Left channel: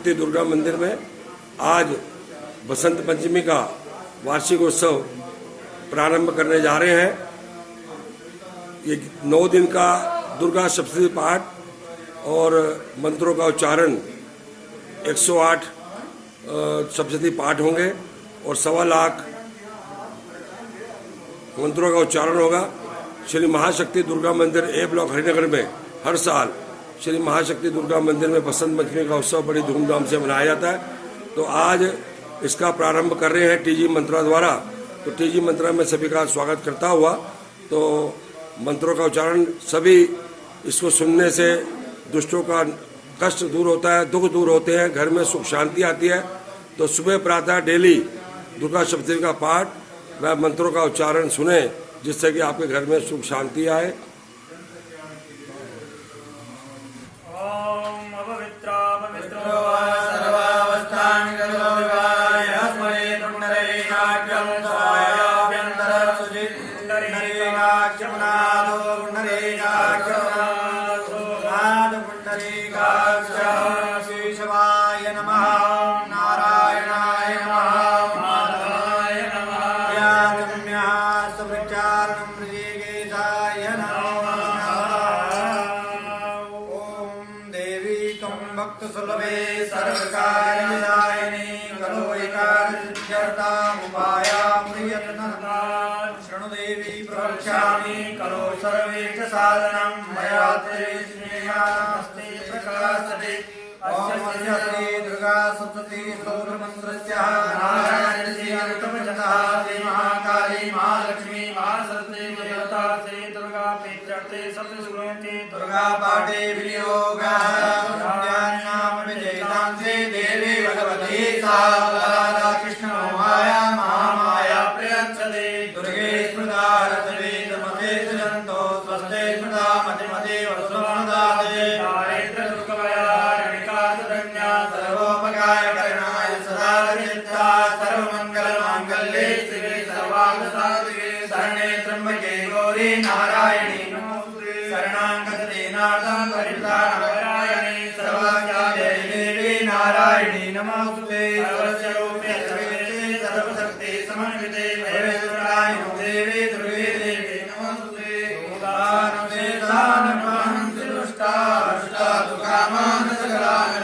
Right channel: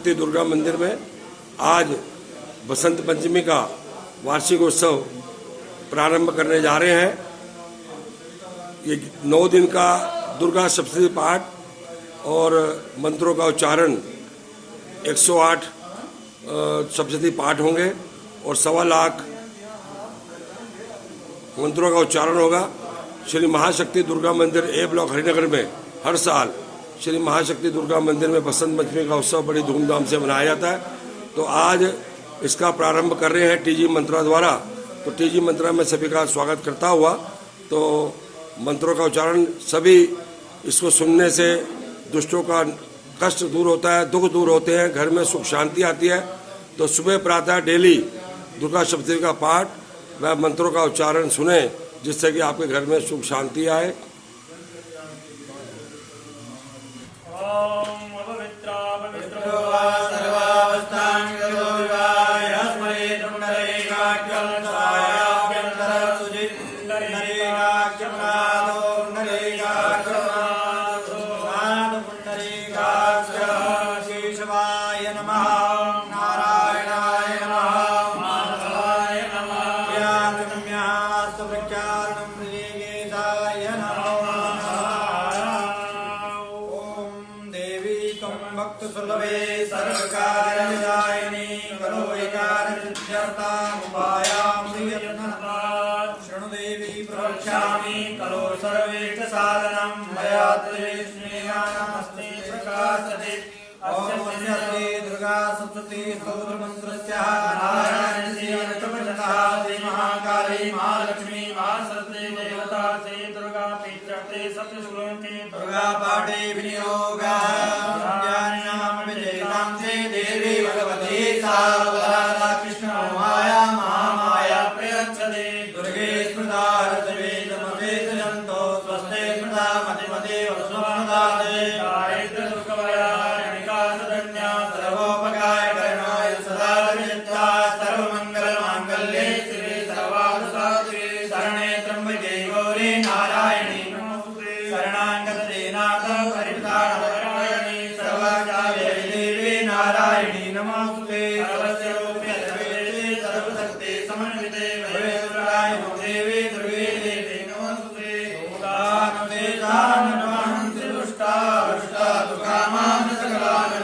महाशक्ति दुर्गा मंदिर में आज बसंत पंचमी का वार्षिक उत्सव प्रारंभ करने जा रहे हैं। ये 9 दिन का दुर्गा सप्तशती पाठ और मंत्रों का उच्चारण 108 सप्तशती पाठ होंगे और 1.25 लाख मंत्रों का उच्चारण होगा। श्री महाशक्ति दुर्गा मंदिर ए ब्लॉक हरिनगर में हर साल श्री महाशक्ति दुर्गा मंदिर में बसंत पंचमी का उत्सव बड़ी धूमधाम से मनाया जाता है। तो आज इसका प्रारंभ कर रहे हैं टीजी मंत्रा द्वारा। तो टीजी मंत्रा में सभी का स्वागत करता हुआ तो मंत्रों का उच्चारण सभी इसको सुनने से दुष्टों का कष्ट दूर होता है, दुख दूर होते हैं, घर में सुख शांति आती है। तो सुबह प्रातः डेली दुर्गा सप्तशती का पाठ व मंत्रों का उच्चारण सुने जिससे कि आपके घर में सुख शांति आए। भक्त सुलभे सर्वकार्यदायिनी करो शृणु देवी प्रवक्ष्यामि करो सर्वेश साधनं मया स्नेहास्ते प्रकाशते ओम श्री दुर्गा सप्तशती स्तोत्र मंत्रस्य नारायणस्य ऋतुपजनः श्री महाकाली महालक्ष्मी महासरस्वती देवता श्री दुर्गा प्रीत्यर्थे सप्तशती दुर्गा पाठे विनियोगः ज्ञानानां विजयतां श्री देवी भगवती सावधाना कृष्ण माया महामाया प्रयच्छते दुर्गे स्मृता रसवे नमते सजन्तो स्वस्ते स्मृता मतिमते वसुमदाते गायत्री दुर्गया सर्वोपकार करणाय सदा विनित्या सर्वमंगल मांगल्ये शिवे सर्वार्थसाधिके शरणे त्र्यंबके गौरी नारायणी नमोस्तुते शरणागते नाथ परित्राणपरायणे सर्वाचार्ये देवी नारायणी नमोस्तुते सर्वस्वरूपे सर्वेशे सर्वशक्ति समन्विते महेश्वराय देवी दुर्गे देवी नमोस्तुते दानवे दानवान् त्रिदुष्टा अष्टा दुःखामान् सकलान्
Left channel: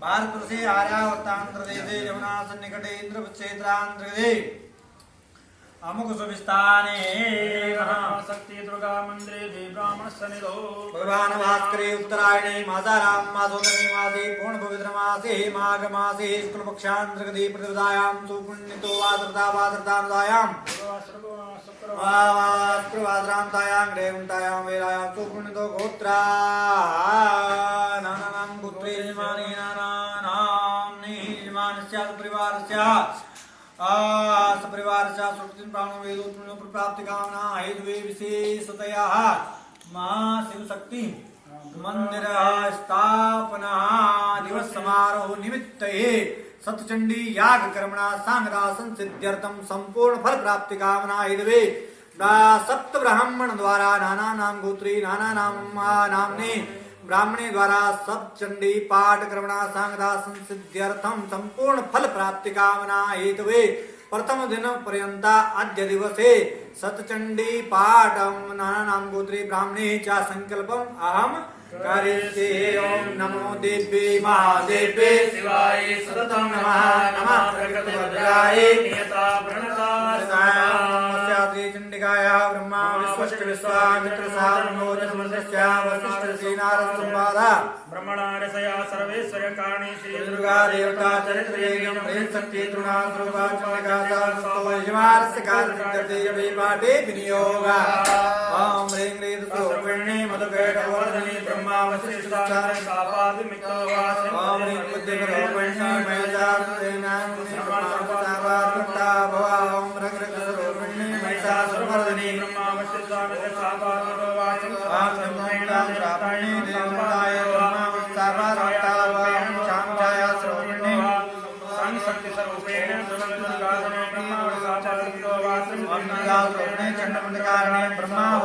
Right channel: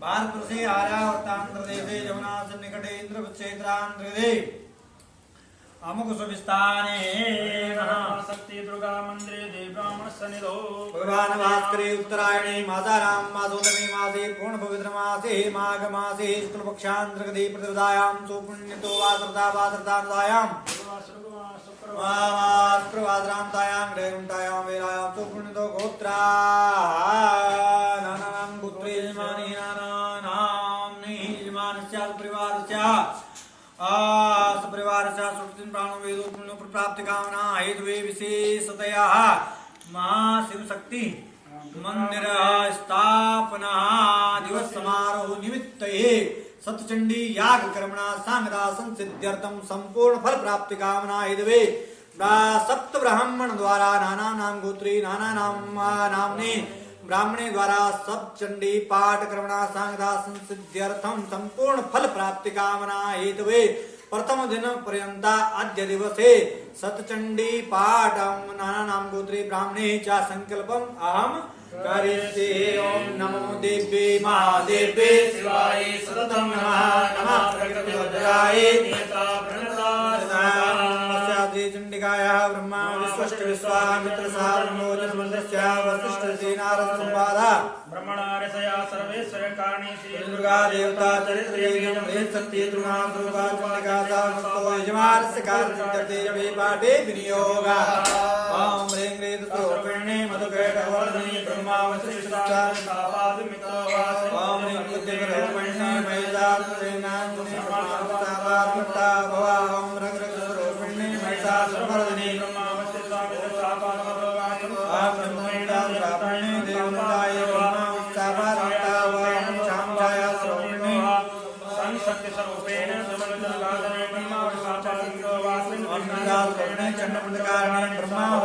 भारत से आर्यावर्तांध्र देशे यमुना सन्निकटे इंद्र क्षेत्रांध्रे अमुक सुविस्ताने महाशक्ति दुर्गा मंदिरे देवी ब्राह्मण सन्निधो पुराण भास्करे उत्तरायणे मासारां मासोदमी मासे पूर्ण पवित्र मासे माघ मासे शुक्ल पक्षांध्रगदे प्रतिपदायां सुपुण्यतो वासरदानुदायां वास्त्रवाद्रांतायां ग्रेवंतायां वेलायां सुपुण्यतो गोत्रा नानानां पुत्रे यजमानी नानानां यजमानस्य परिवारस्य सपरिवारस्य सुखिन प्राणो वेदो पुण्यो प्राप्ति कामना हेतुवे विशेषतया महाशिव शक्ति मंदिर स्थापना दिवस समारोह निमित्ते सतचंडी याग कर्मणा सांगदा संसिद्ध्यर्थम संपूर्ण फल प्राप्ति कामना हेतुवे सप्त ब्राह्मण द्वारा नाना नाम गोत्री नाना नामने ब्राह्मणे द्वारा सप्तचंडी पाठ कर्मणा सांगदा संसिद्ध्यर्थम संपूर्ण फल प्राप्ति कामना हेतुवे प्रथम दिन पर्यंता अद्य दिवसे सतचंडी पाठ नाना नाम गोत्री ब्राह्मणे च संकल्पम अहम करिष्ये। ओम नमो देव्ये महादेव्ये शिवाय सततं नमः नमः प्रकृतिभद्राय नियता प्रणतास्यादि चंडिकायाः ब्रह्मा विश्वश्च विश्वामित्र सारणो समस्तस्य वसिष्ठ नारद संवाद ब्रह्मणारसया सर्वेश्वर दुर्गा देवता चरित्रे शक्ति दुर्गा पाठे विनियोग ओम ह्रीं क्लीं स्वरूपिणे मधुकैटवर्धिनी ब्रह्मा ओम ह्रीं बुद्धिस्वरूपिणे महिषासुरसेनानिने ब्रह्मा भवा ओम रंग स्वरूपिणे महिषासुरमर्दिनी ओम नमो प्रापिणे देवताय शक्ति स्वरूपेण ब्रह्मा ब्रह्मा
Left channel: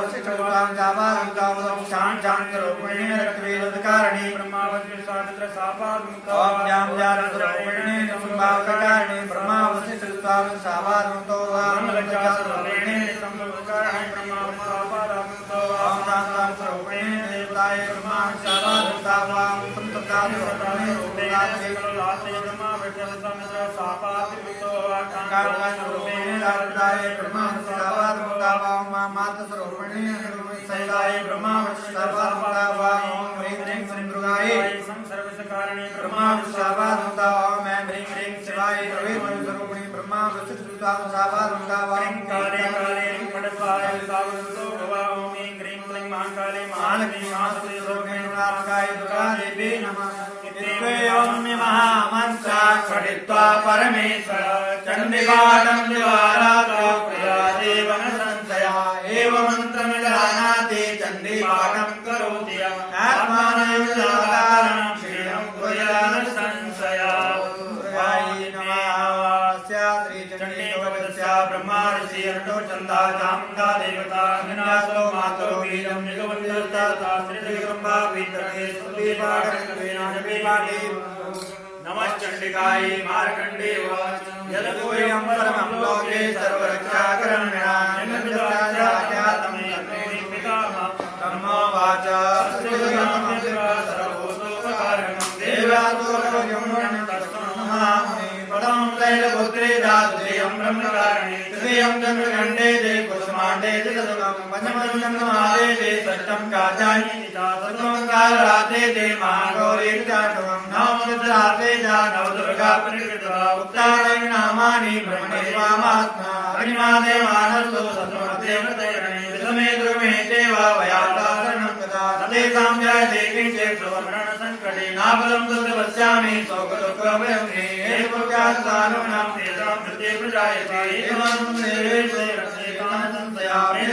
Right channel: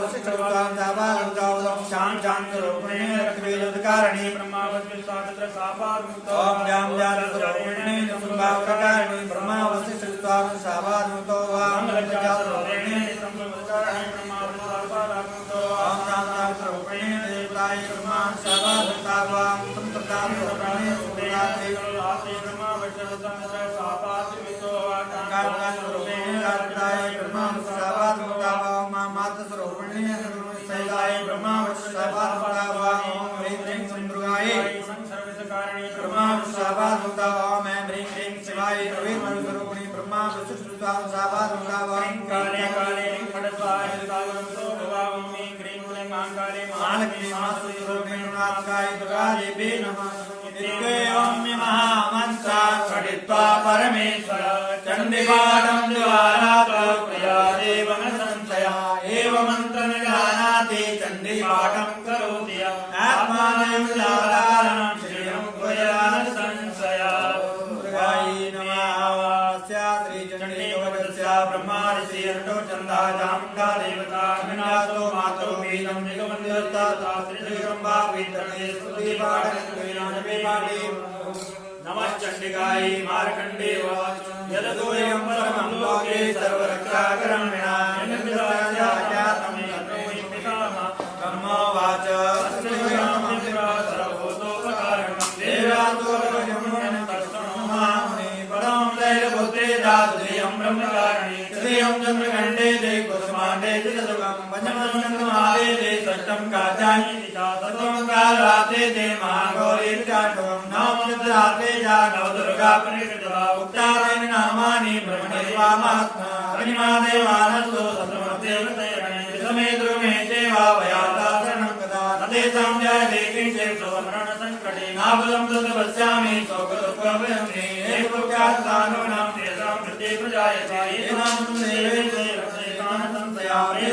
महामंत्रा पठित्वा परमेश्वर चंडीपाठं देवारात्रियादेवं संशया एव मंत्र न जानाति चंडीपाठं करोति आत्मानं साधारणं श्रीरं गुजरात संशया ब्रह्मा ऋषि अंडो चंदा चामुंडा देवता अन्नातो मातरो वीरं निगमदेवता शास्त्री ब्रह्मा विद्रहे स्तुति पाठे पाठे नमः चंडिकाय मार्कंडे यदोयं परमं लोके सर्वरक्षाकरणा निन्दराजातं ब्रह्मा वाच सर्वभूतोपकारं देवातोरगमनं तस्मन्नमामि परं त्रैलोक्ये दातुदेयं ब्रह्मकारिणे श्रियं चन्द्रखण्डे ते कुसुमाण्डे चिदुर्गं पञ्चमस्कन्धमादे ते षष्ठं कात्यायनी सप्तमं कालरात्रे ते महागौरी चाटवं नवमचित्रात्रे च नवदुर्गा परिकृता उक्तानि नामानि ब्रह्मणे वामात्मा अग्निमादेवानस्तो सत्त्वमते द्रुमे देवा वयाता शरणं कदा नतेषां जयते किञ्चे सुवर्णसङ्कटे नाबलं तस्य पश्यामि शोकदुःखभयं मे एवव्यास्तानुनां तेषां कृते प्रजायते एवं देवे संशयामि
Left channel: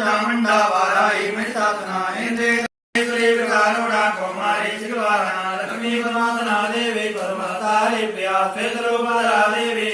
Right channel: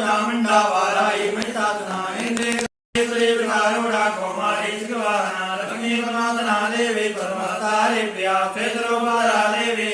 चामुण्डा वारायि महिषासुना इन्द्रे श्रीविकारूढा कौमारी शिवाना लक्ष्मीपरमासना देवी परमस्तारे प्रिया श्वेतरूपारा देवी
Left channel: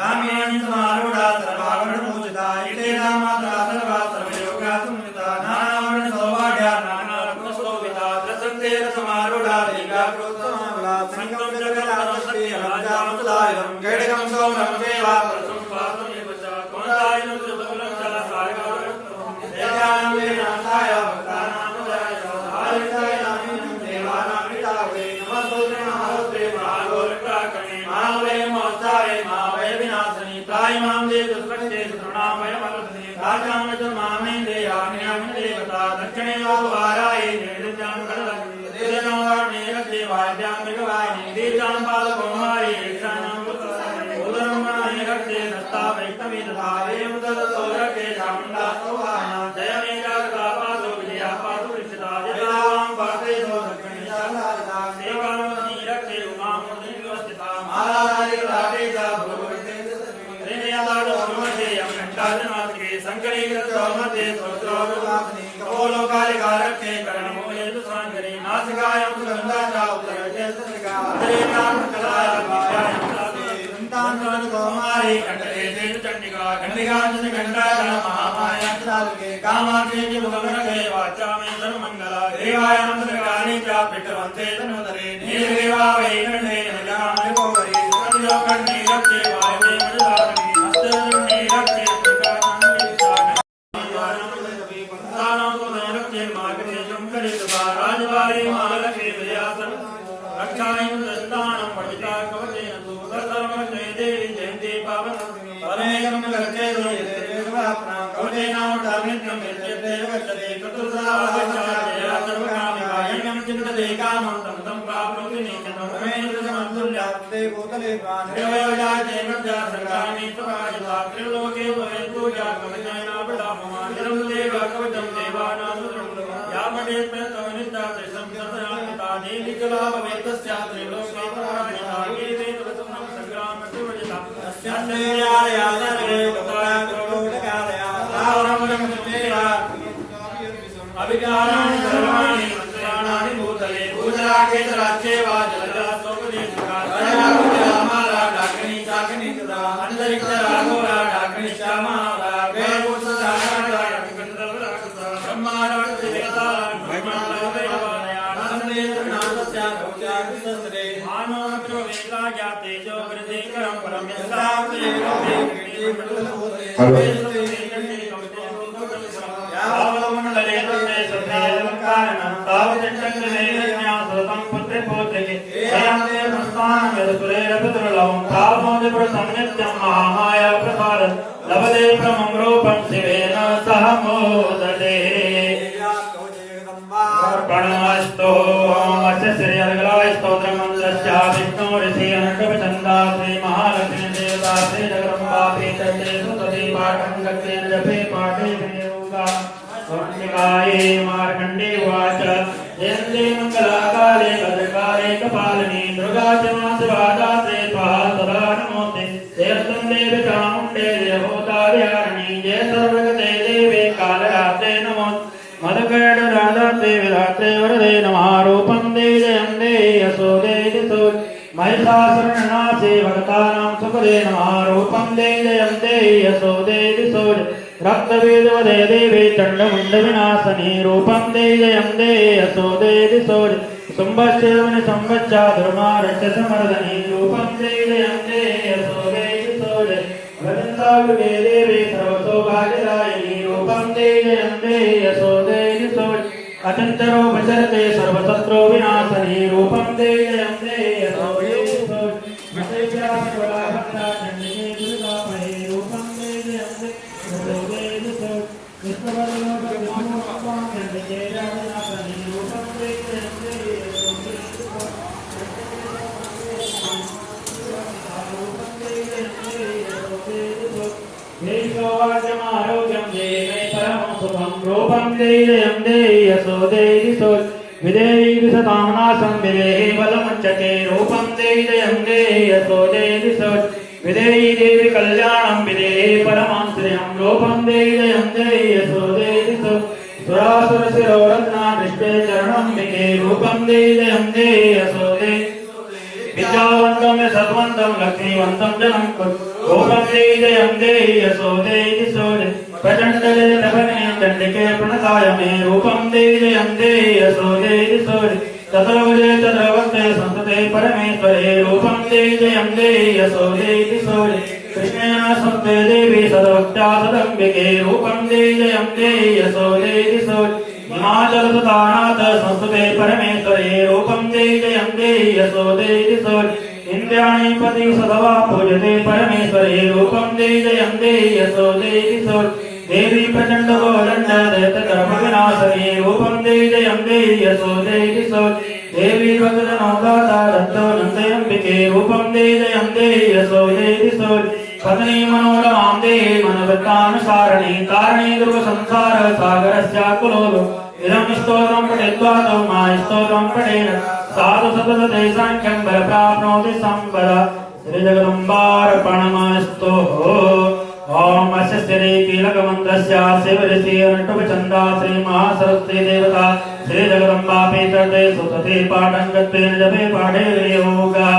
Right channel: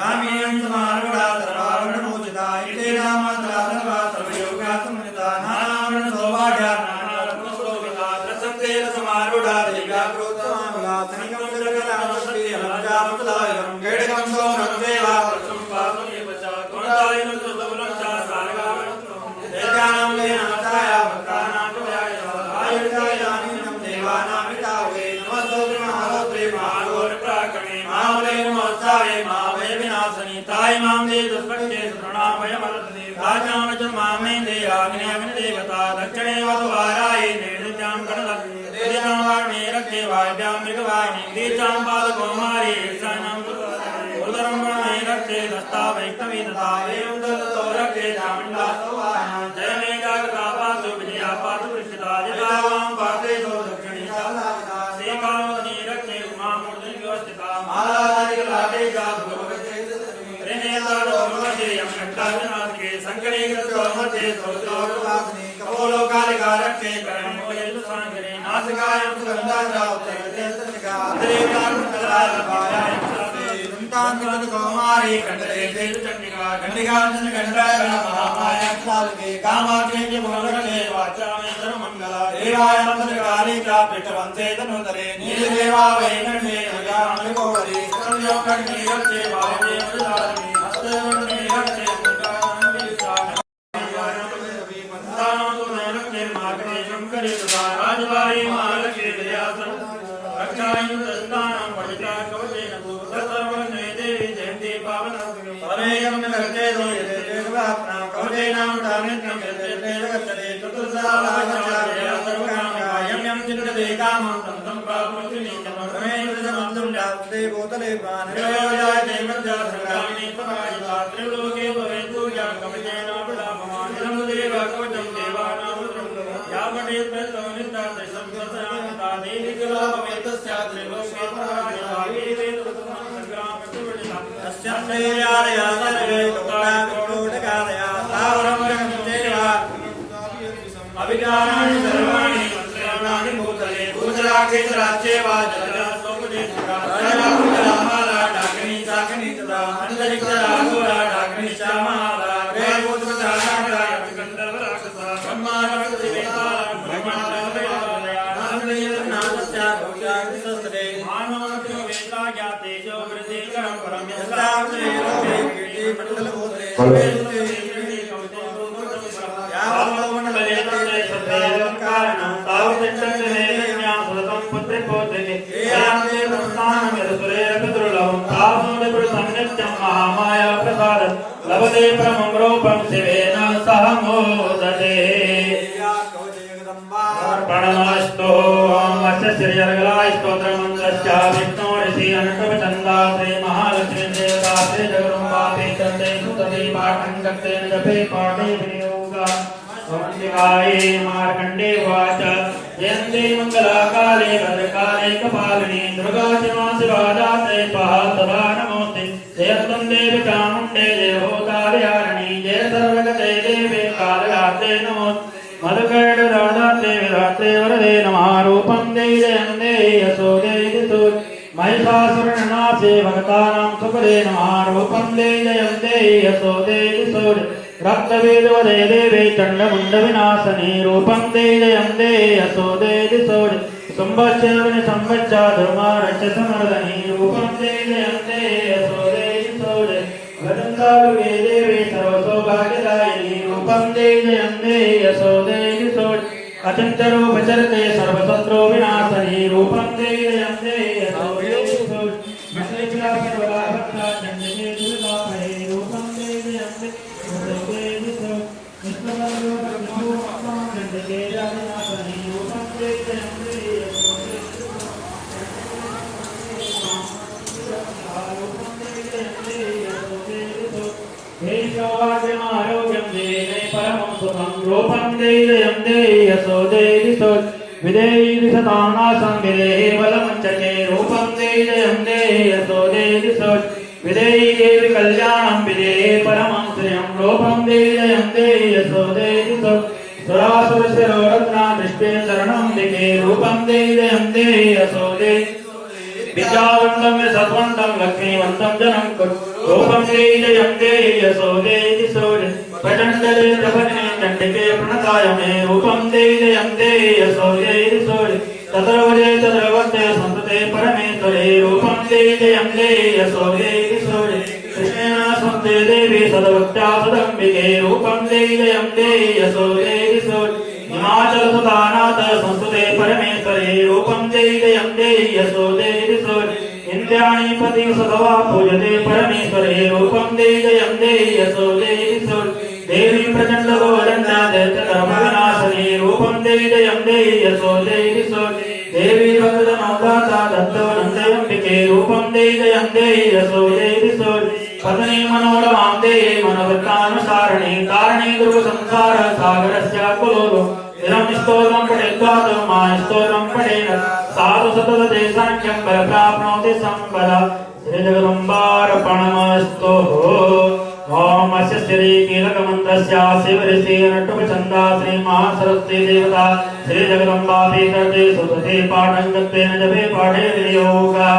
काम्यं समारूढा सर्वावरणमोचिता इते रामाता सर्वा सर्वयोगा संहिता नारावण सौभाग्या नानारत्नशोभिता प्रसन्ते समारूढा लीला प्रोत्तमानुला सनिकं जगराजश्री अलब्जामुतलायं गेडकं सौरं देवा प्रसं पार्वतीपच त्वंतायं सुतकुलं च सारगारत्नं देवानां वेनाथाय भक्तानां तुयाय आयुधाय दानिनं देवानां वितावे नमस्ते महागोरकाकणे महावे मोक्षाय महावे विनाशनि ताय मां दे दुष्पक्षे शरणामयमलसने भाजां च मामे देयाग्नियाग्नि देवता दक्षिणे वाराय निर्दित्यां करलक्ष्मी देवां वाणे रक्षे वाद्यां मृगवाहिनी दीर्घां पादकौमारी ईशानां उदरं गणाय रक्षे दत्ता वैष्णवी तथा वेमुदतो रक्षे चामुण्डा सौहाना जय मे जागृता पासु विजया पासु वृषिता जलावां पासे दो दक्षिणे सालादिता सेवामणि रक्षे उमामूर्ति व्यवस्थिता मालाधारिकलाटे च भूरक्षे मध्ये संकलीकृतमध्ये सौद्रोगवासने कपोलोकालिका रक्षे कर्णमूले सांगरे नासिकायां सुगन्धा उत्तरते कौमारी कंडले चंडिका कंडिका चंडिका महामाया सालके कामाक्षी भुवनके वाचामि सर्वमंगला देवाय मंत्रकाली च पितवन्ते तनुतरे नीलदेवा वैकण्ठे नजामि गौरी सर्वयोगण्ये रक्षे वायुवे मधुधारिणी हस्तधर्मे रक्षे राजवारी महालक्ष्मी दयासन रक्षायं दस्तानं पठिता कवचेन सर्वज्ञे देवी जयन्ती पावन परमेयं लक्ष्ये दो यते देवाप्ना कवचेनां दामिन्यं यते गच्छते चतुर्धा वाचार्य सर्वकामकायं चिन्नते कामं तं तं प्राप्नोति नित्यं गुणेन्द्रजमन्तुल्यास्ते भूतले प्राणेयाते मज्जा संग्रामे सपायिता त्रिलोके भवेन्तु या कवचेनावलाभमान् देवाकवचं देवानां यावदे प्रतोनिता संसर्पयान्ता देवी जला भवेतस्या त्रिलोके परायिता वीरे कृतं संग्रामे सुवजिता तस्यान्देयालया सर्वे लोकाय तावरमरं देवा अभिज्ञानानि सर्वाणि मंत्राणानि भूतले भूतरागे जलाच्चेवा जलरासोपदेशकाराभूतरामाला डाकिनी चाकिनी तथा अन्तरिक्षराघोरा डाकिनी श्यामाला वेभूतधारणा यतिकन्दर्वराक्षसा ब्रह्माराक्षसेतारा ब्रह्मणालया नामदेवनाथस्या गौत्याग्निसंसदे मानोऽपि वेदा जाते जो वृद्धिकरं परं यस्तावते लोके कीर्तिमण्डलभूते यावमण्डले तस्मै सत्तावकारणं तावतिष्ठन्ते ज्ञानसततं पुत्रेपोत्रिके एयान्ते प्रस्थानमिरसुरेरकदुर्लभं तावोनिप्रसन्नित्यं महामाया प्रसाद लभते परमं रूपं शिवेन सह मोदते प्रणमस्तु अस्य श्रीजगलाय स्तोत्रमन्त्रस्य विष्णोरिषि अनकवचन्दा श्री महालक्ष्मी देवता श्री जगदम्बा चैतन्ये सुतति पाठं सत्येन जपे पाठे विनियोगा सोमशिखाय मार्कण्डे उवाच जयन्ते मङ्गलाकाले भद्रकाले कपालिनी दुर्गा शिवादात्रे स्वाहा सदा नमोऽस्ते जयन्तं देवी चामुण्डे जय होतार्यारिणी जय सर्वगते देवे कालरात्रे नमोऽस्ते मधुकैटराधात्रे विधात्रे वरदे नमः रूपं दे जयं दे यशो दे दिशो महिषासुरनाशे भक्तानां सुखदे नमः रूपं दे जयं दे यशो दे दिशो रक्तवेदवदे देवे चण्डमुण्डविनाशने रूपं दे जयं दे यशो दे दिशो संवत्सरवनि संवत्सा धर्मारस्य समर्दने रूपं दे जयं दे यशो दे दिशो वदन्तायुगे देवे सर्वसौभाग्यदायिनी रूपं दे जयं दे यशो दे दिशो अचञ्चरो भजरते सर्वशत्रो विनाशने रूपं दे जयं दे यशो दे दिशो महेश्वरा सर्वदा भक्ता चण्डिके दुर्गामये रूपं दे जयं दे यशो दे दिशो विष्णुवर्णो चण्डिके जातनाशने रूपं दे जयं दे यशो दे दिशो रूपं दे जयं दे यशो दे दिशो हे सौभाग्यमारोग्यं दे मे परमं सुखं रूपं दे जयं दे यशो दे दिशो विदेही दिशतां नाशं विदेहे बलमुच्यते रूपं दे जयं दे यशो दे दिशो विदेही देवी कल्याणं विदेहे परमं श्रियं रूपं दे जयं दे यशो दे दिशो सुरासुरशिरोरत्नाभिष्टे चरणं दिखे रूपं दे जयं दे यशो दे विद्यावन्तं सत्वन्तं लक्ष्मीवन्तं जनं कुरु रूपं दे जयं दे यशो दे दिशो प्रचण्डले प्रभगे चण्डिके प्रणताय मे रूपं दे जयं दे यशो दे दिशो तत्रवजे तत्रवत्ते संस्कृते परमेश्वरे रूपं दे जयं दे यशो दे दिशो कृष्णेन संस्ते देवी सदवक्ता सदम्बिके रूपं दे जयं दे यशो दे दिशो हिमाचलसुतानाथ संस्कृते परमेश्वरे रूपं दे जयं दे यशो दे दिशो इन्द्राणी पति सदवा पूजते परमेश्वरे रूपं दे जयं दे यशो दे दिशो देवी प्रचण्ड गोदण्डा देवतरमविनाशने रूपं दे जयं दे यशो दे दिशो देवी भक्तजनौदाता दत्तवनन्दयम्बिके रूपं दे जयं दे यशो दे दिशो पत्नी मनोरमां दे मनोवृत्तानुसारिणी कारणे ध्रुवसंसार सागरस्याकुलो इदं स्तोत्रं पठित्वा तो मास्तोत्रं पठेन साधु सततते साङ्ख्यं प्राप्नोति संपदा श्रीजगदम्बार्पणमस्तु ओम अस्य श्रीकीलकमन्त्रस्य शिवऋषिरटुपचन्दा श्रीमहासरस्वती देवता श्रीजगदम्बा पीतर्थे सुतते पाठं गत्वेन जपे पाठे विनियोगः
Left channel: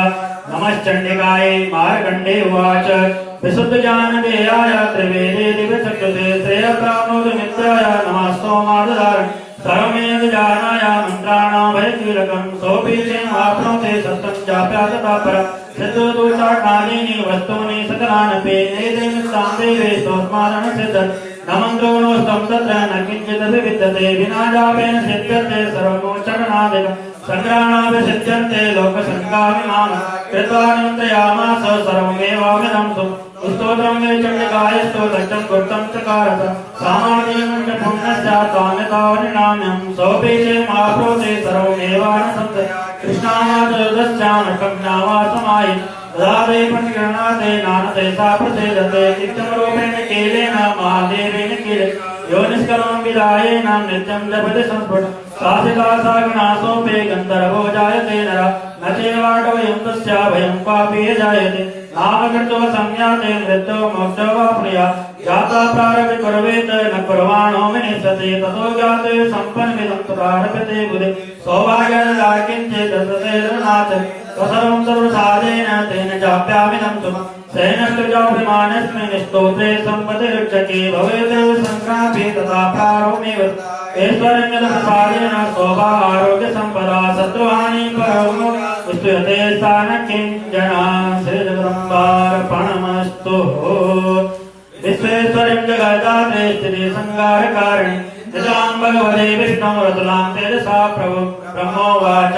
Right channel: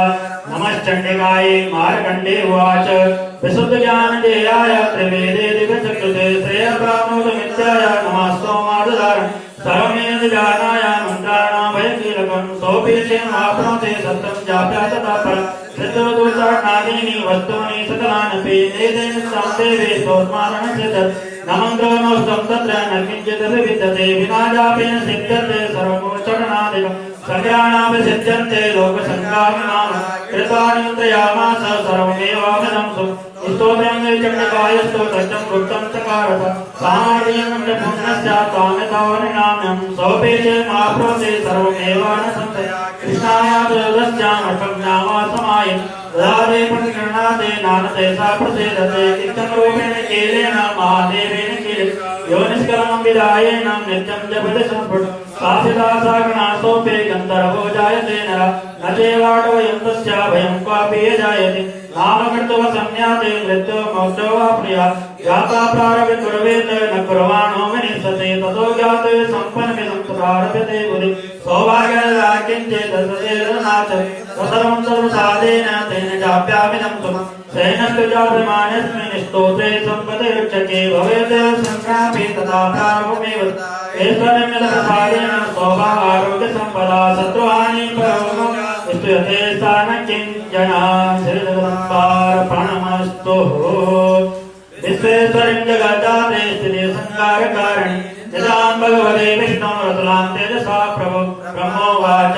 नमश्चण्डिकाय मार्कण्डे उवाच विशुद्धज्ञानदेयाय त्रिवेदे दिव्यचक्षुषे श्रेयप्राप्नोतिमित्याय नमस्तोमादधारं सर्वमेव जानाय मन्त्राणां भयकीलकं सोऽपि चेमाप्नोति सत्यं चाप्यासता परं सिद्धोदुचाटनादीनि वस्तूनि सकलानपि एतेन देवे स्वस्मारणसिद्ध न मन्त्रो नोऽस्तं तत्र न किञ्चित् विद्यते विना जापेन सिद्ध्यते सर्वमोचटनादिकं सङ्ग्राणाभिषिध्यन्ते लोकसङ्ग्रामिनाम कृत्वा निमन्त्रयामास सर्वमेवामिदं सुखं स्तोत्रं चण्डकाय स्तोत्रं कृतं चकारत सामान्यं पुण्यस्य कामितावनिनाम्यं सोऽपि चेमाप्नोति सर्वमेव प्रसीदते चित्तरूपेण कीलेन महादेवेन कीले योनिष्कलां विदायेन नित्यं जपति संस्फुट साधिता सागणासोऽपि गन्धर्वो जायते नरः न चैवाटवयं तस्या भयं कापि जायते नामकृत्वा संज्ञाते मृत्यो मोक्षो वाप्नुयात् ज्ञाता प्रारभ्य कुर्वेत न कुर्वाणो विनिष्यते ततो ज्ञाते सम्पन्नमिदं तदारभ्यते बुधे सौभाग्यराकिञ्चित् तदेरनाथ सर्वं सर्वसाधेन तेन चाप्यामिदं सुखम् सैनकृजाभिमानस्मिन् स्तोत्रे सम्पतिरक्षके भवेत् सङ्ग्रामे तथा प्रारम्भमेव ऐश्वर्यमिदप्रसादेन सौभाग्यारोग्यसम्पदा सत्त्वानि परमो स्तुयते स्थानकिञ्जना श्रीदम्बार्पणमस्तु विश्वेश्वरं जगदाते स्थिति संहारकारिणि यदां भगवते विष्णोरतुलां तेजसा प्रभो ब्रह्मोवाच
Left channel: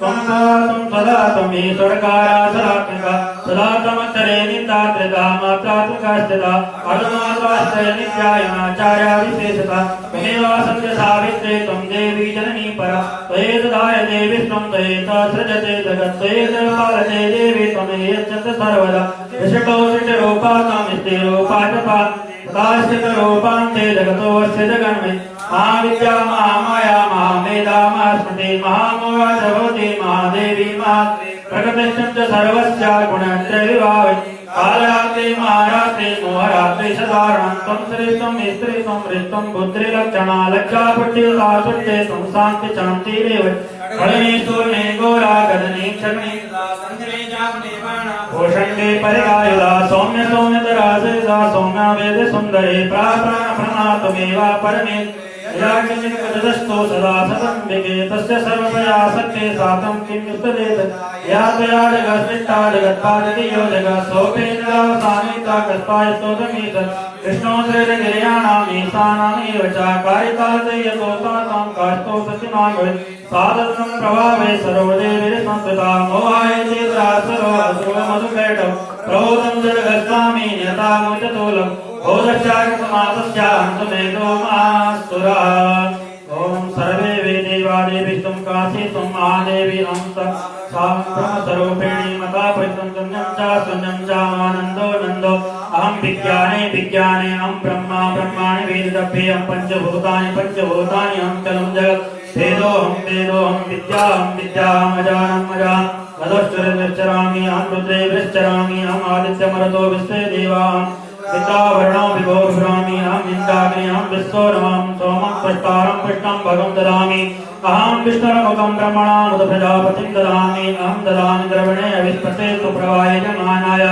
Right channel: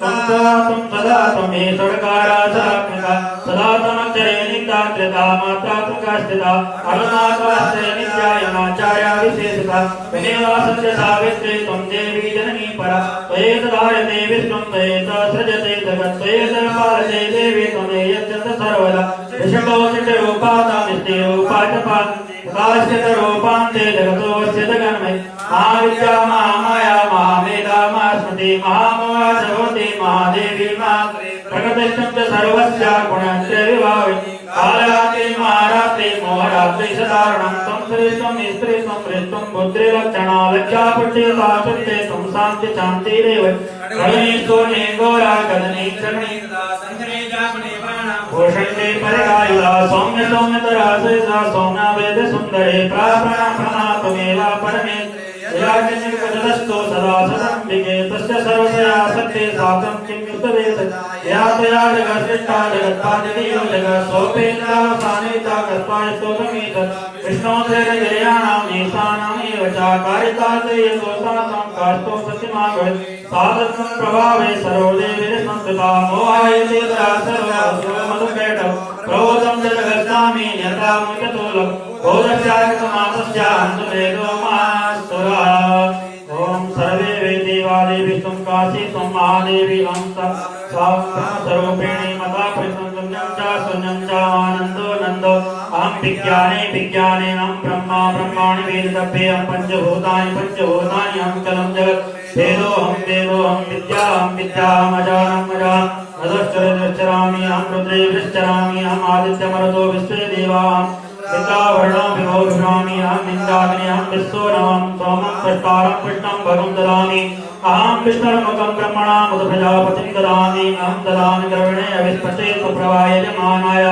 त्वं सदा त्वमेश्वरकारासरात्मिका सदा त्वमक्षरे निन्दात्रिता मात्रात्मिका स्थिता अनुमात्रास्ते नित्यायमाचार्या विशेषता त्वमेवा सत्यसावित्री त्वं देवी जननी परा त्वयैव दायते विश्वं त्वयैव सृजते जगत् त्वयैव पालते देवी त्वमेयत्यन्त सर्वदा विषकोशिष्टरूपानां नित्यरूपाचपान् काश्चितरूपां ते जगतोऽस्य जगन्मय महाविद्या महामाया महामेधा महास्मृति महामोहा भगवती महादेवी प्रकृतिश्च सर्वस्या गुणस्य विभावि कालाते महाराते मोहराते सदारणं त्वं श्रेष्ठं स्त्रीत्वं श्रेष्ठं बुद्धिलक्षणा लज्जापुट्टिता सत्ये त्वं शान्ति शान्तिरेव गणेशोने घोरा गजने क्षणे संजने जापने बाणा भूषणे परिरायुधा सौम्य सौम्यतरा सहिता सौम्या वेद सुन्दरे प्रार्थना प्रणा परमे जगदस्तो सदा सदम्बिके तस्य सर्वतया सत्ये सातं किं युक्तदेत या त्वया जगत्सृष्टा जगत्पादियो जगत्सोपेन्द्रा सामिता कल्पाय स्तोत्रमीत कृष्णोदयगिर्याणाम् ईशानामेव च कारितासयतोषां कार्तो सत्यमागुण सादत्तं प्रभावे सरोजे विरसंस्कृता मोहायते सर्वमधुकैटौ प्रभोदं जगत्स्वामी यथा मुचतोलं बोधश्चारितमासस्यान्तमेतो मास्तुरा ॐ सर्वे वेदेवादेवी त्वं काशी त्वं महादेवी ॐ सर्वरूपिणी मता परिसंतं च सुनं च आनन्दो नन्दो अहं विज्ञाने विज्ञाने अहं ब्रह्मा ब्रह्माणि वेददभ्ये अहं पञ्चभूतानि पञ्चभूतानि अहं चलं जगत् वेदोऽहं विद्याहं अजानम् अजाम् नदश्चरामि अहं रुद्रे विश्चरामि अहम् आदित्यमरुतो विश्वे देवाः विद्यावर्णो विभोभ्रामि अहम् इन्द्राग्नि अहं विश्वनां सोमं पुष्टारं कृष्णं भगं ददामि अहं विष्णुमुखं ब्रह्मणामुद प्रजापतिं ददामि अहं ददामि द्रविणे अविस्पते सुप्रभाय जमानाय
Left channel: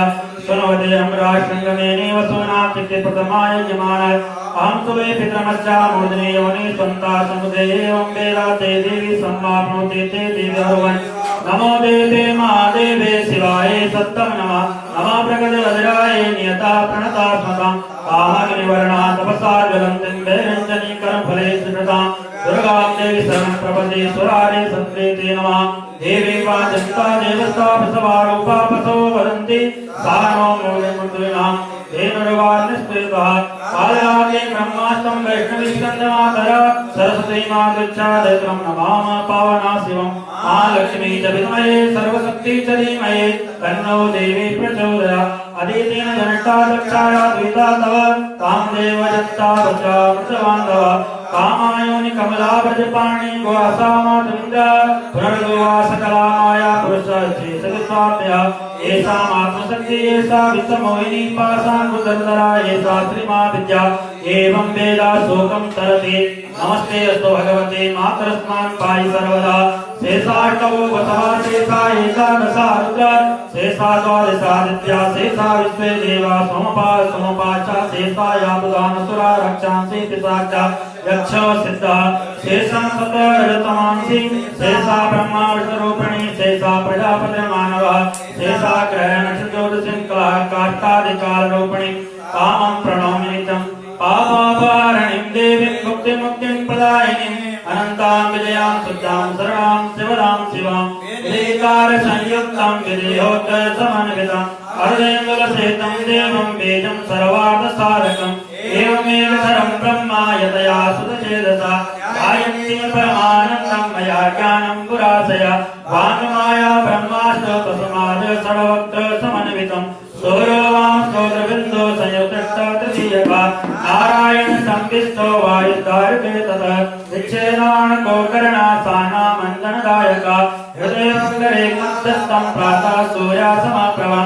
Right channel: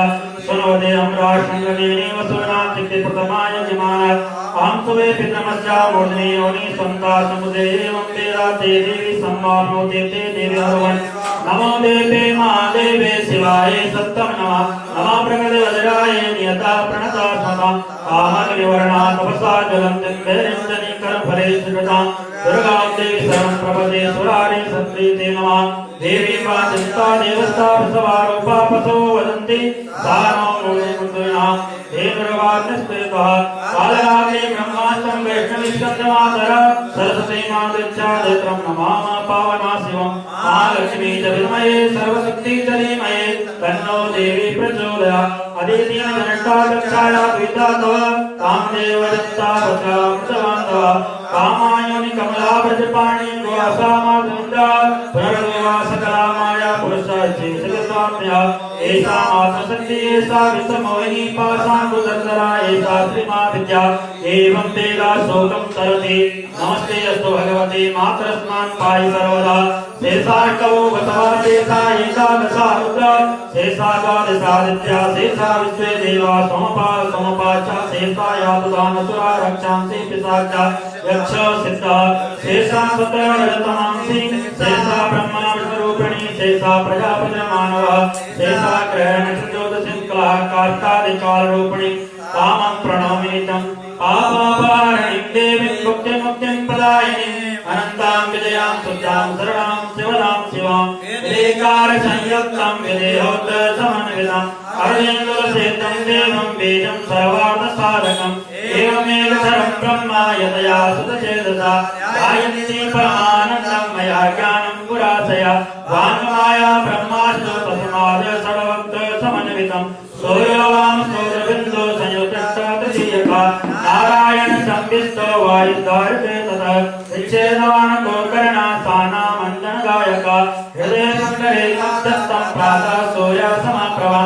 सुनवते अमराशृङ्गलेने वसूनां प्रथमाय जिमानाय अहं सुवे पितृमस्या मूर्धनि योनि स्वन्ता समुदे एवं वेदाते देवी सम्माप्नोति ते देवी भगवन् नमो देवे महादेवे शिवाय सत्तं नमः नमः प्रकृते वज्राय नियता प्रणता स्मतां आहानिवर्णा तपसा ज्वलन्तीं वैरञ्जनी कर्मफले सुकृतां दुर्गां देवी शरणप्रपदे सुरारे सत्प्रीते नमः देवी पाचिन्ता देवस्ता प्रसवारूपा पसो वदन्ति सा नो मूलमुद्रिणां देवरुगाग्निस्त्वेता कालाग्नि ब्रह्मास्तं वैष्णवीस्कन्दमातरा सरस्वती मातृच्छादयत्रं नमामः पावना शिवं महालक्ष्मी च विद्महे सर्वशक्ति च धीमहि तन्नो देवी प्रचोदयात् अदितिं दष्टादक्षाया द्विता तव तां देवयत्ता वचामृतवान्दव कामायोनि कमला व्रजपाणि वासामसुन्दरा पुनर्विवासकलामाया पुरुषाच्चेतसाप्या एषा मातृशक्ति एषा वित्तमोहिनी पाशामुदन्तरा एषा श्रीमा विद्या एवं वेदा शोकं तरति नमस्ते अस्तु भगवते मातरस्नान् पाहि सर्वदा शेषाष्टौ वसवा शेषा एकादशा रुद्रा शेषा द्वादशादित्या शेषा विश्वे देवा सोमपा च शेषा यातुदामसुरा रक्षांसि पिशाचा यक्ष सिद्धा शेषा सत्यवर्तमांसि शेषा ब्रह्मा विष्णुरूपिणी शेषा प्रजापतिर्मानवा शेषा ग्रहण ज्योतिषिङ्कला काष्ठादिकालरूपिणी तामं प्रणमामि तं पापापहरणीं देवीं मुक्तिं प्रदायिनीं अनन्तां विजयां सुजां शरणां शिवदां शिवां विदेकारसंयुक्तं विदेहोत्तमन्वितं अर्धेन्दुलसेतं देवं बीजं सर्वार्थसाधकम् एवमेव सर्वं ब्रह्मा यतया सुतचेतसा गायन्ति परमानन्दं मया ज्ञानं पुरासया वाङ्माया ब्रह्मास्तु तस्मात् सर्वत्र समन्वितं सूर्यो वां स्तोत्रविद् सूर्या समाप्रभा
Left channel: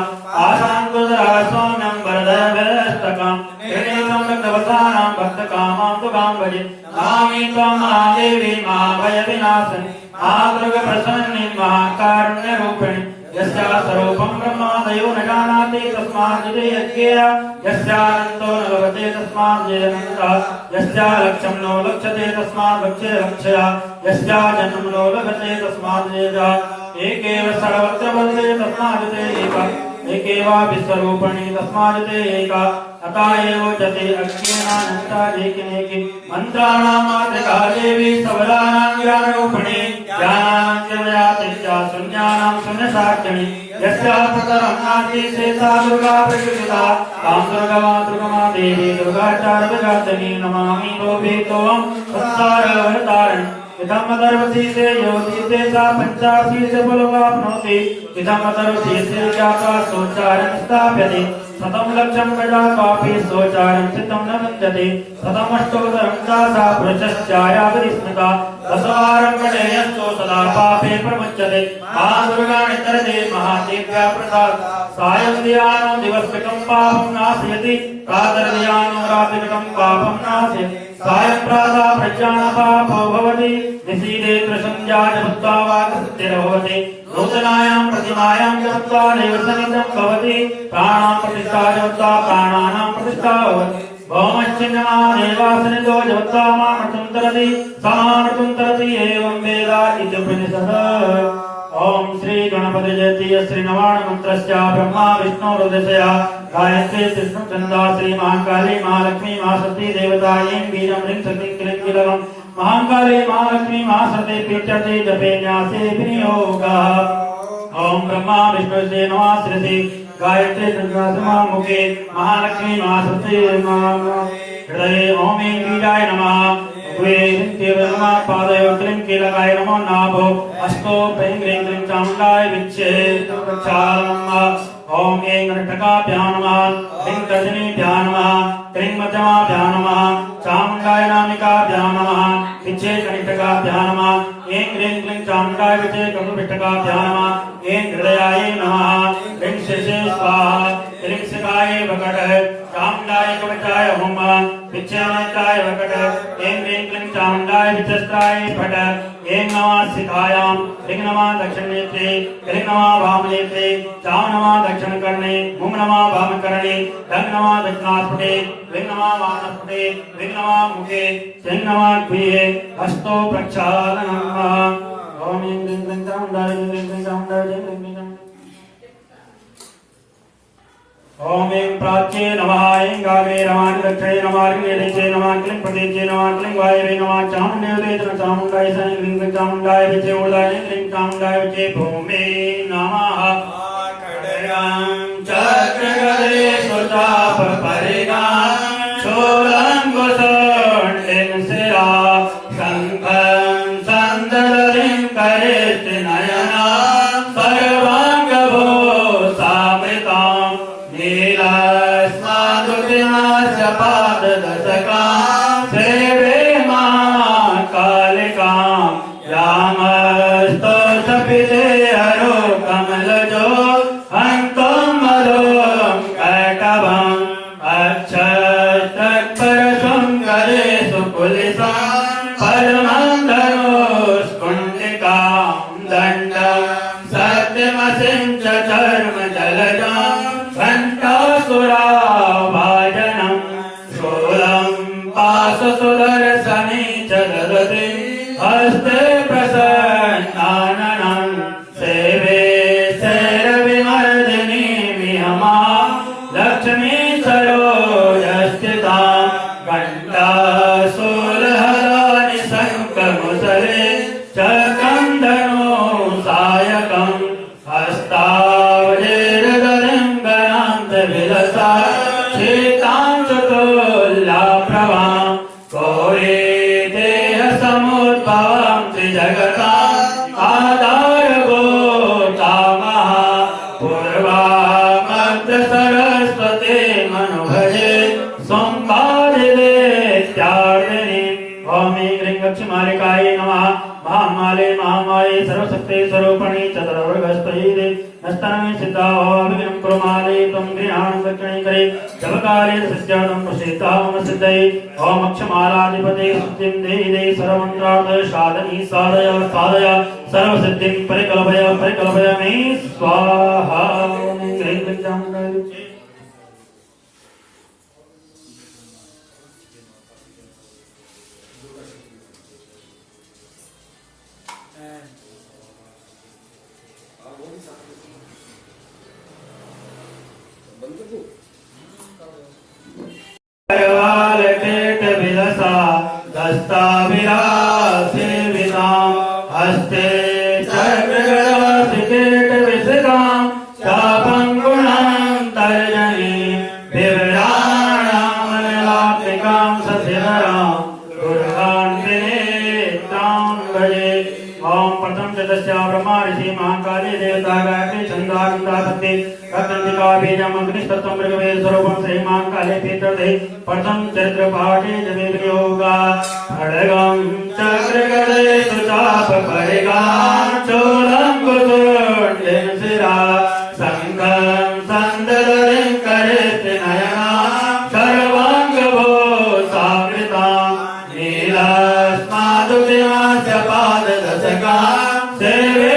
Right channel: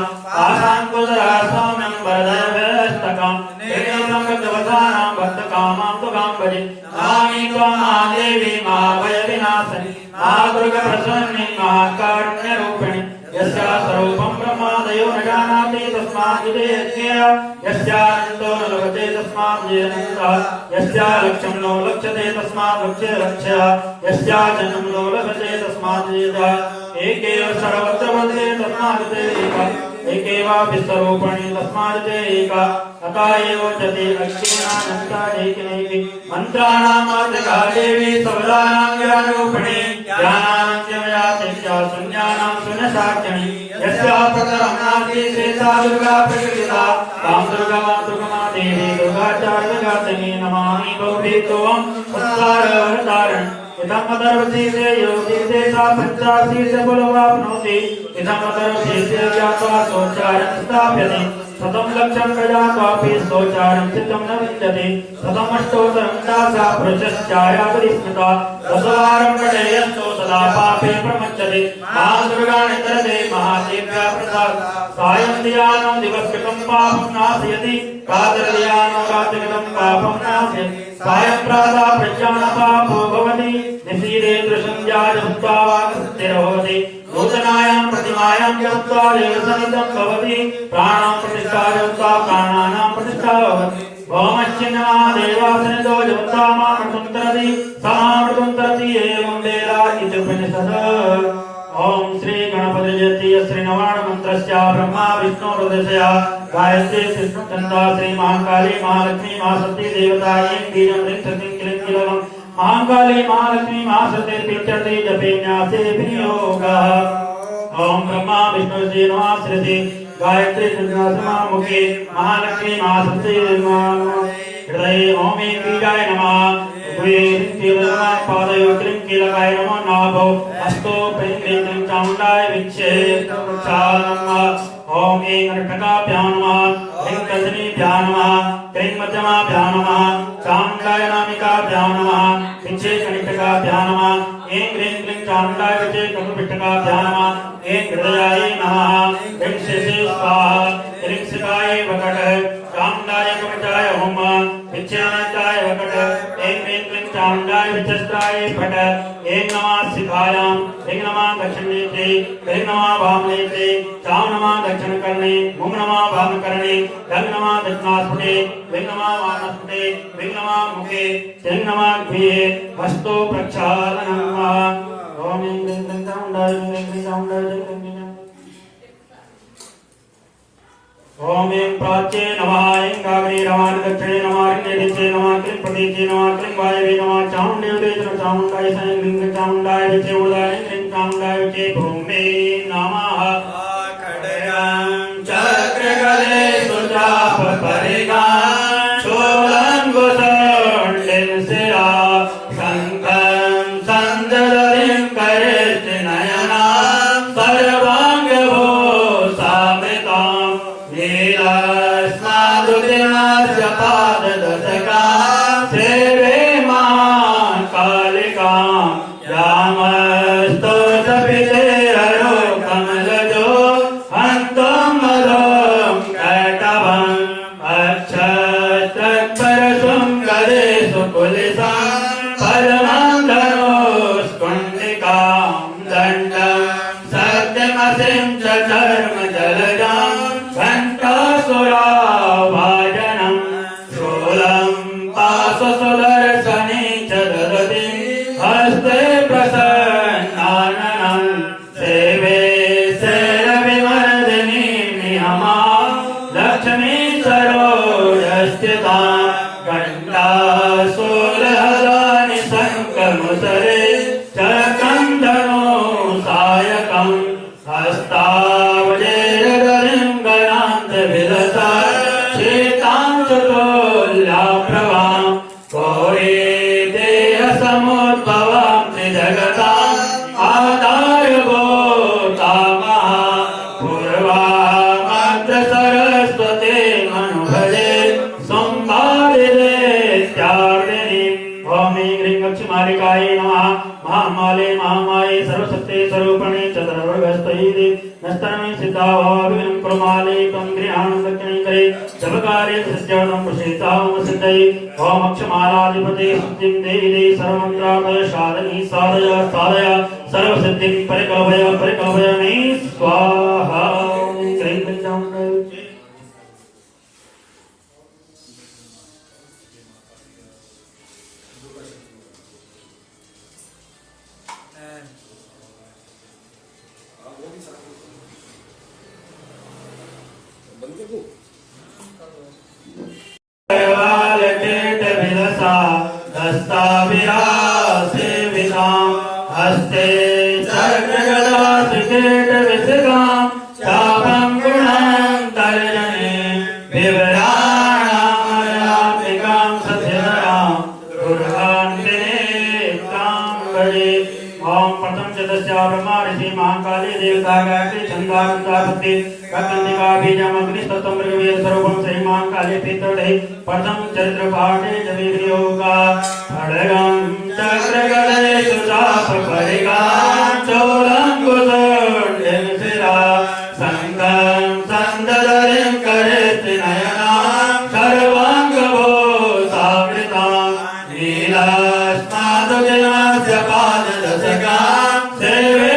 आशांकुशरा सौम्यं वरदभ्यस्तकं त्रिनेत्रं भक्तवत्सानां भक्तकामां तुकाम्बरी नमामि त्वं महादेवी महाभयविनाशिनी महादुर्गाप्रसन्नी महाकारुण्यरूपिणी यस्या स्वरूपं ब्रह्मादयो न जानाति तस्मात् जयज्ञया यस्यान्तो न लभते तस्मात् जयन्ता यस्या लक्ष्यं नो लक्ष्यते तस्मात् लक्ष्यया यस्या जन्मं नो लभते तस्मात् जयता एकेव सर्वत्र वर्तते तस्मात् जयेका एकेवा विश्वरूपिणी तस्मात् जयेका अतः एव जते लक्ष्मीनान्ता जयकिनेकि मन्त्राणामात्रिका देवी सबलानां ज्ञानरूपिणी ज्ञानाञ्जनयातिश्चा शून्यानां शून्यसाक्षिणी यस्या प्रकरं नास्ति श्रेष्ठा दुर्गा प्रकृतिता तां दुर्गा देवी दुर्गाचार्यगातनी नमामि तोभितोऽहं संसारहरतारिणी इदं दर्वशीसे योषीसे सा पञ्चाशीसे बलोवाप्नोति इदं दर्वशीसे जाता सोचारं स्थाप्यते शतं लक्षं प्रजापापि सोचारं चित्तं न विद्यते शतमष्टोत्तरं दासा पुरुषश्चायापरिस्मिता दशवारं पठेयस्तु तदा पापे प्रमुच्यते महादुर्गाणितरते महादेव्या प्रसाद सायं धियानं दिवसकृतं पापं नाशयति प्रातर्धियानं रात्रिकृतं पापं नाशयति सायं प्रातः प्रज्ञानं पापो भवति निशीथे त्रिसन्ध्याय भूत्वा वाक्सत्यर्भवति नूतनायां प्रतिमायां जप्त्वा देवसनिधं भवति प्राणां प्रतिष्ठा जप्त्वा प्राणानां प्रतिष्ठा भवति भौमश्चिन्नमादेवासनिधो जप्त्वा मामृतं तरति समामृतं तरति एवं वेदा इत्युपनिषदः ओम श्री गणपति जयति श्री नवाण मंत्रस्य ब्रह्मा विष्णु रुद्रस्य गायत्री विष्णु चंदा श्री महाकाली महालक्ष्मी महासती देवतायै बीजं ह्रीं सतीं क्लीं कीलकं महाकाली महालक्ष्मी महासती पीठर्थे जपेन्यासे विनियोगः ओम ब्रह्मा विष्णु से नमः श्री गायत्री चंद्रमा मुखे महालक्ष्मी महासती हृदये ओम ईंद्रियाय नमः पादयो क्लीं कीलकाय नमो नाभो अस्तो प्रीं क्लीं क्लीं चामुण्डाय विच्चे ओम ऐं नटकाभ्यां नमः क्लीं रजनीभ्यां नमः क्लीं मध्यमाभ्यां नमः चामुण्डाय नामिकाभ्यां नमः विच्चे कणिटकाभ्यां नमः ऐं क्लीं क्लीं चामुण्डाय विच्चे कटुपिटकाभ्यां नमः ऐं हृदयाय नमः क्लीं शेषे स्वाहा क्लीं शिवाय वकट चामुण्डाय कवचाय होम विच्चानन्दाय वकट ऐं क्लीं क्लीं चामुण्डाय विचस्ताय फट ऐं नमः शिवायां ऐं नमः दक्षिणनेत्रे ऐं नमः वामनेत्रे चां नमः दक्षिणकर्णे ॐ नमः वामकर्णे धं नमः दक्षिणास्पटे विं नमः वामस्पटे विं नमः मुखे सिं नमः द्विये हस्तो प्रक्षालनं नमः ॐ ऐं क्लीं क्लीं चामुण्डाय क्लीं क्लीं चामुण्डाय जय क्लीं क्लीं ओम ऐं प्राच्ये नमः ऐं गागे नमः दक्षिणे नमः निर्दिशे नमः क्लीं प्रतीचे नमः क्लीं वायवे नमः चामुण्डेवते नमः चामुण्डाय सं क्लीं क्लीं चामुण्डाय विचे मूलाय क्लीं चामुण्डाय विचे भूमे नमः खड्गं चक्रगदे सुरजापरिगां शूलं कुशण्डिं शिरा शङ्खं सन्ददतिं करेष्टिनयनां सर्वाङ्गभूषामृतां नीलास्नादुदिनास्य पाददशकां सेवे मां कालिकां यामस्तोषपिते हरो कमलजो हन्तं मधुं कैटभम् अक्षतत्परशुं करेषु कुलिसां पद्मं धनुष्कुण्डिकां दण्डं सत्यमसिं च चर्मजलजां घण्टासुराभाजनं शूलं पाशसुदर्शने च ददति हस्ते प्रसन्नाननं सेवे शैलविमर्दिनीं नियमां लक्ष्मी सर्वोदस्थितां घण्टाशूलहलानि शङ्खमुसरे चरकं धनुसायकं हस्तावजेरगलिङ्गनान्तविलसा शीतां चतुर्लाप्रभां कोयेदेहसमुद्भवां त्रिजगताम् आधारभूतामः पूर्वामग्रसरस्वती मनुभजे संपादितेत्यार्दिनीम् ॐ ऐं ह्रीं लक्ष्मीमालिकायै नमः महामाले महामाये सर्वशक्ते स्वरूपणे चतुर्वर्गस्तैरे नष्टानि सिद्धावाभिनं कुर्माले तं गृहाणं दक्षिणे करे जपकाले सत्यानं प्रसिद्धां सिद्धये ओम अक्षमालाधिपते सिद्धिं देहि सर्वमन्त्रार्थ साधनी साधय साधय सर्वसिद्धिं परिकल्पय मे स्वाहा हस्ते महाकाली देवता गायत्री छंदा गंधापति अत्यंतिका बीजम अग्निस्तत्व मृगवेद स्वरूपम श्री महाकाली पीतृते प्रथम चरित्र पाठे जमे योगा खड्गम चक्रगदे सुचाप खड्गा चोरंगुदंडेन सिरा संगम संददरिं करेत नयना सर्वांगो सावृता नीलास्मादुगयास्य पाददशका सेवे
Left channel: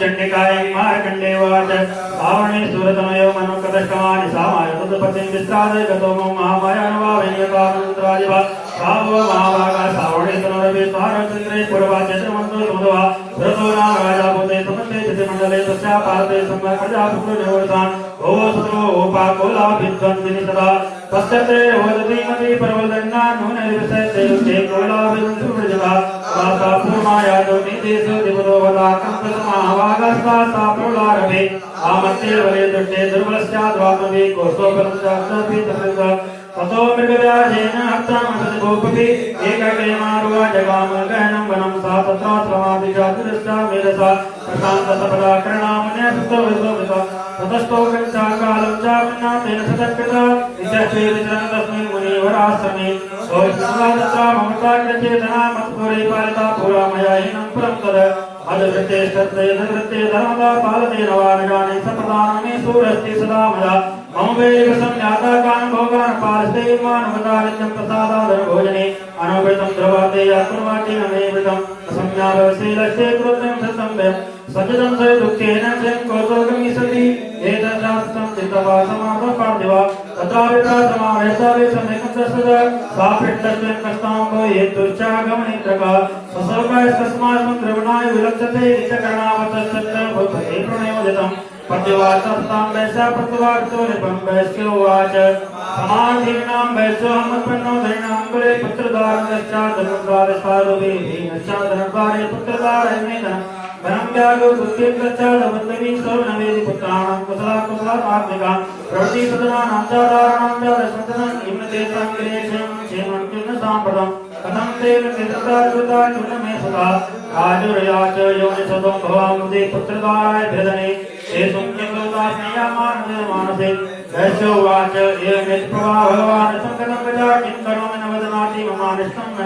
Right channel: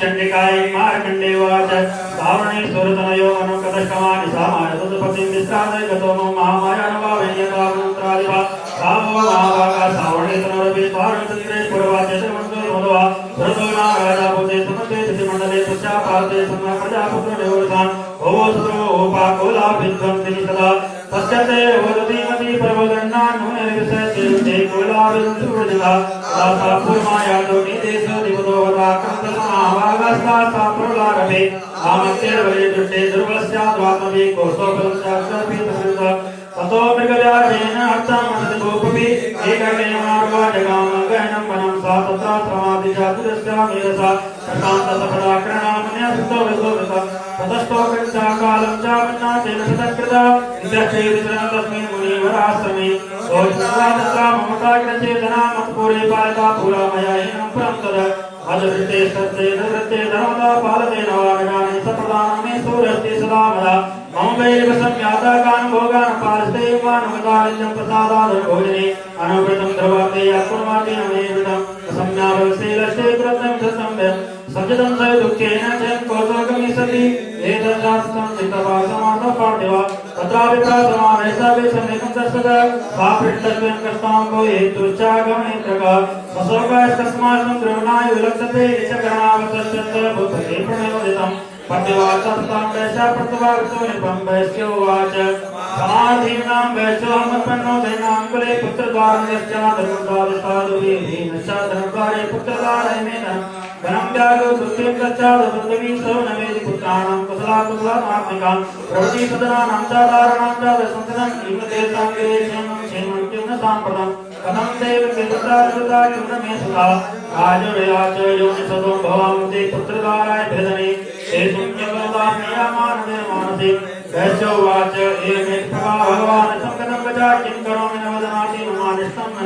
चंडिकाय मार्कंडेवाच श्रावणे सूरतनयो मनोकदष्टमानि सामाय तदपतिं विश्रादे गतो महामाया नवावेन्यतामन्त्रादिवा सावो महाभागा श्रावणे तनोरपि स्वारंचन्द्रे पूर्वाचेतमन्तो भुवः भरतो नागाजापोते समस्ते तिथिमण्डले तस्या भारते सम्ला प्रजापुत्रो निवर्तान् ओवो सुतमो ओपाकोलाभिद्वं दिनि सदा तस्य ते वदतीमति परवदन्ना नूने विषयते चेकोलाभिद्वं सुवृजता तासा पूर्माया दोनिदेशो दिवदो वदा कंसमावागस्ता प्रलारभे आमत्ते वरे दुष्टे दुर्बलस्याद्वात्मवे कोशोपलंसाक्षरपि तसंग ततो मृगदारेण अर्थमसदोपपि एकगयमार्वा जगामगहनं वनं सा तथा श्रमादिजातिरस्ता वेदसा प्रशान्तसपदाकरणामन्य सुतोविदोदता ततस्तो गच्छा कालं चावन्ना तेन सदकृत इत्यचेतिरं तस्मिन् मुनिवराश्रमे सोऽस्मादत्ता ममता कृचेतना मत्पुरे पालिता पुरामया हिनं पुरं तद अदृते सत्ते नृत्ते धर्मदा पालते नवारगानि सप्रदानमे सूरस्ते सदा मदा मम वैव संज्ञाता गान भोगान पालस्ते गान मदालिन्यं प्रसादादर भोजने अनुवृतं ध्रुवाते अकुर्वाते नमे वृतं असंज्ञावसे लक्ष्ये कृतं सत्संव्यं सज्जतं स दुःखेन जन कौतुकमि सति एतदास्तं चित्तवासमातो पार्थिवा तत्रापि प्रसमावेशा वे सम्यक् तस्सदा सापृष्टस्मिन् कष्टाम्बो हेतुश्चागमने प्रकार ससर्वस्तस्मात् द्रवणाय विलक्षते इच्छकरणावतश्चत्र भूपते प्रणयोदितं पद्यवाचस्तां वैशा प्रतिवाचोनिपं वैश्योवाच समाधीनां वैश्योहमत्पन्नो दैनां कुले पुत्रदारश्चादरुद्वारस्तारुवे भीमश्चादरुद्वारे पुत्रदारे मेदनं ब्रह्म्यागो पुत्रेन्द्रश्चादबन्धवी सौनवेदि पुत्राणां कुशलाकुशलात्मिकां प्रवृत्ति सदनानां चादाराणां चादसंसदनं इमदेशाङ्गिरेशं क्षेमं साम्प्रतं कथं देव कृतत्राजुताकृतमे सुधा राजुरयाच योनिसदो भवामुदे पुत्रदाराय भेदने एषुं न्यवदास्मयामानदे मानसे वैश्योवाच एवेत् प्रभा भगवान् संकटं गजा किं करोमि न वदमाति ममानिष्टं न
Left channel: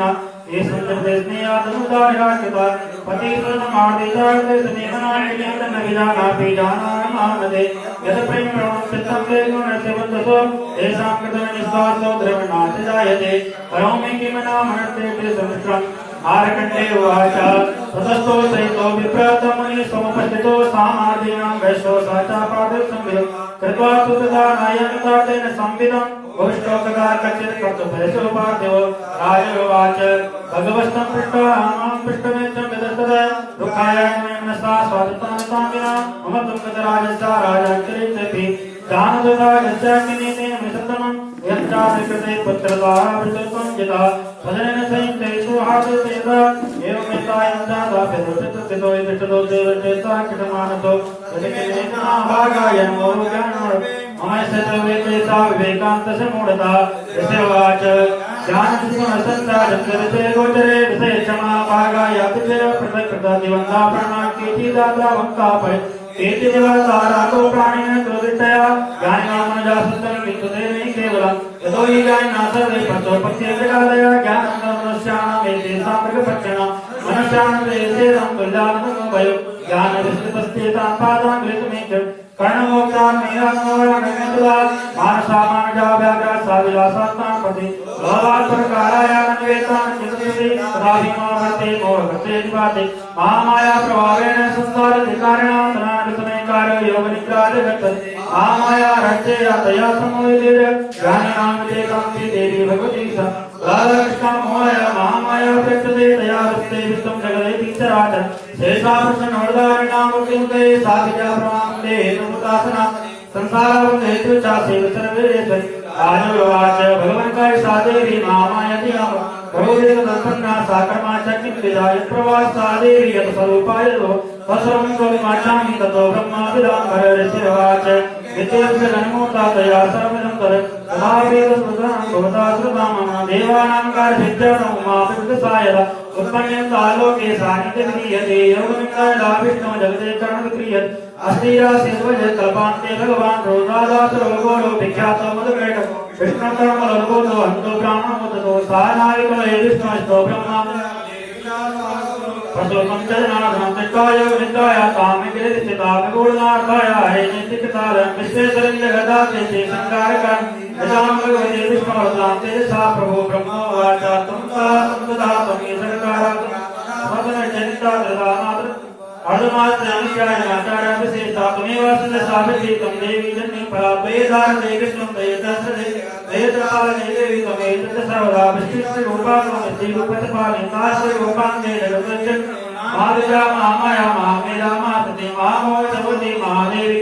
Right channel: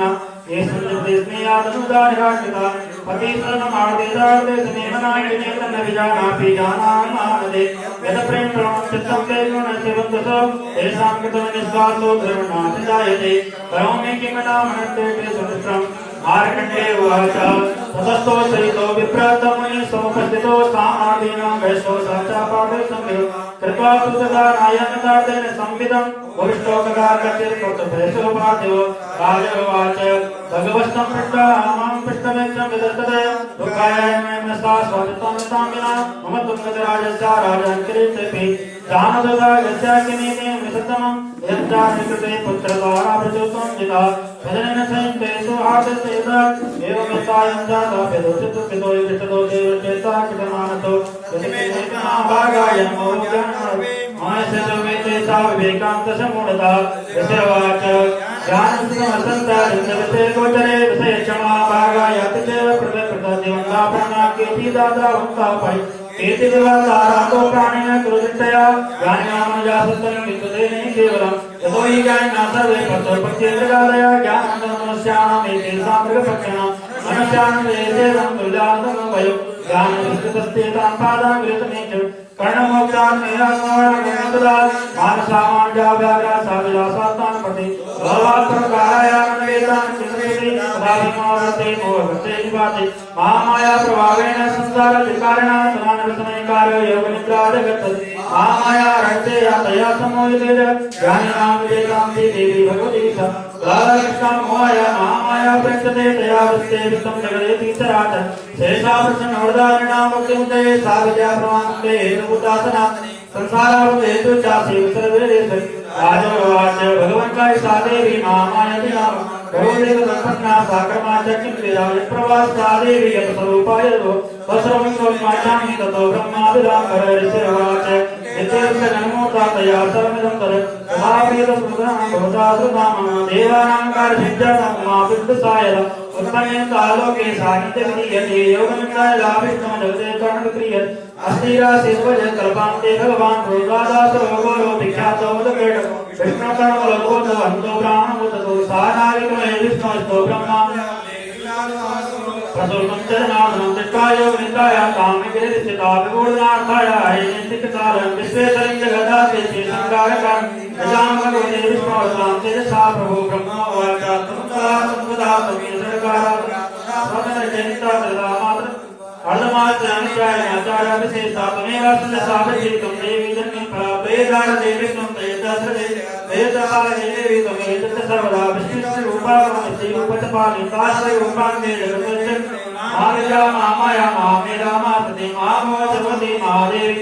एषुं च प्रेस्नेयादनुदाहिराकृता पतिसरणमार्दिदार्देशनेवनायनेन न विजानापि जानामि मानदे यत् प्रेमणं चित्तं वेदनस्य बन्धुसो तेषां कृतं निःश्वासो द्रवणाति जायते करोमि किं नामनर्तेते सुमित्रम् मार्कण्डे उवाच ततस्तो सहितो विप्रतमुनि समुपस्थितो स्थानादीनां वैश्यो सहचा प्राप्तसंविदो कृत्वा तु तदा नायनदातेन संविदं भविष्टो कदा कचित् तत्वैश्यो पार्थिवो राजोवाच भगवस्तं पृष्ट्वा आमं पृष्ठमेतं विदस्तद दुःखाय नमस्ता स्वादितं विना मम तुङ्गजराजस्या राजचरितपि दानददा यस्याकिनीति मृततमं यच्चाकृते पुत्रद्वारा प्रचुत्वं जिता सदनेन संयुक्ते सुहासितेत एवं जाता पितो विष्टो देवचेता किटमानतो भागाय नमो ज्ञानमो मायसवेते सा विवेकान्तसमूढता यस्यवाच ज्ञानसंसंता जगते गोचरे विषय क्षमा भागाय अतिच प्रकृत दिवंगा प्राणाकेति दाता वंता परि एते देवतारातो प्राणिन क्रोधितया ज्ञानामनुजासतं विद्युते नहि केवलं यतो हि ज्ञानासर्वे प्रसोपत्येकवरय ज्ञानमनुष्याणामेते सामृगपक्षिणो मनुष्यान्ते तुल्यान्तमोभयो ज्ञानविस्तृतस्तेतां पादां गृहीतमेक कर्णमोक्षान् मेहात्मानमेतदा मानसामानजाव्याघ्रा साविलासात्तां पति भवात्मकारायान्वेतान् चिन्तयति तदाभिमावर्ते मोहवर्ते विपाते महामाया प्रभावेण संसारधिकारिणा मनानवसनैकारो योगनिद्रादिगच्छति महामाया रक्षया तया समोहिते ज्ञानिनां विवेकां देवी भगवती स राधाकृष्णा मोहया महामाया प्रकृते तया वस्ते वित्तं जगदेति चराचर शेषा प्रसन्नोर्धारिणां मुक्तिन्ते सा विद्या प्रमाणन्ते हेतुभूतासना संसारवत् हेतु चासे सर्वेश्वरि राजोवाच भगवन्काय सा देवी महामायति नाम भगवते तत्पन्ना साकर्मा च किंक्रीडा यत्प्रवासा देवी यत्स्वरूपाय तत्सर्वं त्वमाचामि ततो ब्रह्माभिरामहरिषिवाच यद्यस्य नमोता तया सर्वमिदं तत् महावेदस्मृतां भवता श्रुतां देवानां कार्यसिद्ध्यसमापितसायदा उत्पन्यन्तालोके सानिध्यविधीयते योगनिम्नायलाभिष्णो जगते करणविक्रियत् अस्थिरासिद्वज कल्पान्ते भगवान् क्रोधादासुरोगोरो विख्यातो मधुकेटो विष्णुकर्मलोको हन्तो ब्राह्मणोदतो सानाविकुलये विष्णोस्तो ब्रह्मा प्रसोकं च जनार्दनं निष्कायो निन्द्राया कामगिरिस्थिता विगूढनार्थाया हेनितिकालं विश्वेश्वरं जगदाते संकारकं यजामगोदे विष्णोर्तां तेजसा प्रभो ब्रह्मोवाच तमुदातमे सरकारात्मकचरिता तदामात्र अर्धमात्राचार्य विशेषा तमेव साधीतं देवी जन्म वेदार्थे विष्णुं तयदसरे वेदालये तमेव सर्वदा विशिष्टरूपाणि माया माया मामेरा मापति मामो जपति महादेवी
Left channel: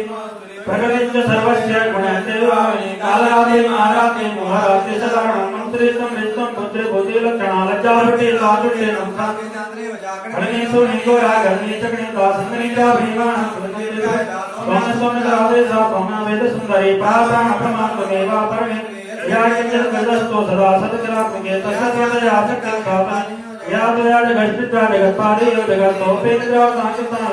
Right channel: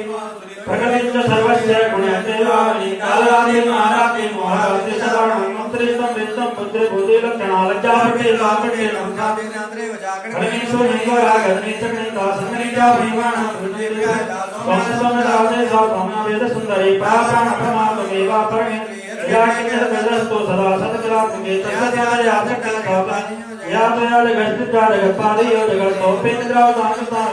प्रकटित सर्वस्य गुणदेवानि कालादि महाराति मोहराति सदारणं मंत्रितं विष्णुं पुत्र बुद्धि लक्षणा लज्जावति लाभते नमस्ते करणेषु निगोरागर्णि चक्रे दासंगनिका भीमानां वृद्धिर्विहाय स्वामस्वमदावते सापमा वेद सुंदरी प्रासाण प्रमाणमेवा परमे याकिञ्चदस्तो सदा सत्करात्मके तस्याया सकलकल्पा या त्वया जगत्पिता जगत्पादयो जगत्सोपेन्द्रो तामितां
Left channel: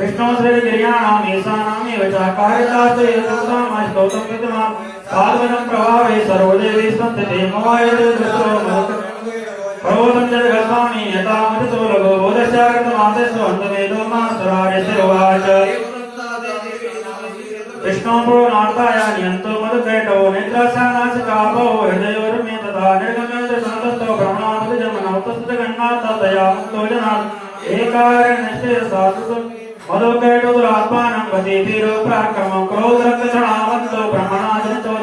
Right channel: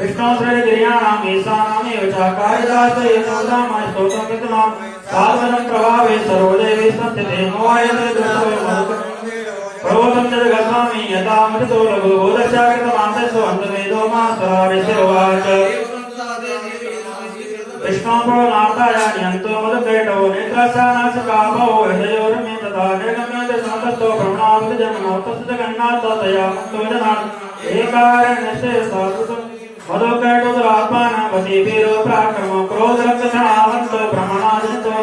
विष्णु श्रीगिर्याणाम् ईशानामेव च कारितार्थयोगोत्तमं स्तोत्रं विद्वां साधनं प्रभावे सर्वदेवी संस्थिते मोहायतोपञ्चजगत्स्वामी यथा मतितो लघो बोधशाकृतमासेषु अन्तमेधो मास्वरार्यशिरोवाच विष्णुः नाथायान्यन्तो मधुकैटवो निद्राशानाशकाभो हृदयोर्मे तथा निर्गम्यते समस्तो ब्रह्मावृजमनौ तस्य तया एकारण्यस्य साधुः मधुकैटुरात्मानं वशीवीरो प्राक्रम क्रोधरक्षणावन्तो ब्रह्मणादन्तो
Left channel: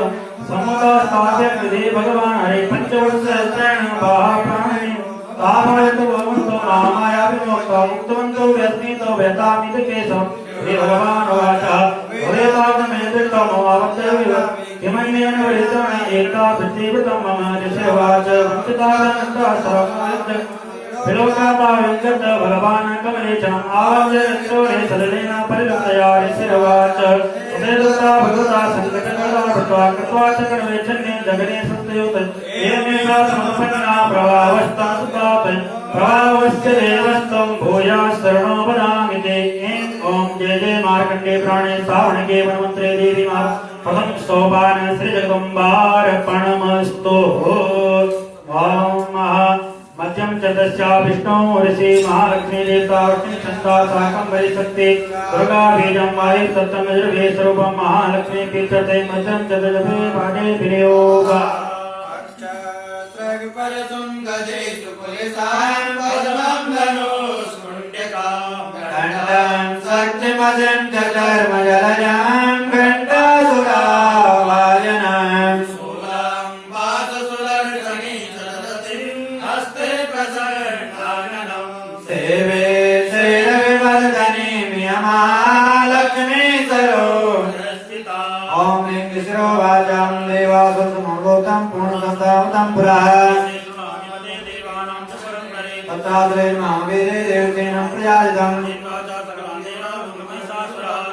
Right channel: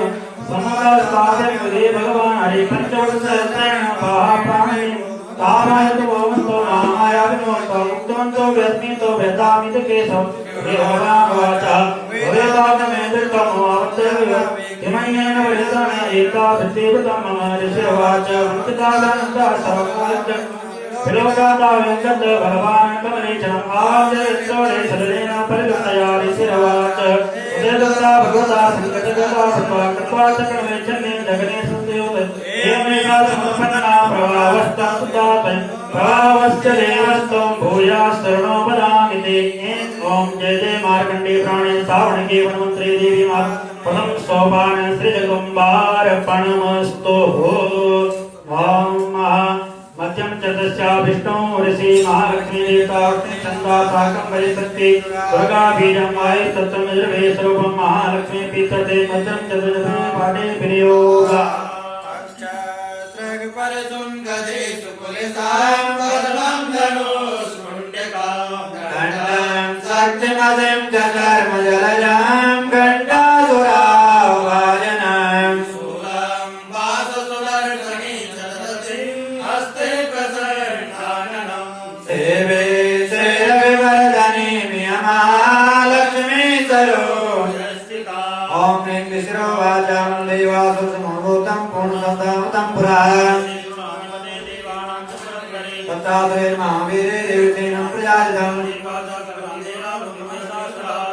समोदास्ताभ्यर्गदे भगवान् हरे पञ्चवत्सरेण बाहाप्राणिनि तामयतु भवन्तो महामायाविनोक्तो मुक्तवन्तो व्यस्मितो व्यतामिति केशव भगवान् वाच वेदार्थमेतृतमोऽवत्यविव किमन्येन विहितं एका प्रतिवृतं मम ऋषिर्वाच मुक्तिदानन्दासवमाज्य विलोकाता वेङ्कट भगवान् कमलेचनम् आवज्य ईश्वरे सदनेन परिवर्तया ऋषिर्वाच उदयदत्ता भगवता सङ्कटगता भृत्वा कृत्वा च कर्मेच्छन्ने जगने संस्तयोत एवमेव समपन्ना प्रभावस्ता सुतात् प्रभावस्य देवस्तं भूयास्तरणो वदामि ते ॐ जय जय मार्कण्डे प्राणे सावणिके वनमन्त्रे देवी प्रथम सोपान श्री जगदम्बार्पणमस्तु मध्यम चतस्या विष्णु ऋषि महालक्ष्मी देवता लक्ष्मी चंदा साकं वैशक्ति दुर्गा बीजं वायु तत्तं यजुर्वेद स्वरूपं महालक्ष्मी पीतते मध्यम चतुर्भुज पाठे विनियोग परसुं गजेषु पुलिसां पद्मं धनुष्मुण्डकां खण्डं शक्तिमदं च कर्मजलजां घण्टासुरावाजनां शूलं वाससुदर्शनी सरस्वतीं हस्ते प्रसन्नाननं सेवे शैलविवर्धनी महालक्ष्मी सरोजस्थिता ॐ ह्रीं विष्णुवाचां देवासु समभूतं पूर्णसंतावतं पुरा तत्ताद्वैर्मावीरे देवतेनं प्रजालितं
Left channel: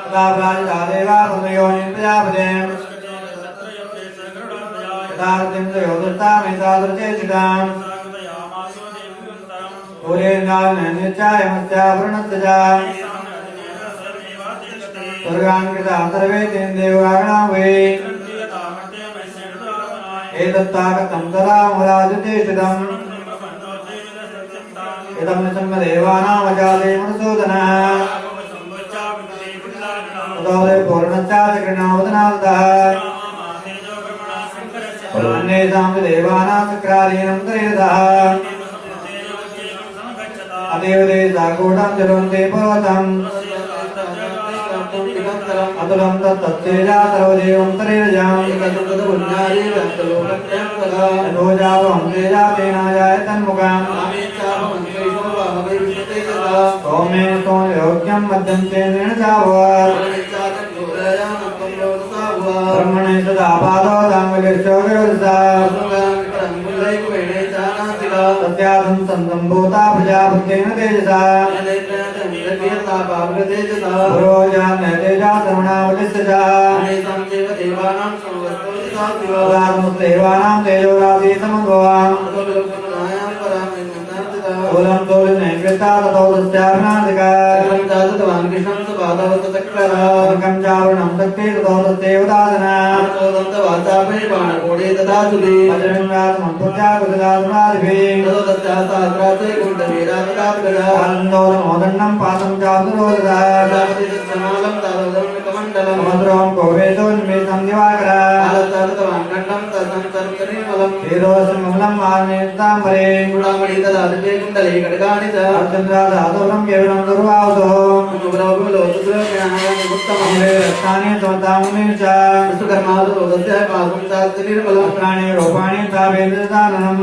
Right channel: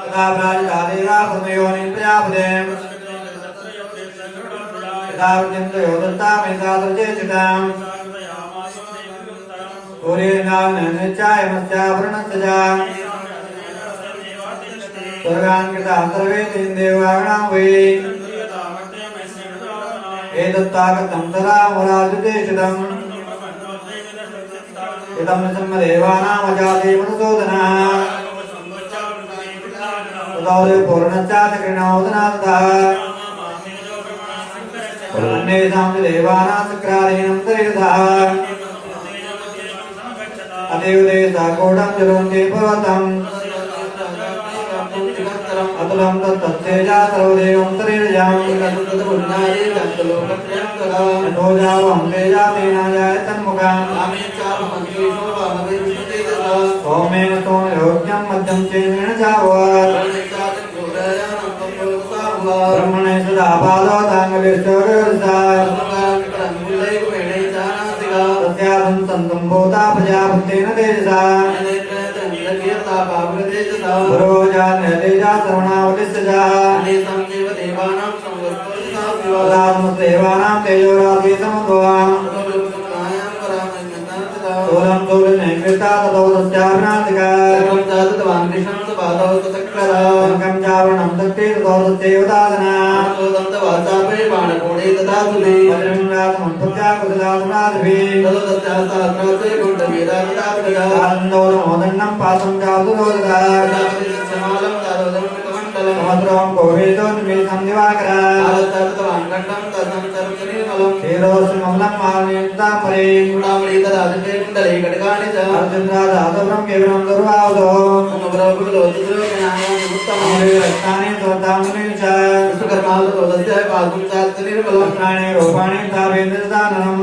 तथाप्राजितादेरासुमयोनिं प्रजापतिं तथावृत्तिं त्रयोदशामेकादशेषितां पूरेर्नावनन्यचायमस्यावरणस्य च दुर्गान् कृता सर्वे तेन देवानां वै एतत्ताकतं तदा मुराजुतेषितम् इदं सम्मदेवानामजाते मनसोदनः ततोरे पूर्णश्चाचक्रिणोदनादः अन्येषां देवानां चक्रादीनं तरेदः अदेवदे साकूटं जलन्ते पर्वतम् अतुलं तत्तेजा सर्वदेवं तरेदजाम् यथोजावं तेजा तेन जायतन्मुखम् सौम्येन सोमयोज्ञं मध्यं चेनेन चावत् ब्रह्मणे सदा पादोदाङ्गलेश्वरसा तस्यादं सन्तं भूता प्रजापत्येन तेजसा पुरोजाने तेजा सर्वणावलिस्सजा देवानां तेजोराशि समभवाम् ओरं तोलिने कृता ततो तस्याभ्रान्तिका अंकं चावरणं तत्ते ततो तस्यैवदादना अजृङ्गासनं पुत्याकुसुदासुरादिभिः आनन्दोदमोदण्डं पादं चावसुरोदता समुद्रं कोवेदोन्मेषं दिवाकरा क्षीरोष्मलं माग्नेताम्बरे अर्जुनराजादवरं केवलं दुर्वावधो रत्नानि सोतामुनि च रत्नानि रूपाणि तावेन्द्रदाननम्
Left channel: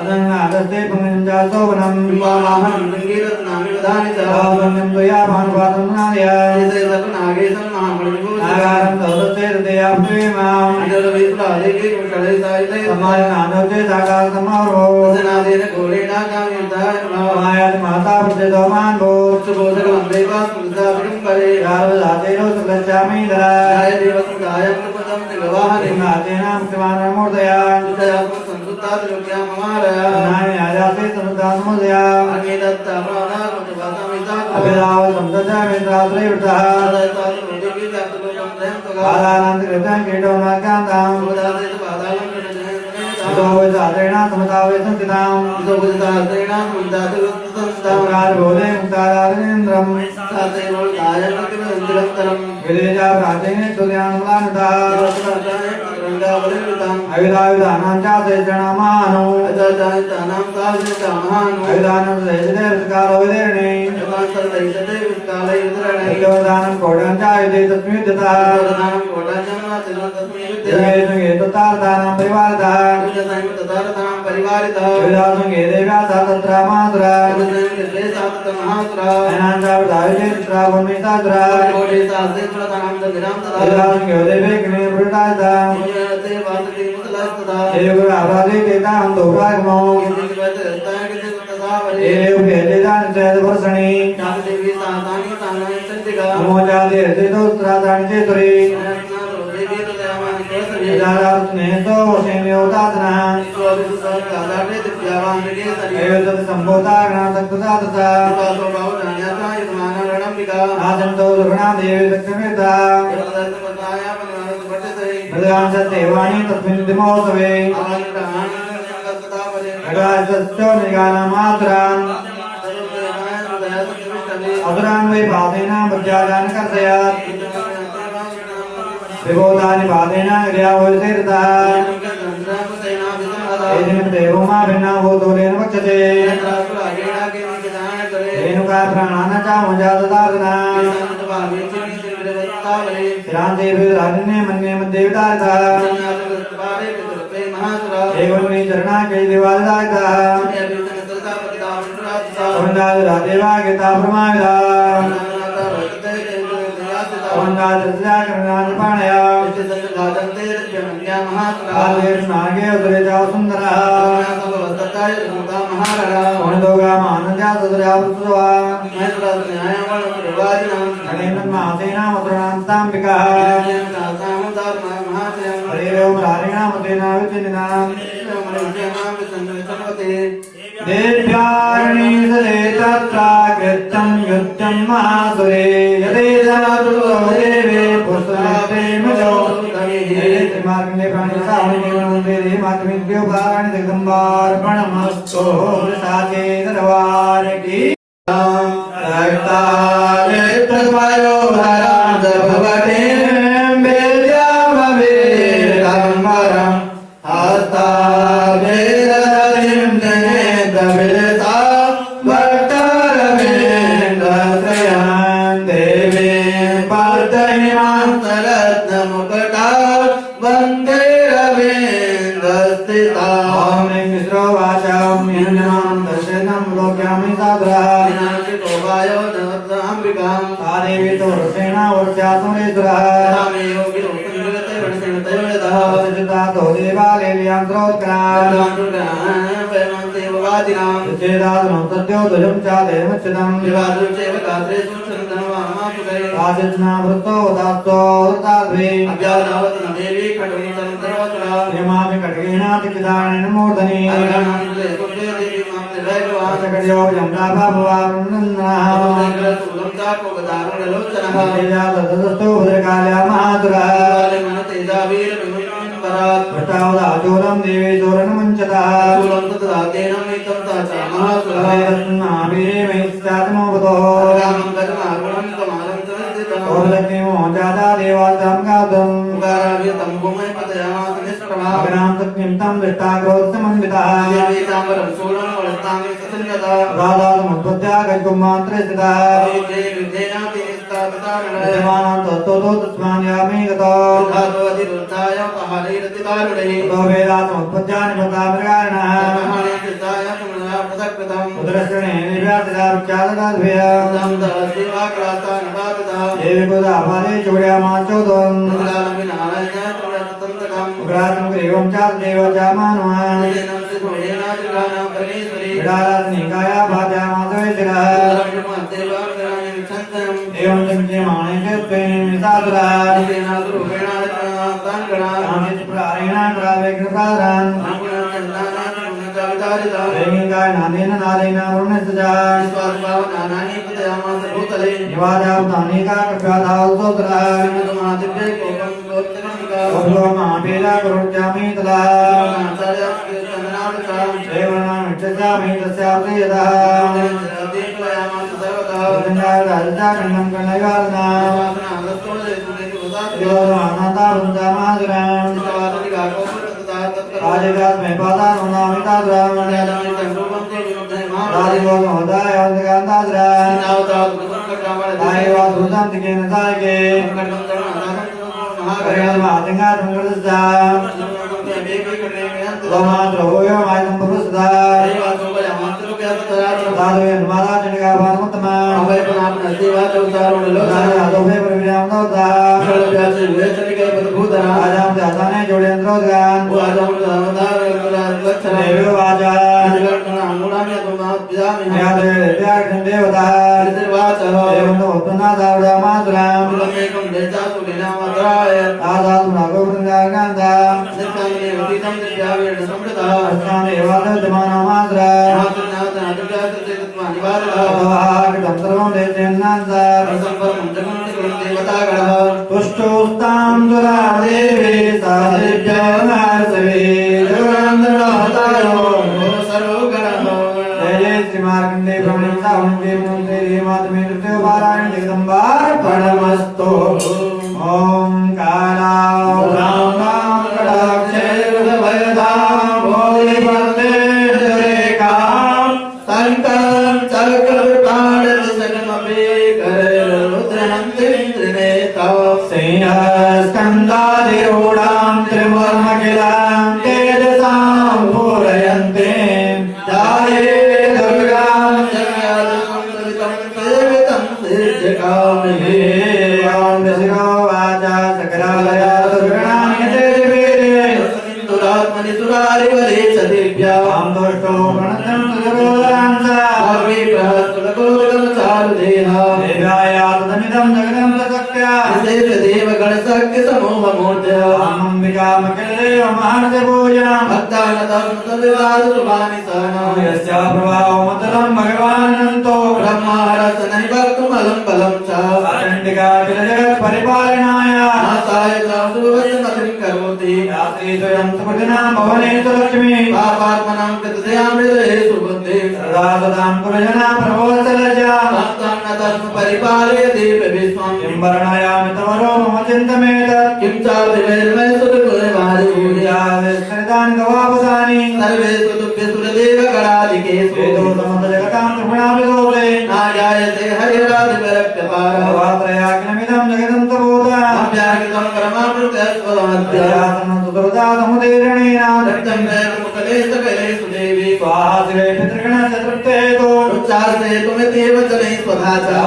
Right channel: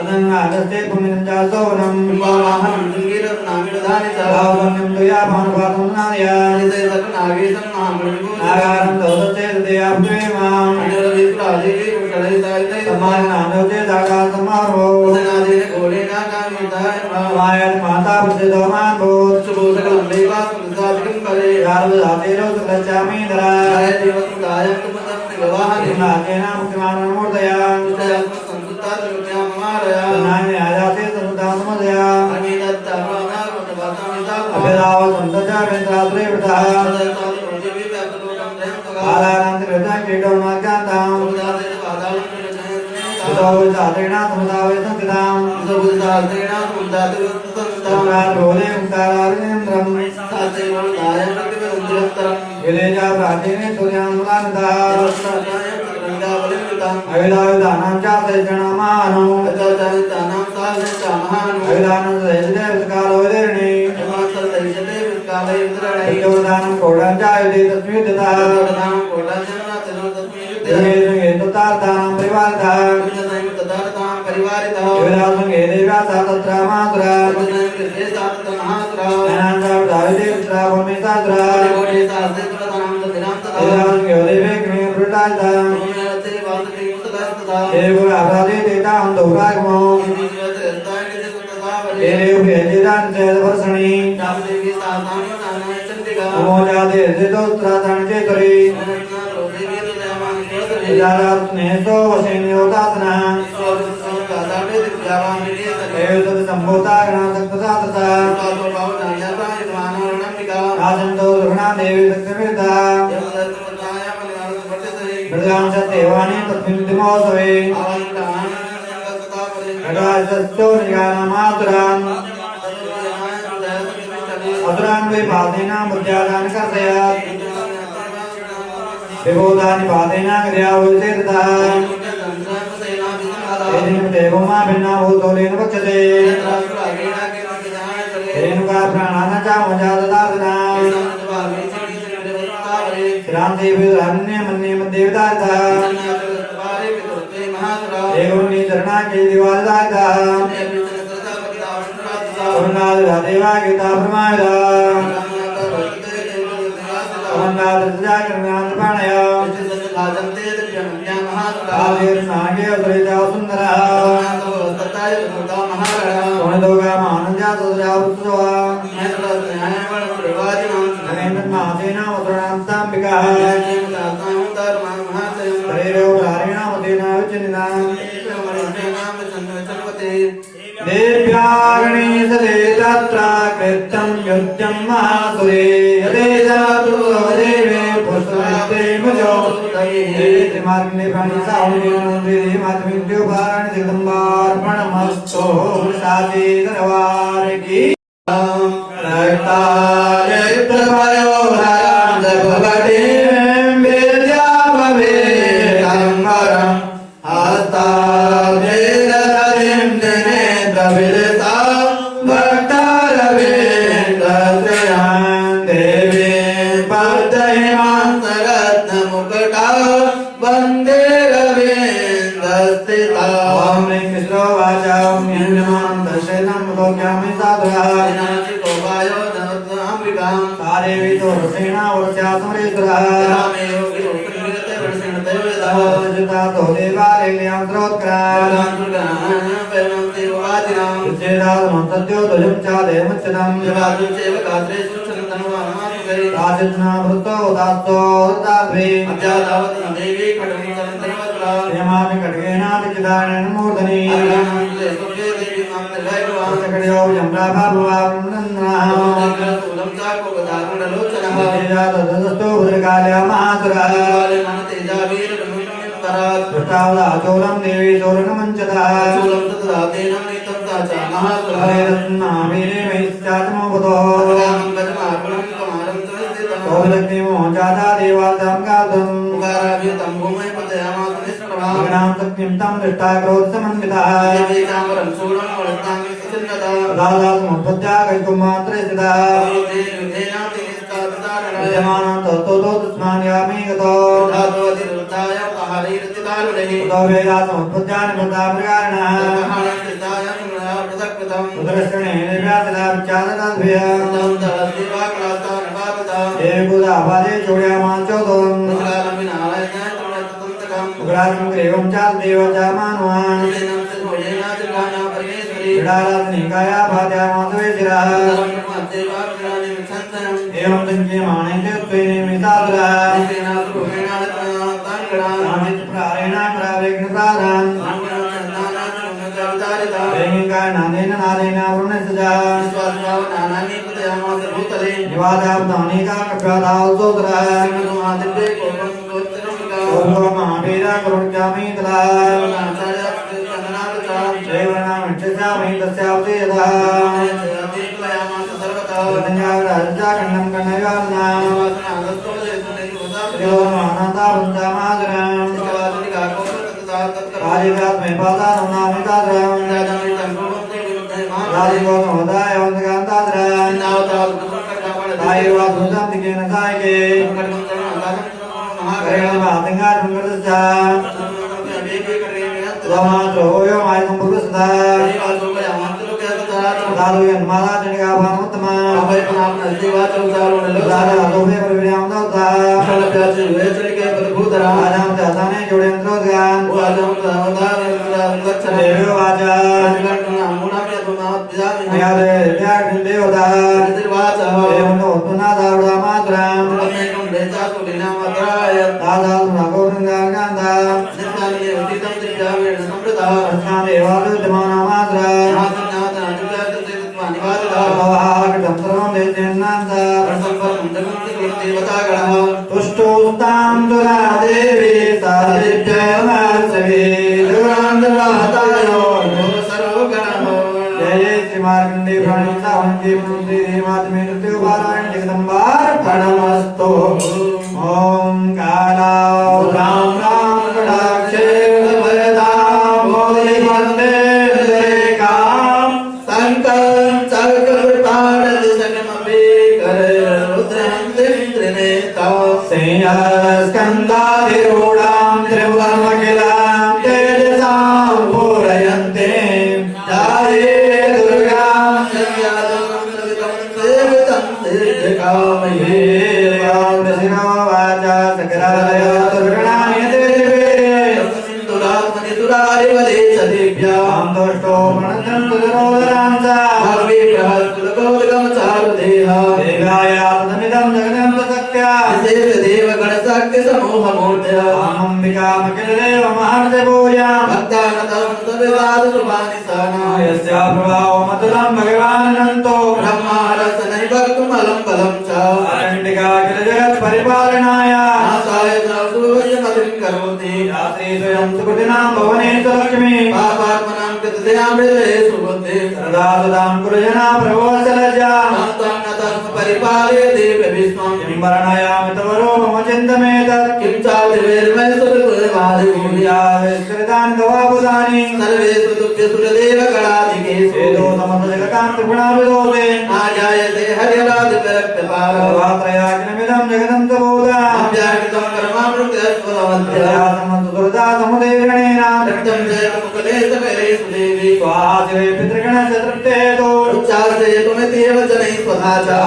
अदन्नादस्ते पुमिनं च सौनं भावनं तुया भानुपातं नादय आगारं तौदस्ते तदयाप्नुयेमाम् समानादोचे सागासमारो मायाद माता प्रसिद्धोमान भूत यावदातेनो सुगच्छामि धरा सिंहासेनां किमानमूर्तया नानि आजाते समुदामुदया अभिदाव सन्तजा वेन्द्राद्रेवृतः कालानन्दकृतं कीटोमाकान्ताम् उदावेदातेना समुदावे संस्थिताम् सर्वारोधे मुक्ताराजेन्द्रम् गिरिजा प्राचीने सुध्यान्तानता अविदायुधानां चासेचणमानो अविदानं सदेशदेवकालो विदर्णे योदानं कोडं चायुधे तस्मिद्यता येतुतार्तानां परिवारितः युधासुङ्गे देव्या सा तत्र मातुरा अनाङ्गावदायुधेत्र भूमिसाद्रा युधासुङ्गे देवे ग्निवृतायता देवराभादे देतां दौराग्मो देवेभ्येदिदानि च वर्षणि नमोजाते हृदितोत्रातानि चेतुरे विचारात्मेतो वशेन्योदातनः एतत् सम्भूताग्नातक्तसातता आसन्तो दुर्गणा देवी दक्षिणेता मृगां च देवानि तस्मिन् दिमोत्सवे एकादशो मृगाणामासुरान् असुरान् वै पादेन बुद्ध्यादान् कर्तयात् विभूतानि पादेन क्रियावतीर्तः देवमा भिन्ना भूतोलेन पक्षते रेणुका प्राणान् चामुजाददातना श्रान्तिभिरान्ये मन्ये मध्येवतारतः एवं मे चरणाके दिवालदायतः देवा गीता प्रमायदा नागे सुरेजा सुंदरः पुण्यदोगा मानजा सुदया पुत्रवा नरेन्द्रनाथेना मुद्रणां ताम्बिका हरेणामतेना विचन्दिनां देव्याणि सदे तत्रा कीर्तं नैऋत्यं मासुरे यदे जातु अवदेवे पुष्पते मुजोतये मार्गने प्रणिसावने मातमिद्यो भारण जगदम्बार्पणमस्तु साचे दरबार की रायतारे प्रभयो भयान भवते मेल्यामवे अमरम हस्ता वेदरिं जने दविलता भक्तारवे दशयान देवी पवतयमान्तरत्न मुकुटा वन्दे रवीन्द्रस्थिता ओम कृष्ण वाचा ओम यन्नम दर्शनं लोक्यामि साधुरा तारेवी तो रसेना वर्षासुरेश्वरः जुता तो देवालय व्यांद्रोत्क्राम श्रीराम सत्यो तुझं चाले मच्छदं राजस्ना वृत्तो दास्तो ताद्वे यमामि खड्गेनापि किदानेन मूर्धनि कड्यो यम्रा बाबुवा वृन्दन्नाः तदस्तो भद्रकाल्या महासुरः चोरं देवी चोरणमञ्चतः मोचादा देवार्थं गातुं अग्नां सत्यं तं दृष्टा क्रोधसमन्वितः राधासमुत्पत्त्या गजकुमान्त्रिस्थितः विद्यमानं तत्तो तस्मान् यामि गतो ततो वेदासमुत्पत्त्या निबद्धामृगारिणः उदरश्रेणे निर्व्यासदा विख्यातदाद्भ्यः देवकुदाभारे चोड्यामाचोदम् उग्रासं ग्रीवं चादेवता मानवान् विडालात्मिकाया भाद्यामासवेशिरः एवं संख्यमाणे च त्वेन मितासुरः प्राणेन प्रावेग्नसारान् वेङ्गाय नादेन नादेन वरुणसजा निवादां तानिका कृपादावसोतरः महाभेदा करोत्यामि तदा देवनामिच्छामि तस्यावसेयतः खण्डं खण्डयार्ना देवमानतारुञ्जामादराम् राजिव्यात्मे पादारुणामितादराम् राजिवोसमोदायवन्तकान्तादराम् दायिवासुसन्तिकेन सायके भगवान ब्रह्मा रस सर्वकृतिनां भवनेषु लक्ष्मी पापात्मनां कृतदयामृतेषु बुद्धि सदा सदां कुरुजना प्रभोसलज्जा तां नतं परिपालयति विष्णुं किं वर्णयामि तवरो मम चिन्तमेतत् किं चातिर्वैर्मय सुरकुलमादिभूया विस्कृतानि गवापदानि सर्वेषु दुःखेषु देवगणादिकेषु वेदो समस्तजगतां त्रिगुणाभिदोषे नाजायते हरिराजविरक्तपालो त्रयाग्निमिदं जगदं तबोधा अव्याकृतं कर्माणुकस्वमध्या दुर्दा समुदीरणेन रक्तं जयमुकलेशकलेषु देवी स्वादिवे पितृगणचतुर्थेतो उच्चासे तुमित्येव जनैः स्वभाचा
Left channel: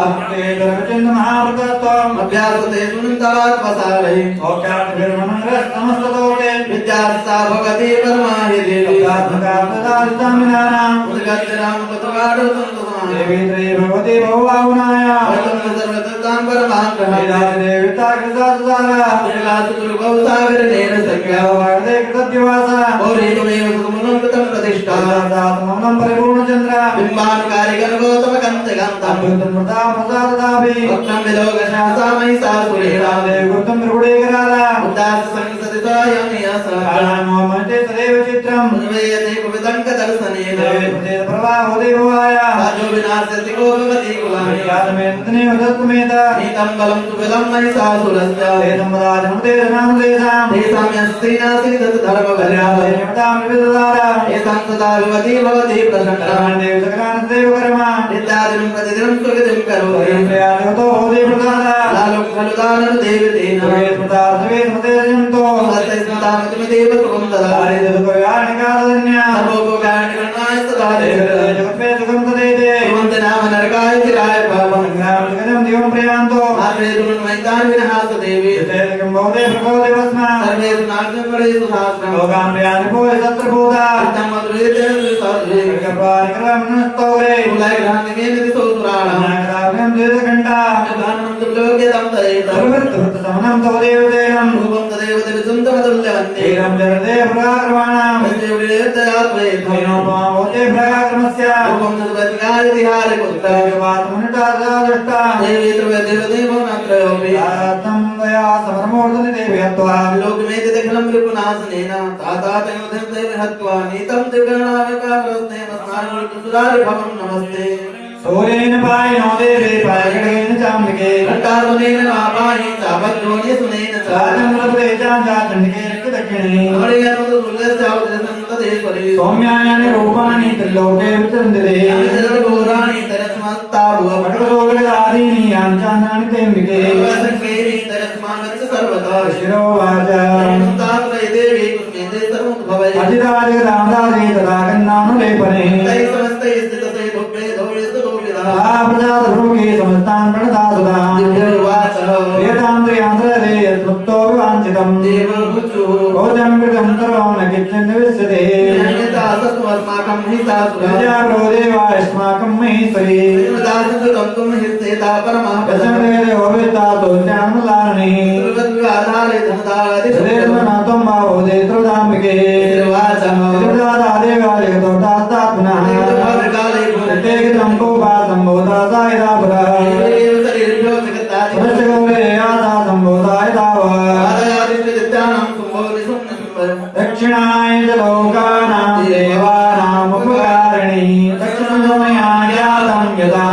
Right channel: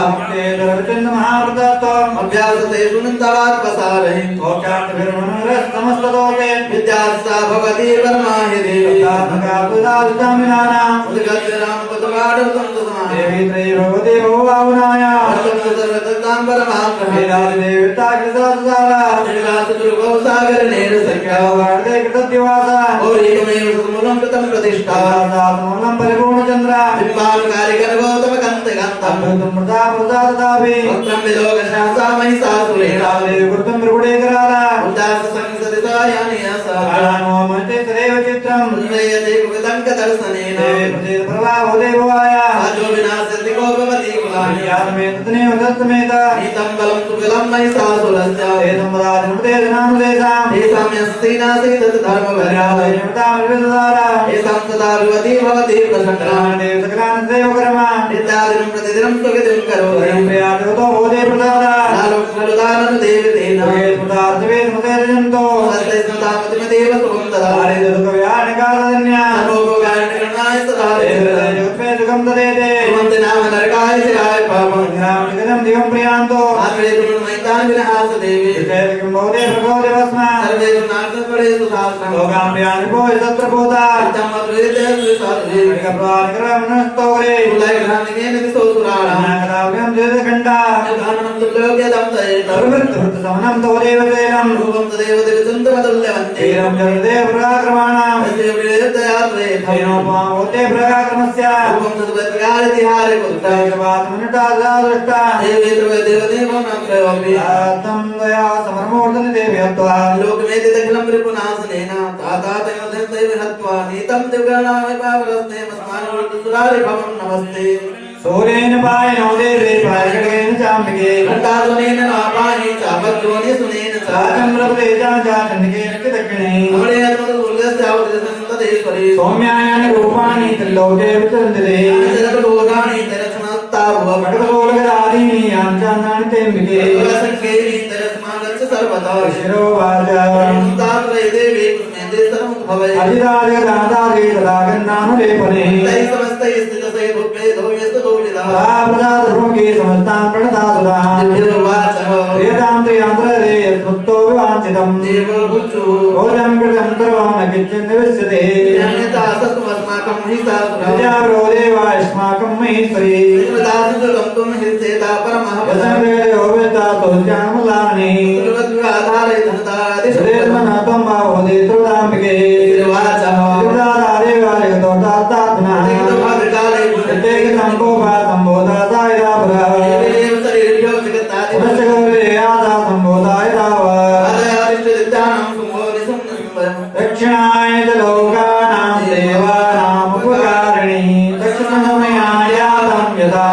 दुर्वचन्द महाव्रतत्वम् अभ्यासते सुनन्तवात्मसारहि भोक्यान्तभिर्मनोरस्तमस्तलोके विद्यास्ता भवति परमाहि देवी तदात्मकापदादितामिनानाम् उद्गच्छरां तत्वाडुतं देवी त्रयी भगवती भवाहुनाया सर्वततां परमां देविता कृतसुधारा सागरेण संख्या वर्धे कृतद्दिवासा गौरीमेव सुमुनं कृतं प्रतिष्ठा दातमङ्गं परिपूर्णचन्द्र बिम्बानुकारिगर्भोतमकन्तकान्तं अमृतमृता प्रसादाभि वक्त्रं विलोकशासामयि सासुरेणा वृत्तं त्रिपुडेकराला उदाससंसदितायामि यसा काळामोमते तदेव चित्रम् उन्मयते कुविदङ्कदर्शनेन देवे प्रचेत प्रभावो देवाया साजो विनाशति कोपवति कुलानि यातमेतनेव दत्तमेत नीतं बलं सुखदं मयि सासुरस्य एतं वदाजमुते धनानुदेशां तेषां यस्ति नास्ति तत् धर्मपर्याय देवतामृतधारा तेषां सदा भवति भवति प्रसन्ना देव सकलानदेव कर्मा नित्यादिनं प्रतिदिनं सुखितं करोति प्रियालोतो भवते प्रसादा दानं खलु दानं देवतेन वेदमुदार्थवे समुदेर्जन्तो सत्ते स्मृतामतिमदेव सुखं ददाति दुःखव्यानकादन्या सर्वोपकारनिकरणाय सदा देवते सुखं ददेते सुमन्त नाम नरकाय शिराय पापं ग्रामनिगजं दिवं प्रियान्तो आत्रे दुर्मैतान् विनहास देवी विजयकं भवते भगवते भस्मा सर्वेषु नागपडेषु शास्त्रं लोकां प्रियानिको तत्र भूता तमद्वेदेषु साधुरे कपानिकरमनस्तोरे कुलैग्रामिकेन सोसुराणां नागराव्यं द्वेदघण्टा भानं दुर्लोक्यतं तयेत सर्ववृत्तवृत्तसमनं तव देवतेनं रूपं तदेव तिरुसुन्दरतुल्यवन्ते तीरं जगदे प्रकाक्रमाणां तस्य विवेदया प्रयेत भवते प्रकाक्रमस्य रूपं निर्गतकारितिहारि पुत्र वातमनुटादृष्टा देवी द्रवदेवदेवो न प्रयोगि तं दया समरमूर्धनि देव्यत्वा लोकमेति दक्षिणं रिपुनासनेन तातातयोधन्ते विहत्वा नीतं दिव्यणामि पारस्ते मस्मानुर्दुसुरारि भवं नमस्ते सूर्येण पायिनो देवे पायगेन चाम्बिके घण्टासुनेन आपाहि चापद्योनि सुनेन च चन्द्रपते चाचण्डिकेन च दक्षिणे अमरेणोदुर्गस्यावतिसन्तदेश्वरी सौम्यानि रूपाणि त्रिलोके विचरन्ति शरद्घोराणि तरस्मत्ता भुव खड्गोलगदादीनि याञ्चान्नानि तेऽम्बिके संकेरी तरस्मागच्छ सर्वदा शिरोवाच तात्वै देवी कृष्णेते सर्वोद्भवै अधिराजगदाधारे तदागन्नानुलेपने तै समस्तै स्थितसै रूपे धौयस्तु गोविदा प्रजातभूमि समस्तान् प्रणतासुरान् दिव्योवाच प्रियतां प्रियान्तरे यत्मुक्तो विवाञ्छितम् देवो बुद्धु भोजनं कृतं सर्वं न किञ्चिन् निविश्यते अस्माकं हितासुरा प्रजाग्रो देवा अस्माकं महेश्वरी दासुकं हिस्सेता परमः वचनवेदो वेदातो ज्ञानमुदानि आधारे धनदादि शरीरमनातं वा भोदे त्रोदाम्बिके त्रिपुरादेवालयतो तात्पुनः ते गितं भोगा सम्बोधाय दापगा पुनश्चगौरे आदा सम्बोधाय दाव दक्षिणाय च लोकानां देवानाम् उपकारिणी दक्षिणसमयायातं यदा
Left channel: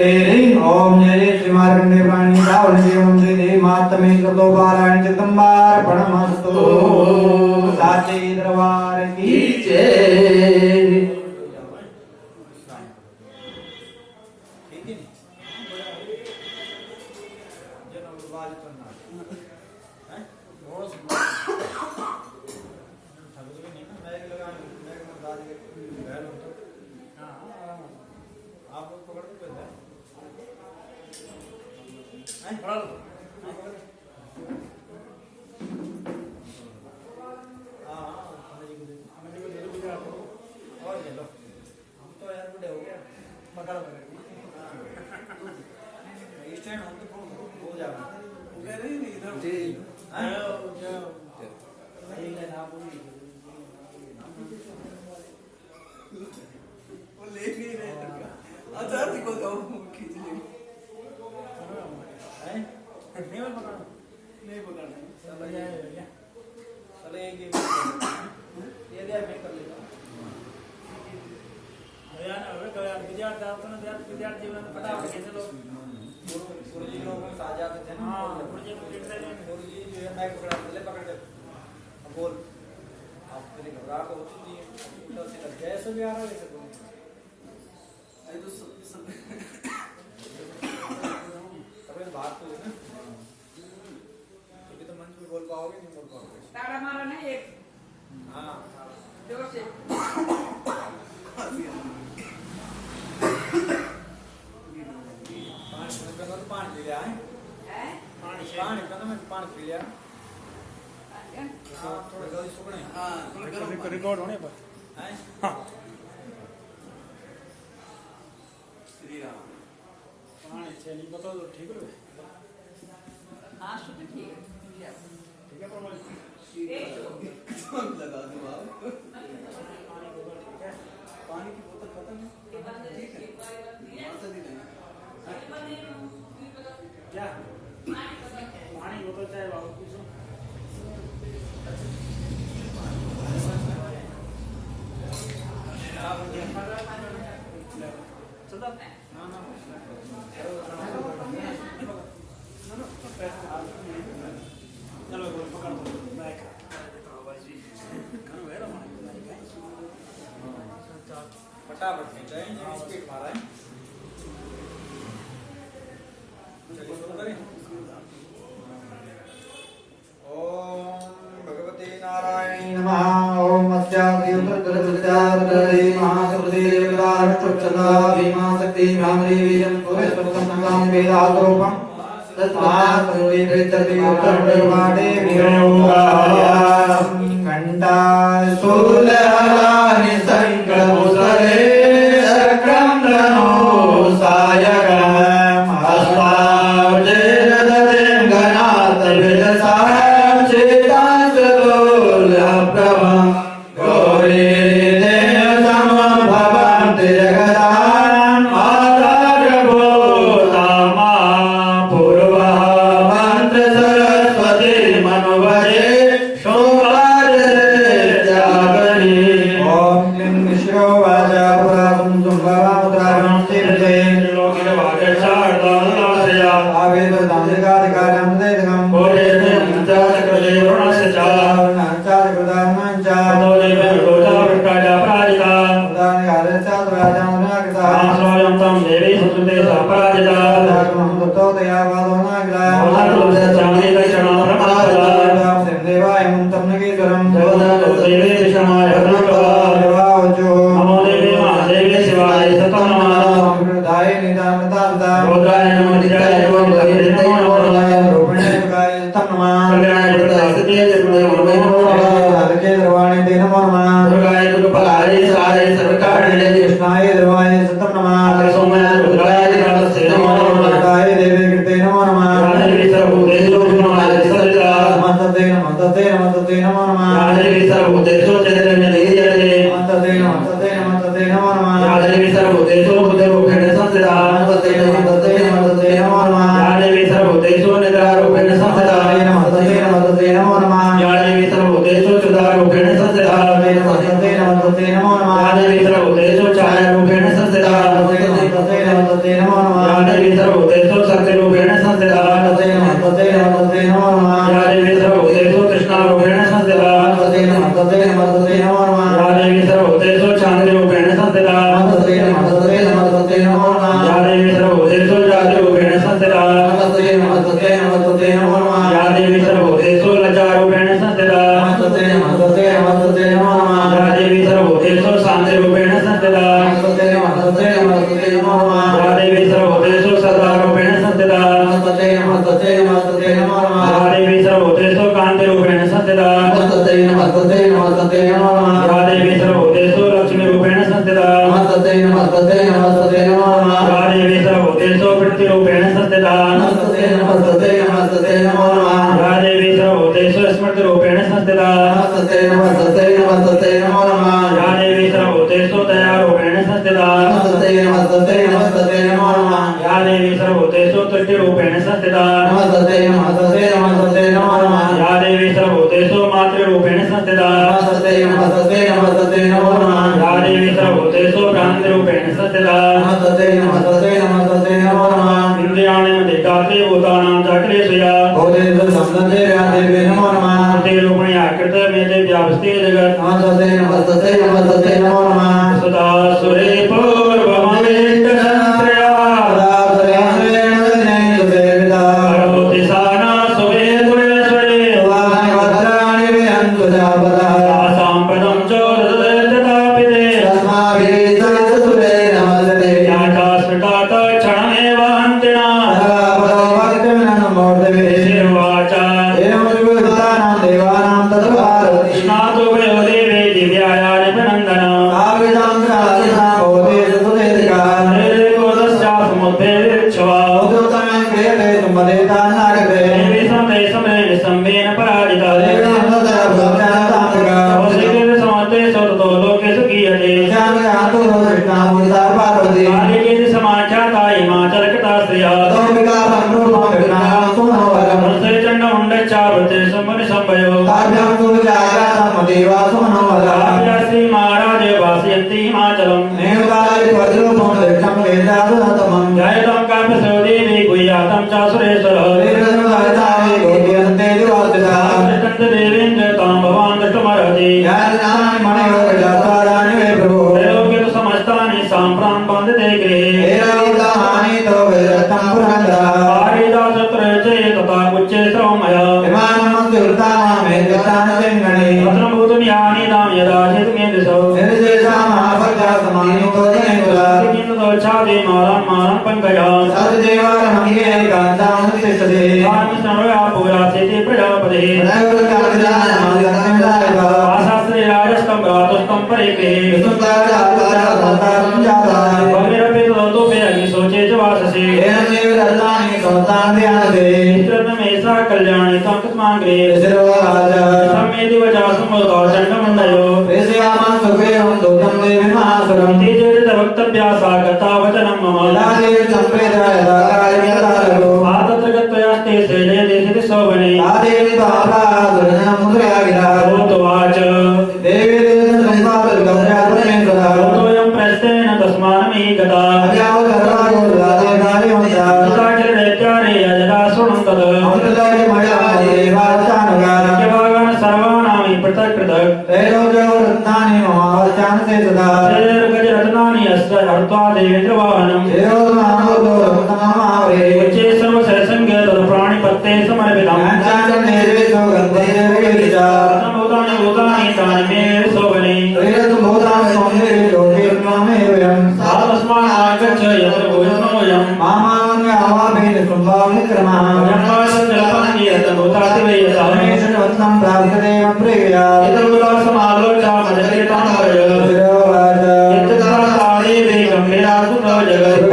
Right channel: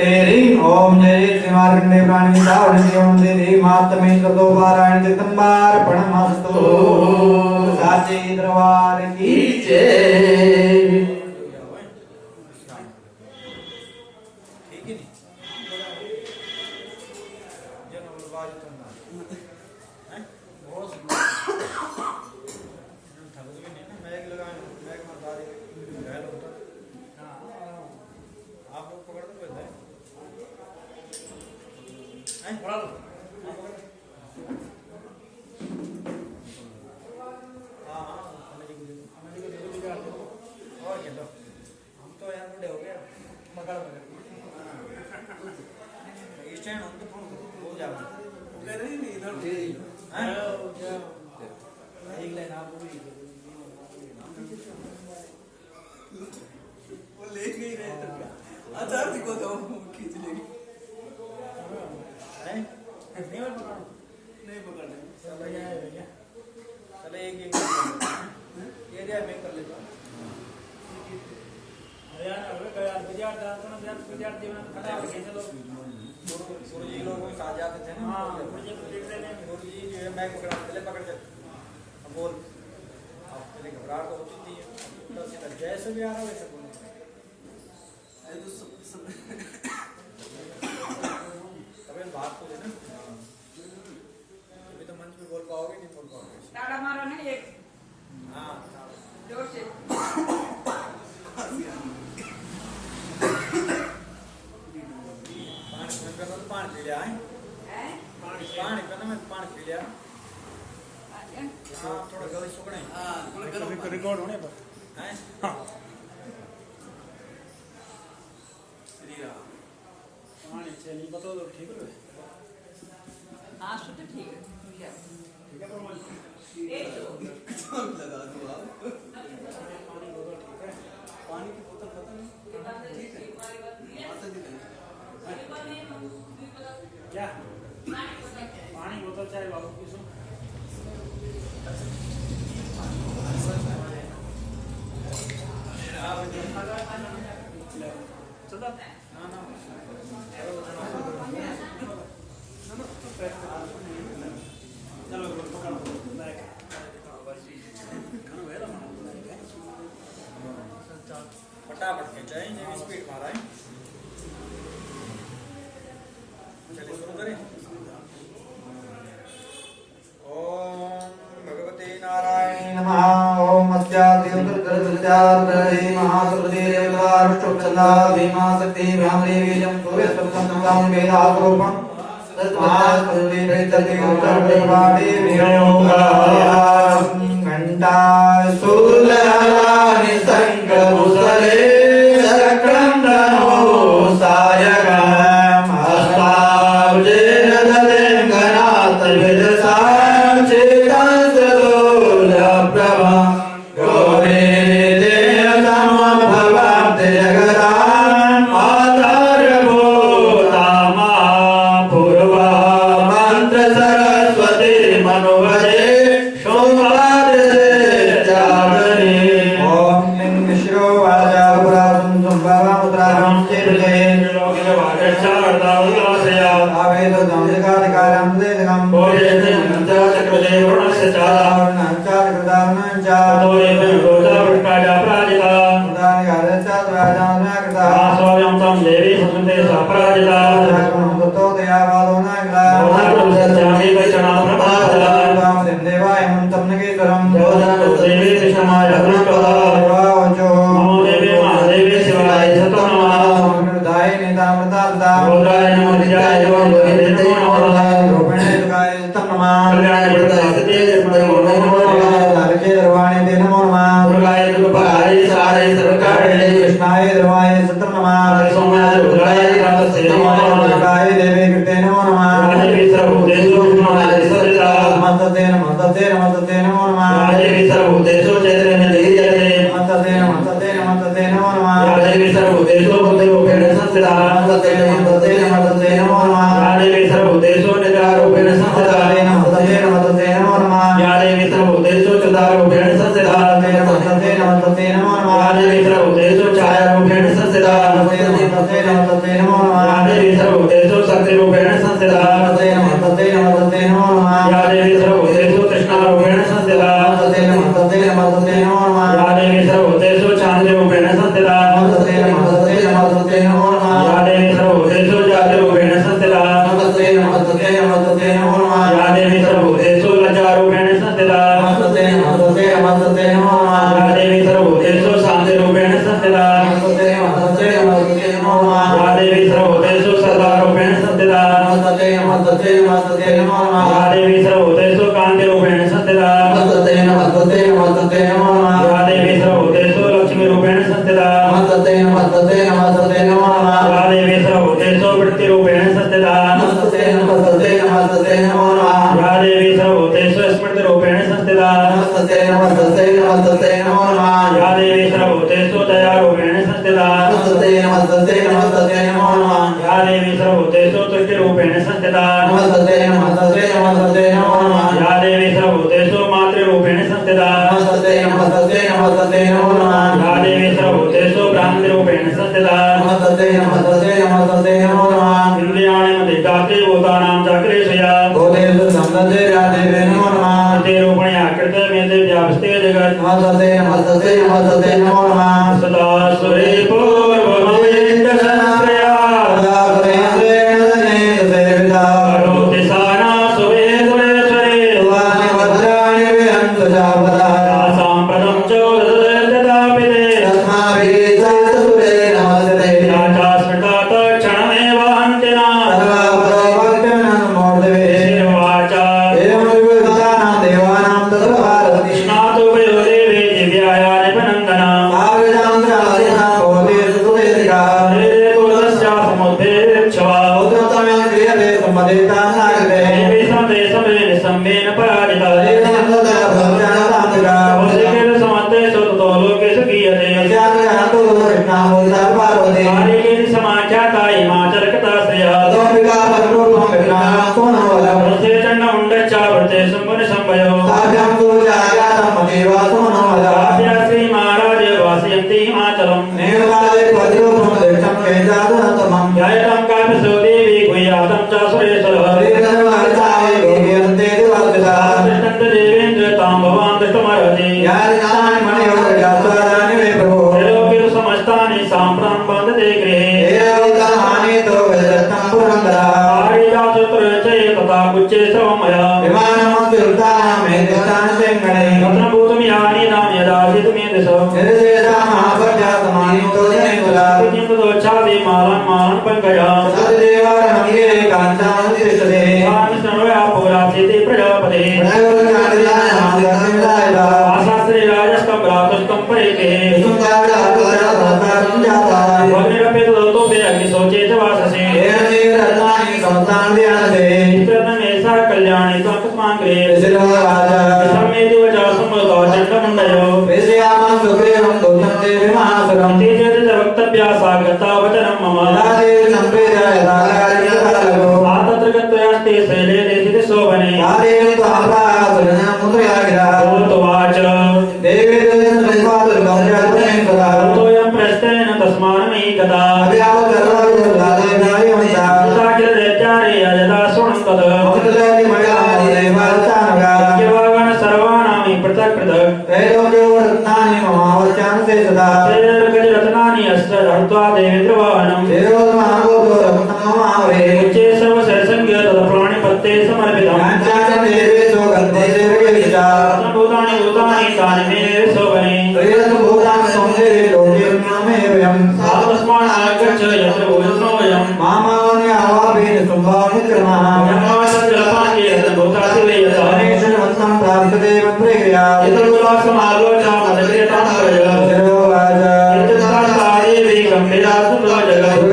तेरी ओम जय श्रीमार्कण्डे प्राणी दावणि ओम जय मातमे ततो वाराणि चिदंबार्पणमस्तु साचे दरबार की जय आप लोग पकड़ दो हम तो यार बड़े हो गए मकड़ स्टैंड हम तो हो जाएगा इधर एक लाइन आप बोलिए वो ले नहीं रहे अच्छा देखो तो खींच लेंगे नहीं पकड़ नहीं चलो यार चलो एक गुरुजी लोगों को साथ जाते थे ना। गुरुजी जो है मैं पकड़ के अब बोल, अब पहले घबराहट होती थी, ऊपर से जैसे भी आ रहा वैसे बोल। तब बात तो है ना, अभी तो मन में बोल पाओगे नहीं बोल पाओगे। ताड़ा मारो ना एक हाँ जोर से। पानी पी लिया है, हैं? पानी पी लिया। हाँ थोड़ा जल्दी सुखना है। रिकॉर्ड होने पर हैं? श्री राम। पानी चली बता दो ठीक है। हाँ शुद्ध ठीक है। ठीक है तो एक दो। लगा दो आप। पानी की बोतल पता नहीं ठीक है। क्या पानी बोतल चाहे बाबू की सुन चलो चलो पकड़ो मैं फटाफट खींचाएं, स्पीड मारा है। चलिए शुरू करें। ओम भगवते नारायण नमः। ओम अस्यादिर्गलगलजार्गले महासुरदेवदाष्टुचला भीमा शक्ति भ्रामरीजं सूर्यस्वतं वेदावरूपं तस्मात् प्रेततिगुरुतर्वाणे विरोगायां घण्टा शूलहराणि शङ्खमुसले चक्रं धनो सायकम् हस्तावजेरदतिं गणातविदसां चेतांसगोलप्रभं गौरीदेव समं भवन्ति जगदाम् आचार्यभूतामा पूर्वा मन्त्र सरस्वती मनुवरे सोमवारदेवजागरी ॐ क्लीं विष्णो वाचा पुराणं संभवमुद्रां चिरलेन आवेदनाधिकारं देदकं बोधेते मन्त्रचक्रजे वर्णस्य च नाचार्यकृतानं च तोरेते गोचावट्टाया प्राजिता उदानकारस्य स्वादानं कृता सोयं तं देवी सुते सपराजिता धर्मं ततो दयावादो न कृता मोहनोदे चामि गच्छमा प्रमादा देवाय मन्तं नगेश्वरं जगदो देवी विषमाय अग्निप्रवाहवाचो नमो देवी महादेवी शिवाय सतं नमः दाय निदानदाता रोद्राय नमो निजाय नमो ललिताय नमो रूपिणे दुर्गाय सतं नमः कल्याणाय दुर्गाय सत्ये नमो नमो नारके द्रवाणे ते नमो नमः दुर्गाय दुर्गाय साराय सर्वकारणे कृष्णाय द्रवाय सतं नमः सोमाय रुद्राय कालस्य नमो नमः दुर्गाय देवी कृते नमो नमः राजवी सर्वभूतेषु गुणाय सदा नमस्ते नमस्ते नमस्ते नमो नमः राजवी सर्वभूतेषु चैतन्य धीर्यते नमस्ते नमस्ते नमस्ते नमो नमः राजवी सर्वभूतेषु बुद्धिरूपेण संस्थिता नमस्ते नमस्ते नमस्ते नमो नमः राजवी सर्वभूतेषु निद्रारूपेण संस्थिता नमस्ते नमस्ते नमो नमः राजवी सर्वभूतेषु चिदारूपेण संस्थिता नमस्ते नमस्ते नमो नमः राजवी सर्वभूतेषु छायारूपेण संस्थिता नमस्ते नमस्ते नमो नमः राजवी सर्वभूतेषु शक्तिरूपेण संस्थिता नमस्ते नमस्ते नमो नमः राजवी सर्वभूतेषु कृष्णारूपेण संस्थिता नमस्ते नमस्ते नमो नमः राजवी सर्वभूतेषु शान्तिरूपेण संस्थिता नमस्ते नमस्ते नमो नमः राजवी सर्वभूतेषु जातिरूपेण संस्थिता नमस्ते नमस्ते नमो नमः राजवी सर्वभूतेषु लज्जारूपेण संस्थिता नमस्ते नमस्ते नमो नमः राजवी सर्वभूतेषु शान्तिरूपेण संस्थिता नमस्ते नमो नमः राजवी सर्वभूतेषु सदारूपेण संस्थिता नमस्ते नमो नमः राजवी सर्वभूतेषु कान्तिरूपेण संस्थिता नमस्ते नमो नमः राजवी सर्वभूतेषु लक्ष्मीरूपेण संस्थिता नमस्ते नमो नमः राजवी सर्वभूतेषु वृत्तिरूपेण संस्थिता नमस्ते नमो नमः राजवी सर्वभूतेषु स्मृतिरूपेण संस्थिता नमस्ते नमो नमः राजवी सर्वभूतेषु दयारूपेण संस्थिता नमस्ते नमो नमः राजवी सर्वभूतेषु तुष्टिरूपेण संस्थिता नमस्ते नमो नमः राजवी सर्वभूतेषु मातृरूपेण संस्थिता नमस्ते नमो नमः राजवी सर्वभूतेषु भ्रान्तिरूपेण सत्यदा नमस्ते नमस्ते नमस्ते नमो नमः इंद्रियाणि मदेकाते भूतानां चक्रेशया भूतेषु संदते व्यादेवे नमो नमः ते रूपणि आकृत मेते व्यापस्ते जगत् नमस्ते नमस्ते नमस्ते नमो नमः सदा सुरे पूर्वमवेन्द्रश्रया अरोतिसाना सुवे सुरे सुरे साम्प्रतं चोदतापिते याता स्मृता क्षणमेव अन्तिना शिर्वाचा स्नातु वयो देवे दिव्याया निपनन्दना समुद्रेच्छवा देवी समते समये निसम्मेन पराजिता समन्ते सोतो लोके सुखीयते आदिकेन समाख्याता हिमाचलकृताश्रया वृते चण्डमुण्डच्चावृते सम्मनि सम्भयो आभ्या श्री महाराज वासयन्ति हिमाचलम् जयतं कापिसो देवी गुह्यातं च सुरेश्वरः देवेन्द्र तां भवान् दृष्टुमर्हति त्रैलोक्य समस्तानि साम्प्रं वन्दते गृहे पारिजातत्र तथा उच्चे श्रवमया भद्रभूतं यानि नाम यदा चितमेन्दसो किन्तुदोच्छादे मालं मालं पङ्कजा स्मरोया पुरासिते प्रजापते आशास्त्रे राजस्तं भ्रातुस्तं परेके भग्निरपि तदोपि अग्निशोचे च वाससे रत्नमेषा कल्याणी त्वत्तस्मान् गृहे समेति वचः सम्मतो चण्डमुण्डयो तेजोरित वक्तव्या सागता वचनं मम आतत्र गत्वयास्ते शैले देशिते शोभने भूतवाच भूतोऽयं प्रस्थेन तस्मान्मयि गता तथा किलदैत्यानि यदा शृणुं तत् यवागण सर्वाणामि पृथक् पृथक् रत्नानि अस्त हर्त्वा देवेन्द्रवाहनम् उच्चे सर्वसरसंज्ञ तत्प्राणिपत्ते समर्पितम् भूतानि भूतानि तानि मे शोभने तस्मात् आगच्छ यत्र भूषणोऽयम् जलपाङ्गे यत्र भूतासि वेयतः यत्र भूतासमालोचा मदकृतां भय यत्र गम्भीरासुतो जगत्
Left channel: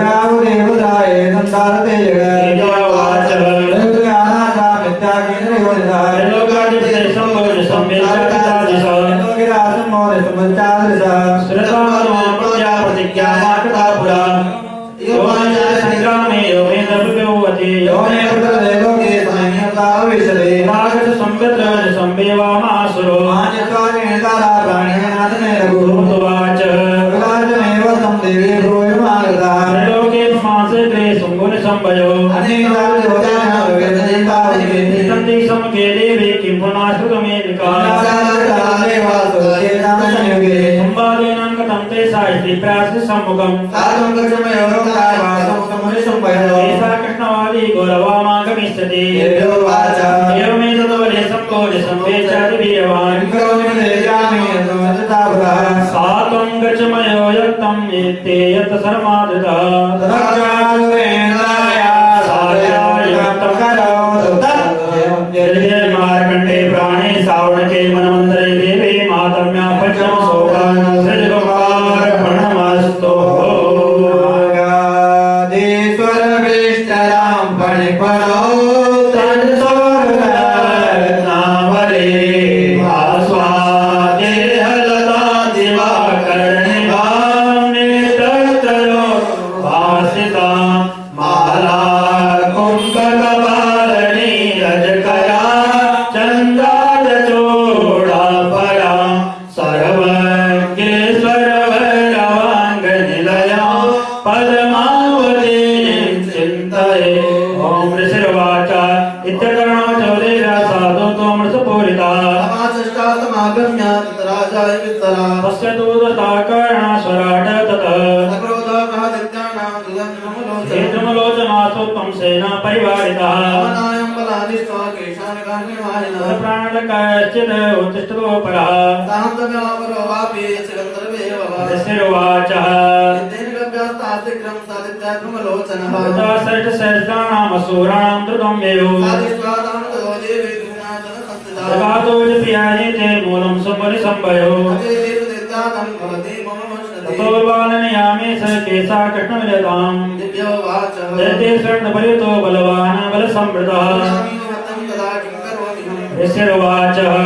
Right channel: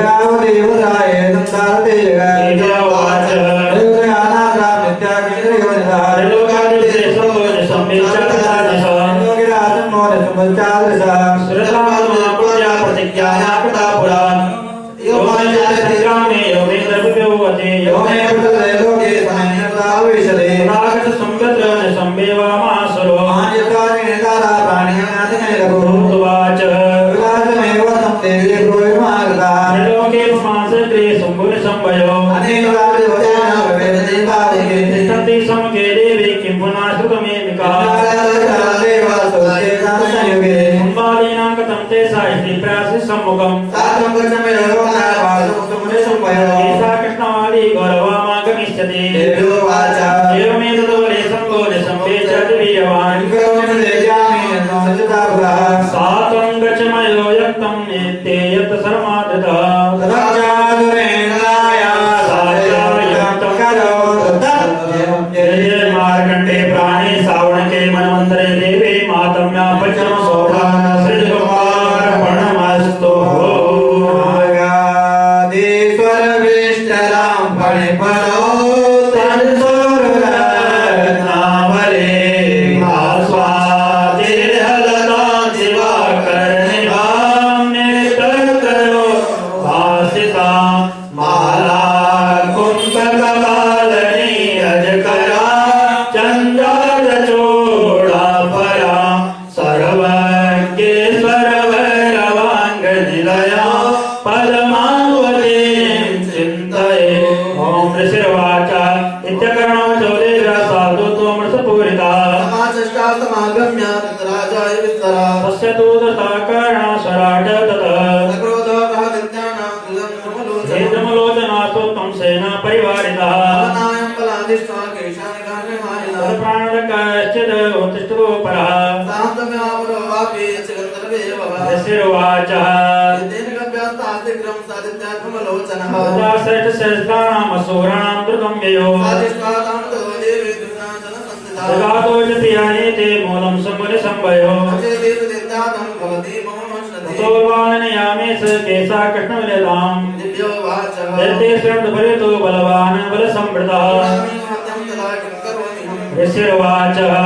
Sita परमावतीं चिन्तये ॐ ऋषिर्वाच इत्यकर्णो चौदेव्या साधु त्वमृतपूरिता समागम्य राजाय विस्तरा तस्य तु दत्ताकर्णास्वराट ततः हेतुमलोचनाथोत्तम सेन परिवारितः प्राणकाश्चित् उत्तिष्ठतो परः ऋषिर्वाचः सहस्राणामसूराणां द्रुतं ययो जगातो च पियाये ते मूलं संवयो ततोर्वाननयामे स केसा कृष्णविलेताम् यते शरणपरितो बलवान् बलसम्वृतः ऋषिर्वाचः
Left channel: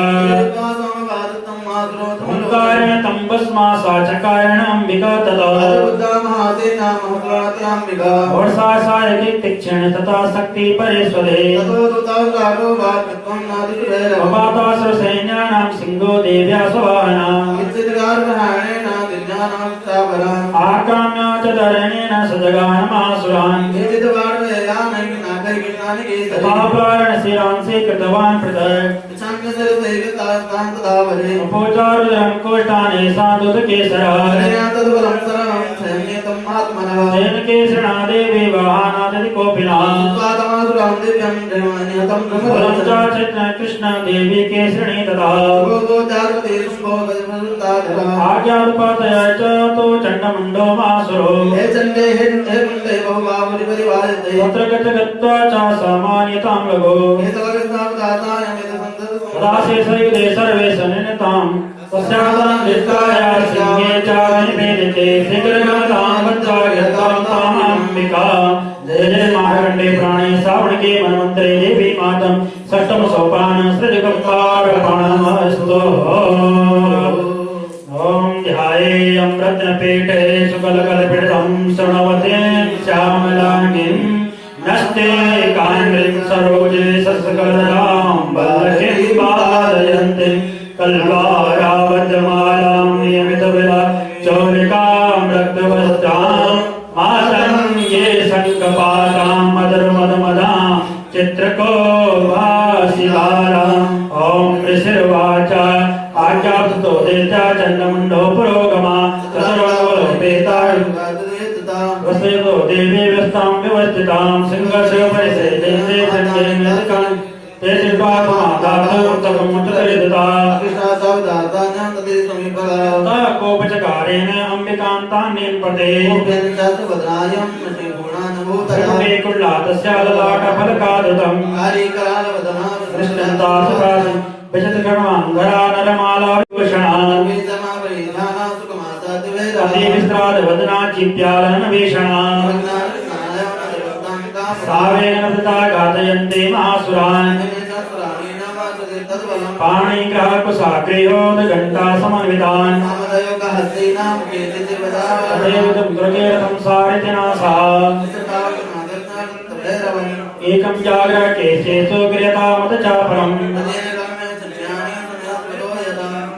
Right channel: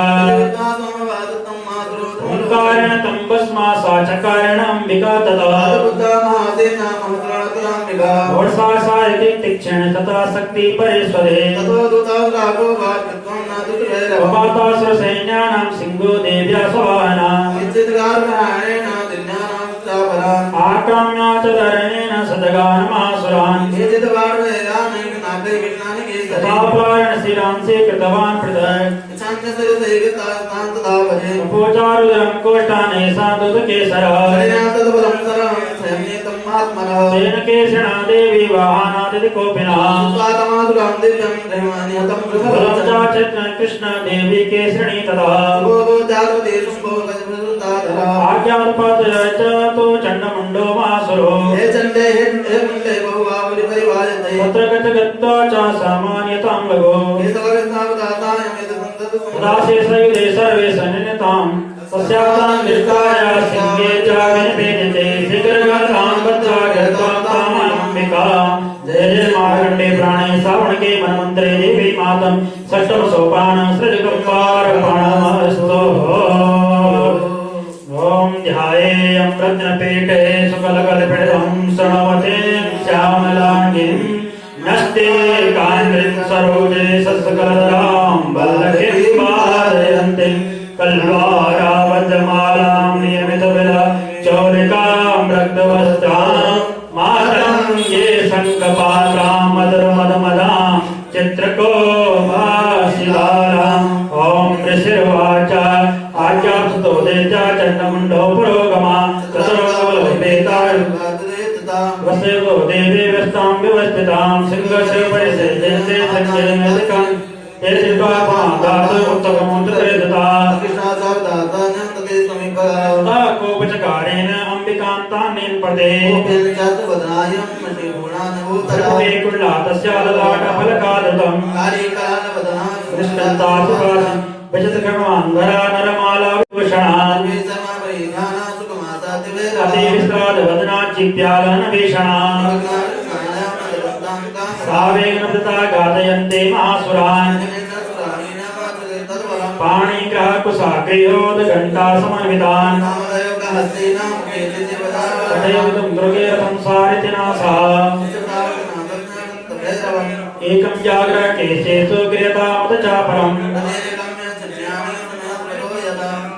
ओंकारेण तम्बस्मा साचकारेण अंबिका तथा और सायति तीक्षण तथा शक्ति परेश्वरे अपातासुर सैन्यानां सिंहो देव्या सवाहना आक्राम्या च धरणेन सजगानमासुरान् तथा प्लावनशिरांसि कृतवान् पृथक् उपोचारुदरं कोष्ठाने साधुकेसरः तेन केसरिणा देवी वाहनादि कोपिनः कृष्ण देवी केसरिणी तथा आज्ञापातय च तो चण्डमुण्डो मासुरो तत्र गत्वा च सामान्यतां लगो दासेसयुधे सर्वे सन्निताम् तस्यातां दृष्टाया सिंहे च विनिपेदिते शीघ्रगतां वज्रागतां तामाम्बिका जय जय मार्कण्डे प्राणे श्रावणके मन्वन्तरे देवी मातं षष्ठम सोपान सृजगङ्गारमणमस्तु ॐ ध्यायेयं रत्नपीठे सुकलकलपीठं शृण्वते श्यामलाङ्गीं नष्टे काङ्ग्रीं सरोजे सत्सकलजलां वल्लकीं वादयन्तीं कल्वारावज्रमालां नियमितविला चौलिकां रक्तवस्त्रां मातङ्गे शङ्खपाशां मधुरमधुमदां चित्रकोभाशिलालाम् ॐ ऋषिर्वाच आज्ञाप्तो देता चण्डमुण्डो पुरोगमा चतुरङ्गलोपेतावस्यको देवी व्यस्तां व्यवस्थितां सिंहस्य परिसेयन्ते सङ्ख्येन ये चित्वात्मादातो उत्तममुत्तरेदता कोपचकारेण अम्बिकां तां नीलपते कुल्लातस्य ललाटफलकादतम् दृष्टन्तासुकाशं विशतकर्माङ्गरा नरमाला विभूषणा अतिविस्त्रादवदना चिप्यालनवेषणा सावेन वृता घातयन्ते महासुरान् पाणिग्रहकुशाग्रयोदघण्टा समन्वितान् तथैवं मृगेरथं सारितिनासः एकं जाग्रह केशेषु क्रियतामुदचापलम्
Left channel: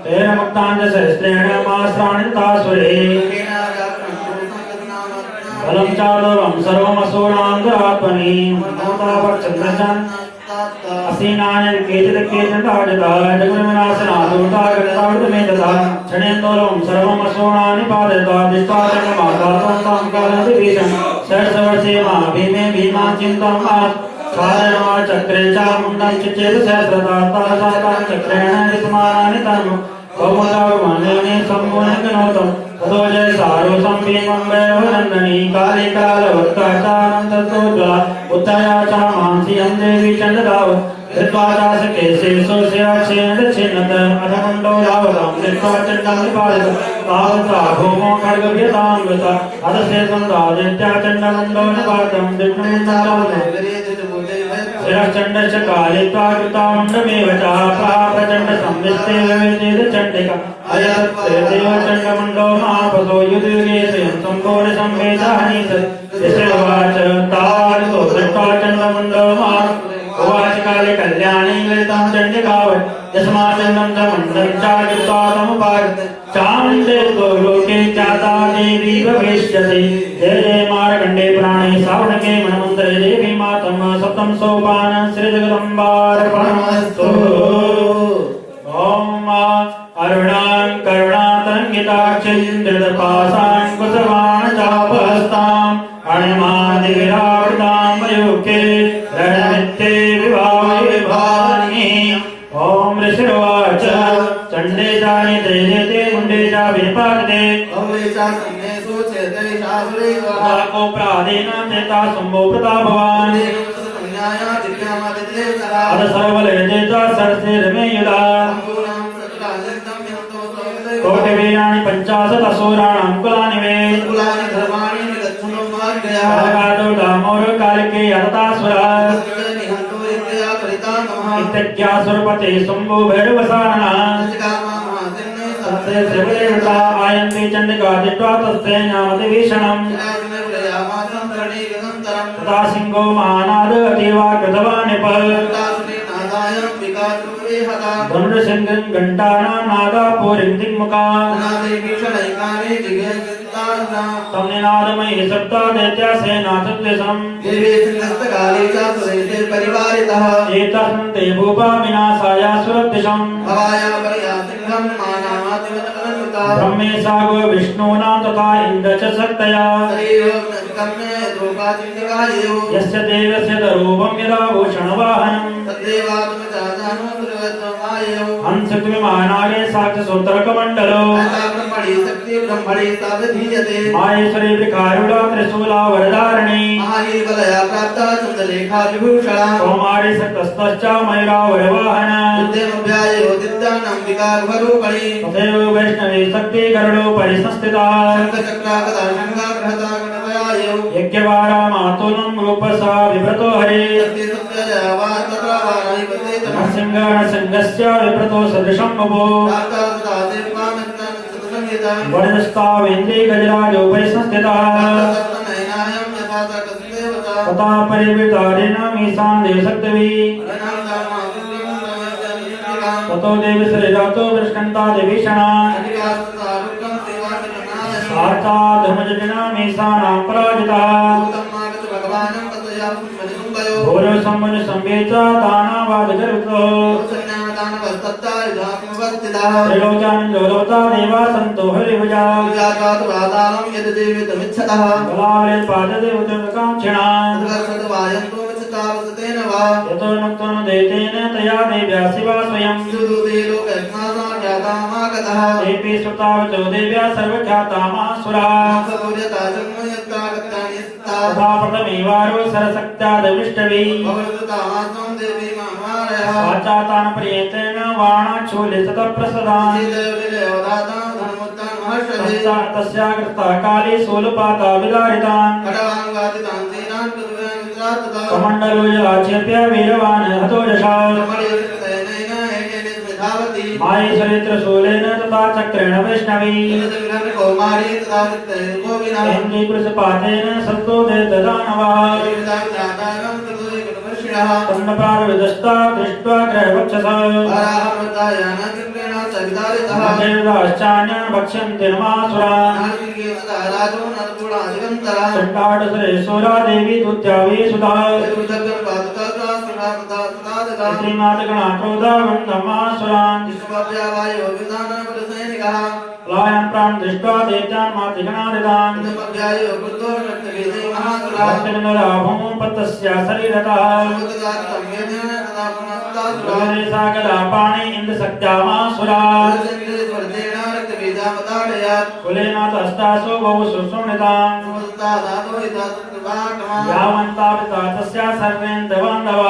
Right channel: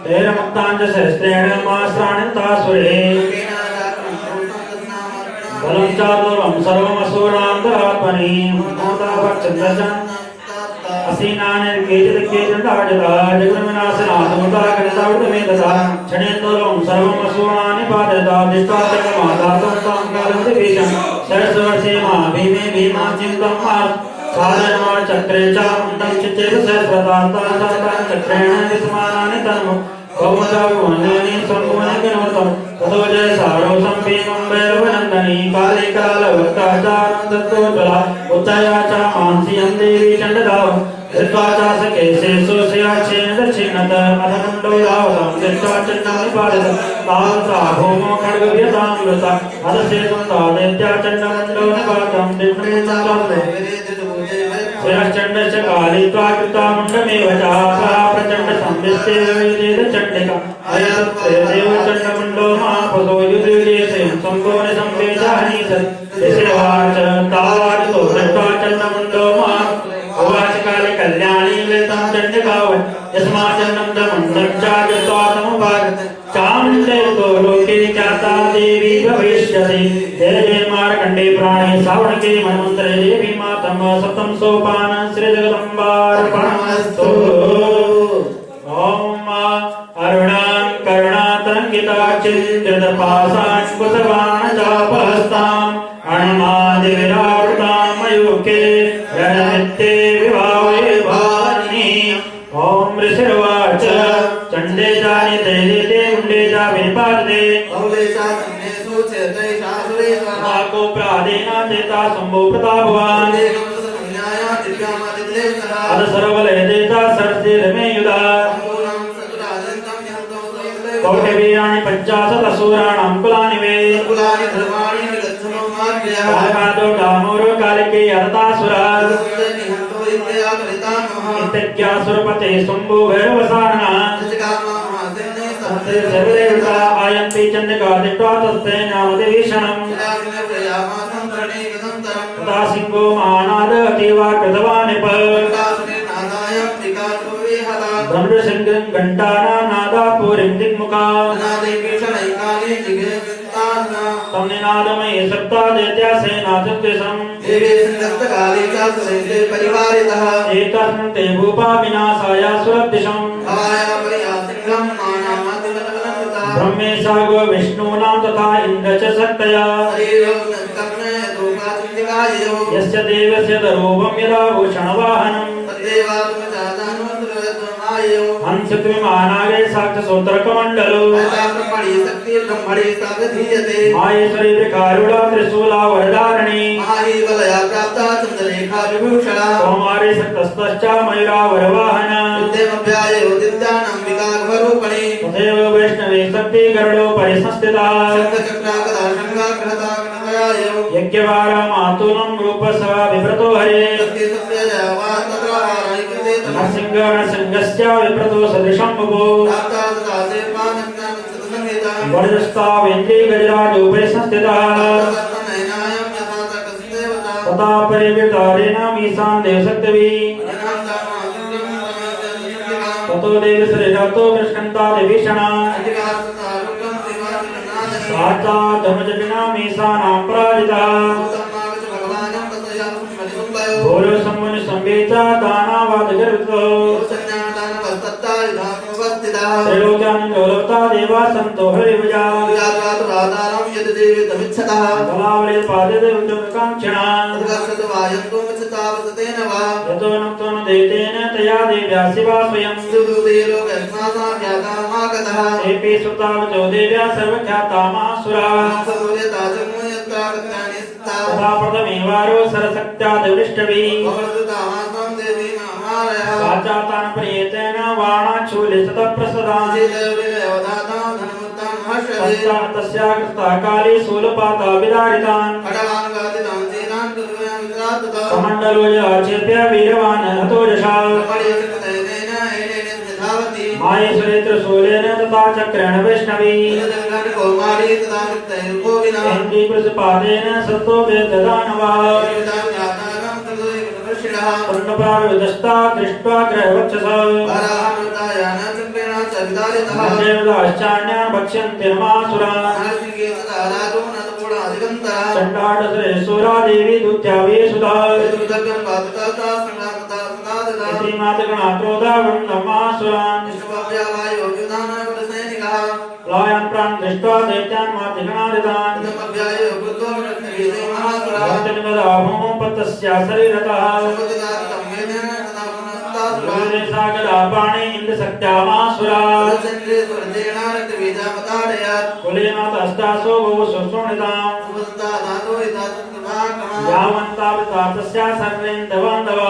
तेन मुक्ताञ्च सहस्रेण मासाणि तासुरे बलं चातुरं सर्वमसूरां दुरात्मनि मोतापक्षन्दशन् असीनानि केचिदकेचिदाजता जगन्नाशना दूतागतावृतमेतसा क्षणेन्दोलं सर्वमसूनानि पादयता दिष्टादकमादातं कालन्ति भीषं सहस्रवर्षे मा भीमे भीमां चिन्तं मास् साधनं चक्रे चामुण्डं चिचेत सहस्रतातातां चक्रेण विद्यमानानि तन्मु बहुमतावमन्यनि सम्पूर्णगणोतं ततो जय सारो सम्पीनं वैरवनन्दनी काले कालवत्काचां तत्कोज्वला उत्तया च मांसियं देवी चण्डदाव धृत्वाचास केशेषु शिराक्षेण दक्षिणत अधमुण्डो रावतं यथा चण्डं निपालित आहुता भूमो खड्गव्यतां वृता अधसेतुं राजेत्या चण्डमुण्डो निपातं शिरश्चण्डश्च कालित्वा कृतामुण्डमेव च प्राप्रचण्डसंविस्तेवेदेव चण्डिका अयतत्ते देवचण्डमुण्डो महापसो युधिर्गेशं सम्भोनि संवेदानि सत् तावारितो दृष्टा चण्डमुण्डो महा उवाच काले कल्याणी ललितं चण्डिकावत् यस्माचण्डं च मुण्डं चाकृत्वा तमुपागत चामुण्डे तो लोके जाता देवी भविष्यति जय जय मार्कंडे प्राणे सावणके मनमंत्रे देवी मातम सप्तम सोपान श्री जगदम्बार्पणमस्तु। ओम अरुणां करुणातरङ्गिताक्षिन्द्रपासां कुसवाणचापहस्तां अणमादिविराटां मयूखे रणमित्ते विभावये भानि। ओम ऋषिर्वाच चण्डे जानि ते देते मुण्डे जा विनिपाते को प्रादेन चेता संभो प्रतापवान् अद सर्वले देता सरसेरमे युधा कोटिवीर्याणि पञ्चाशत् असुराणां कुलानि वे कालकातो डामोर कालिके अरतासुरा इत्यज्ञासुरपते शम्भो भैरवसानः सर्वदेवता आयन्ति चण्डिका दिष्ट्वा तस्ते ज्ञानदिवीक्षणम् तथा सिंहो महानादतीवा कृतवानिप धनुर्सिंहं घण्टानां नादापूरिं दिग्मुखा तन्निनादमयी सप्तादैत्यासेना सद्विषम् एतस्मिन् ते भूपा विनाशाय सुरद्दिशम् ब्रह्मेशागो विष्णूनां तथा इन्द्र च शक्तया यस्य देवस्य दरूपं यदा भूषणवाहनम् हंसद्विमानागे साक्षसूत्रकमण्डलो माहेश्वरी विकारुला त्रिशूला वरदारिणी कौमारी सतस्तश्च मयूरा वरवाहन तथैव वैष्णवी शक्ति गरुडो परिसंस्थिता यज्ञवारा मातुलं रूपस्य विव्रतो हरे नरसिंहस्य विव्रतो सदृशं बभो वरदस्तावेन्द्रे गजराजो परिसंस्थितः तथा परिवृतारेण मीशां देवशक्तिवी ततो देवश्रीरतो वृष्कन्ता देवीषणा वाचा धनुजटिना मीशानां पराजिता भोलो सम्मुनि संवेच दानावादिगर्भो त्रिलोक्यानन्दोलवता देवा सन्तो हरिभुजा कलावले पाददेवतुकाङ्क्षिणा यतो नुक्तो न दैतेन तया देव्या शिवा स्वयं एपि सुतावचो देव्या सर्वख्याता महासुरा तथा प्रथमेवारो सरशक्त्यादिवृष्टवी वाचातान प्रियतेन वाणाच्छूले सतप्रसदान् तस्या कृता काली शूलपाता विदारितान् कमण्डलो जलाक्षेप्य वीरवान् हतो यशा माहेश्वरी त्रिशूलेन तथा चक्रेण वैष्णवी इन्द्रीकृतपादेन सतो वेददानवा अन्नप्राणविदस्ता दृष्ट्वा ग्रहवक्षसा देवदाश्चान्यान् भक्ष्यन्ते महासुरान् चण्डाढसुरेश्वरा देवी दूत्यावी सुधा श्रीमातगणा क्रोधा वृन्दं महासुरान् लायान् प्राण दृष्ट्वा दैत्यान् मातृगणादितान् भक्तविनुराभूपतस्या शरीरतः सागरापाणि इन्द्रशक्त्या महासुरा कुलेनाथस्तासो बहु सुसुमृताम् यावन्तावता तस्या सर्वेन्द्रबान्धवा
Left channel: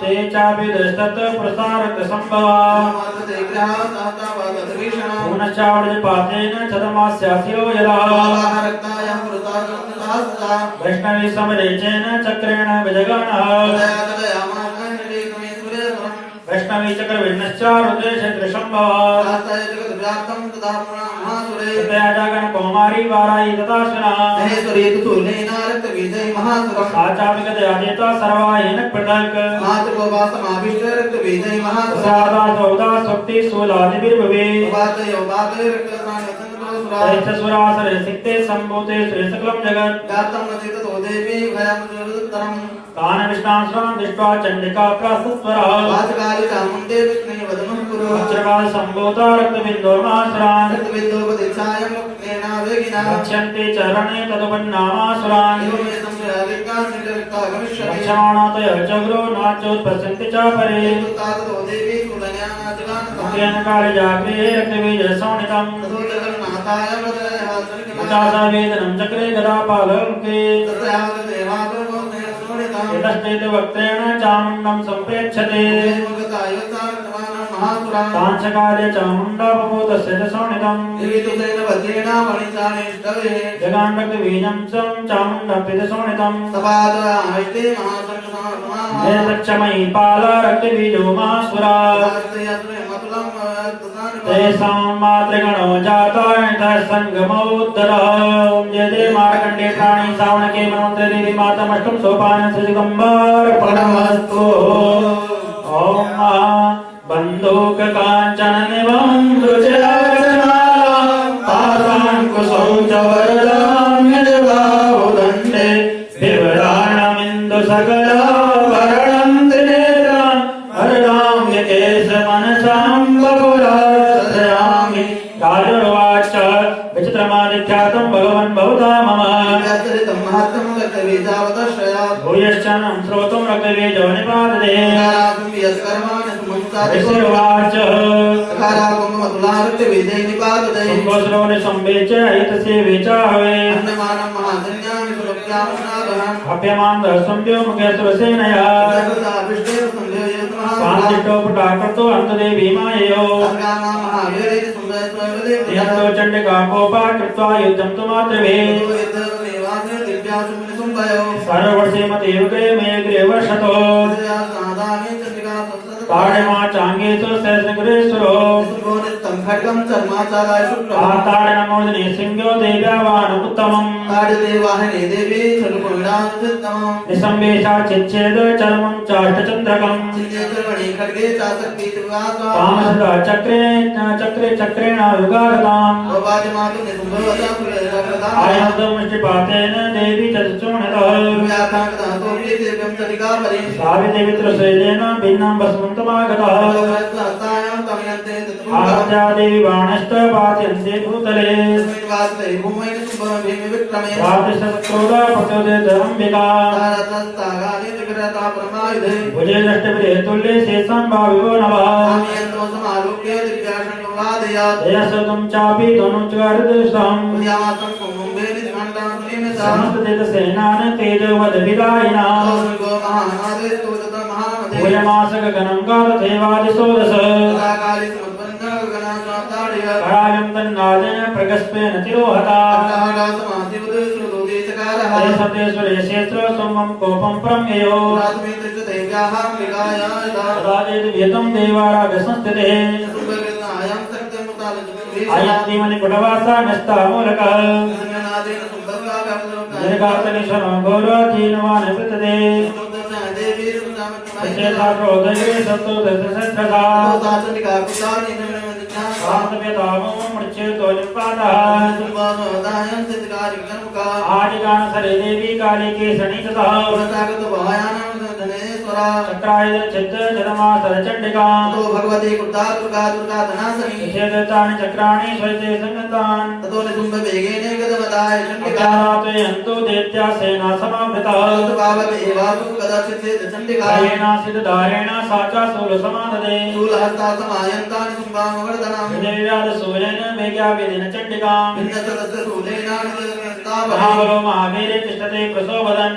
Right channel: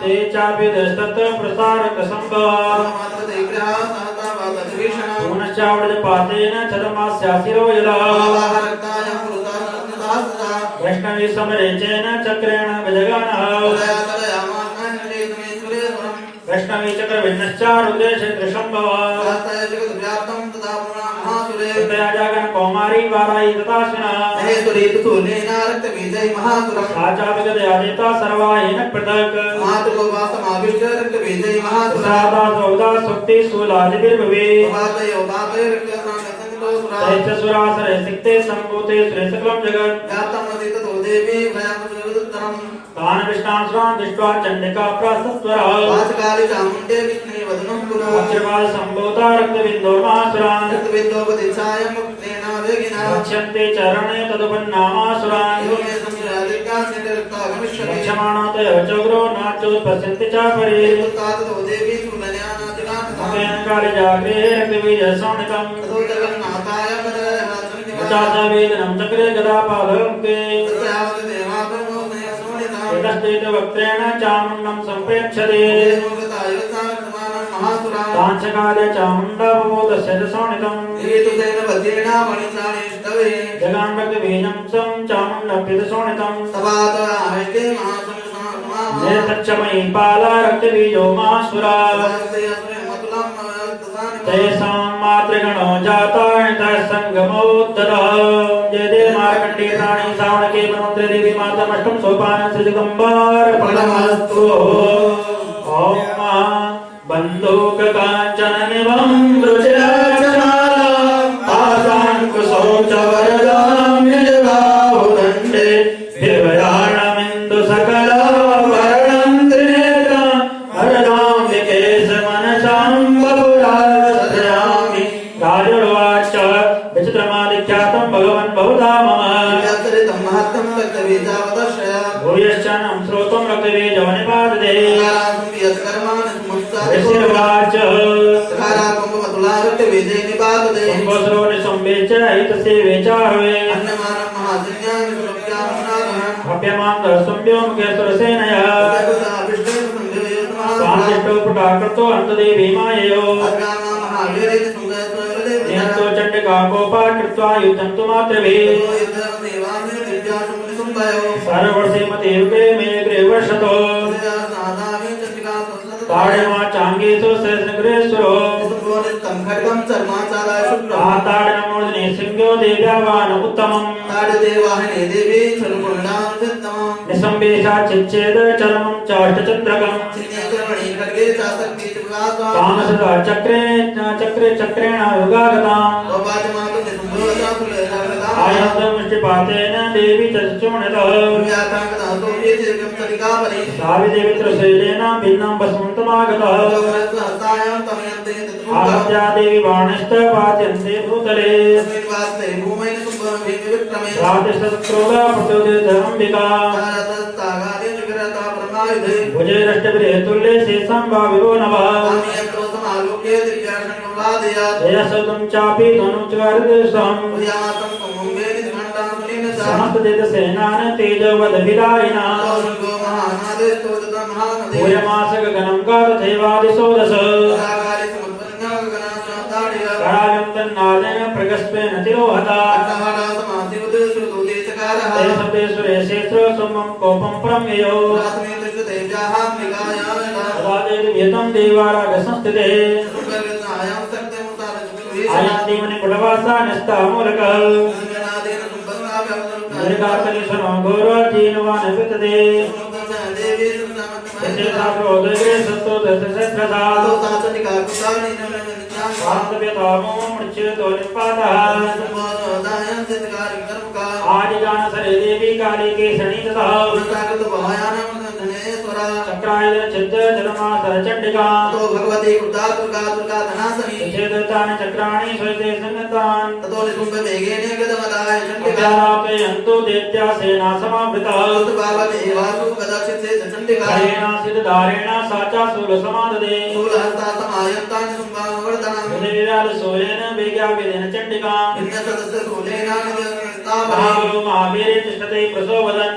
ते चापि दशतत् प्रसारकसम्भवा पुनश्चावृजपातेन चतमास्यासिरो यदा वैष्णवी समरेचेन चक्रेण गजगानः वैष्णवी चक्रविघ्नश्च रुद्रेश त्रिशम्भवा तया जागरण कौमारी वारायी तथाश्विना साचाविगतया नेता सर्वायेन पृथक् प्रसादासौदा स्वक्ति शूलादिभिर्भवे महासुरा दैत्यसुरासुरे सिक्ते सम्भूते सुरे सकलं जगत् व्याप्तं नदीत तो देवी भयं सुरदुत्तरम् तान् विष्णांसुरान् दृष्ट्वा चण्डिका प्रासस्वरा वाचकाली चामुण्डे विष्णुनि वदनपुरा वज्रकाल सम्भूता रक्तबिन्दो महासुरान् रक्तबिन्दोपदिशाय मुक्तेना वेगिना रक्ष्यन्ते चरणे तदुपन्नामासुरान् एवमे संस्यादिका निरक्ता गमिष्यति रक्षमाणातय चग्रो नाचोत्पश्यन्ति च परे तात तो देवी कुलज्ञानाजिगान मुखेन कालजाग्रे रक्तबीजसंहितम् ततो जगन्नाथाय मजय उचासावेदनं चक्रे गदापालमुखे तस्यावत देवाब्रह्मोऽग्ने असुनिता एतस्तेन वक्त्रेण चामुण्डं सम्प्रेक्षते मुगताय सारतमानं महासुरा ताञ्चकाले चामुण्डापमोदस्य च संहितम् देवीतुसेन वज्रेणा मणिचानेष्टवे जगाण्डकबीजं चं चामुण्डप्यति संहितम् सपादरामैके महासंसमः नेतक्षमयी पाला रक्तबीजो महासुरा तेषां मातृगणो जातायतः सङ्गमोत्तरः जय जय मार्कण्डे प्राणी श्रावणके मनोन्ते देवी मातमष्टं सोपानं श्रीदिगम्बरपणमस्तु ॐ बन्धूककाञ्चननिभं दृशरचनालां पाशाङ्कुशौचवरदां निजबाहुदण्डे बिभ्राणमिन्दुसकलाभरणं त्रिनेत्रं वरदाम्यकेशमनसां बहुलाश्रयामि गारुर्वाच विचित्रमादिख्यातं भगवन् बहुधा मम भूयश्चनं श्रोतुं रक्तबीजो निपातते ऋषिर्वाच कुम्भस्रोणि संवेच एतस्य वेचाहवे अप्यमां दर्शम्यो मुखे सुरसेनया कान्तिष्ठो पुटाकृतो अन्तदेवी माययो यन्तो चण्डिका कोपा कृत्वा युद्धं तु मातृभिः सर्ववर्षे मते युगे मे अग्रे वर्षतो ताडिमा चाङ्गेषु सहस्रग्रेश्वरो ताडिनमूर्धनि सिंहो देव्यावान् उत्तमम् निसम्बेशा चिच्छेद चरमं चाष्टचन्द्रकम् तामसदा चक्रेण युगागताम् आयन्दमुष्टिपातेन देवी चतुर्णतः सावित्रिमित्रसेनेन भिन्नं भस्मन्तमागतः आद्या देवी बाणश्च पात्यन्ते भूतले प्रातिशस्त्रोदा पतोदे धर्मम्बिका भुजे दष्टगृहे तुल्ये शेषं भाविवो नवः यशोदं चापि तनुच्चकारदेशम् समस्तदेशसेनान् तेजवदभिदायिना भूयमासगगनं कारथेवादिशोदश करायं तन्नादेन प्रगस्पेन तिरोहता ते सप्ते सुरेशेत्र सुमं कोपं प्रम्ययो तदा चेद्व्यतं देवारागसंस्थिते आयन्तीमनि पुटवासा नष्टामूलकः दीर्घाकलिशमो गौरवतीनवान् वितते चेताप्रोदये सत्तो दशसहस्रदा शान्तव्यतामो मृच्छेतो निपातः आदिगानसरे देवी काली केसरी तथा चक्रायुध चित्त जलमासर चण्डिका भगवती कृता दुर्गा दुर्गा धनासनी निषेधतानि चक्राणि स्वैते संगतान् ततो निसुम्भवेगेन गतवदाय चण्डिका अध्यावापयन्तु दैत्या सेना समावृतः सुभावमेवासु कदाचित् चण्डिका धारेण सा च शूलसमाददे शूलहस्ता समायन्तानि सुम्भानुवर्धनम् सूर्येण वेग्यावेदेन चण्डिका महाबलो महावीरे तिष्ठते प्रसोवदन्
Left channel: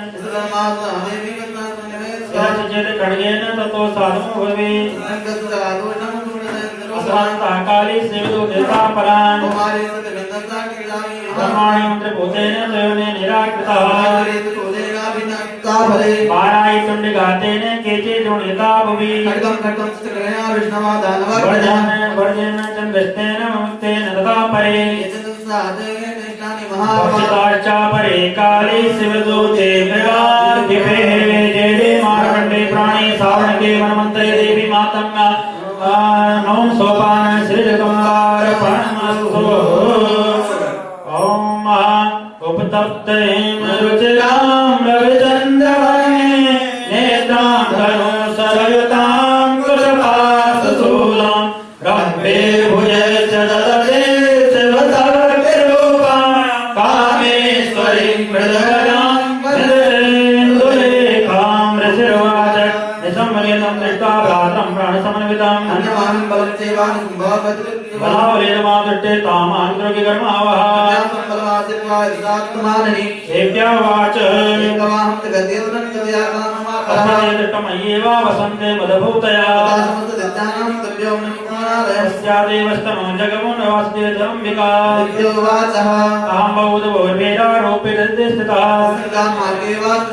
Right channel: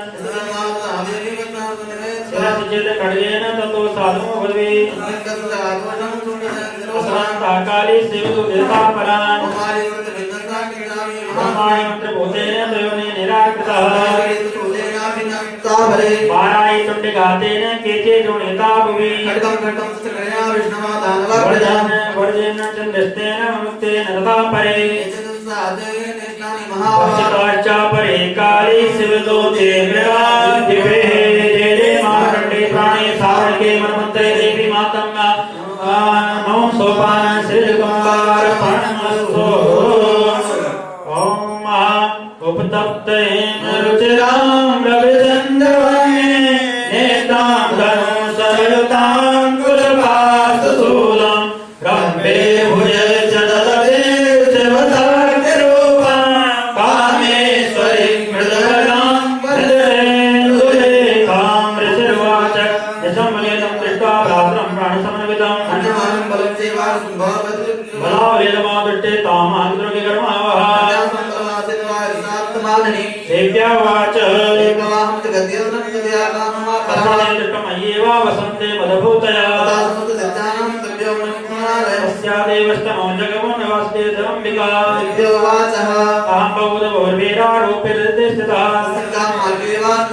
चेत् खड्गेन ततो साधुमो भवेत् असहस्ताकाली शिवदुर्गतापरान् ब्रह्माणि मन्त्रभूतेन स्वयं निराकृतः पारायि तुण्डिघातेन केचे जोनिता भुवि वर्जेन चन्द्रस्तेन मुक्तेन रथा परे भक्षिताश्च परे काले शिवदूते विराजिते जय जय मार्कण्डे प्राणे सारणके मनमन्त्रे देवी मातङ्गा नमो सोपान श्रीजगमलाय प्रणमस्तु संतप्तेन रुचिरां रविचन्द्रवर्णे नेत्रां धनुसरयुतां कुशपाशशूलां रम्भे भुजे च ददते शिवसर्गरूपां कामेश्वरीं मृदगरां मृदुलेखां ऋषिर्वाच निसम्मलितं दृष्ट्वा भ्रातरं प्राणसमन्वितम् बलावलीनमादृष्टे तामान्तरिकर्मावः देव्यावाच तस्मादेव वसन्ते मदभूतया तस्यादेवस्तमो जगमो नवास्ते जम्बिका तां बौद्धवोर्वेदारोपिते स्थितः ऋषिर्वाच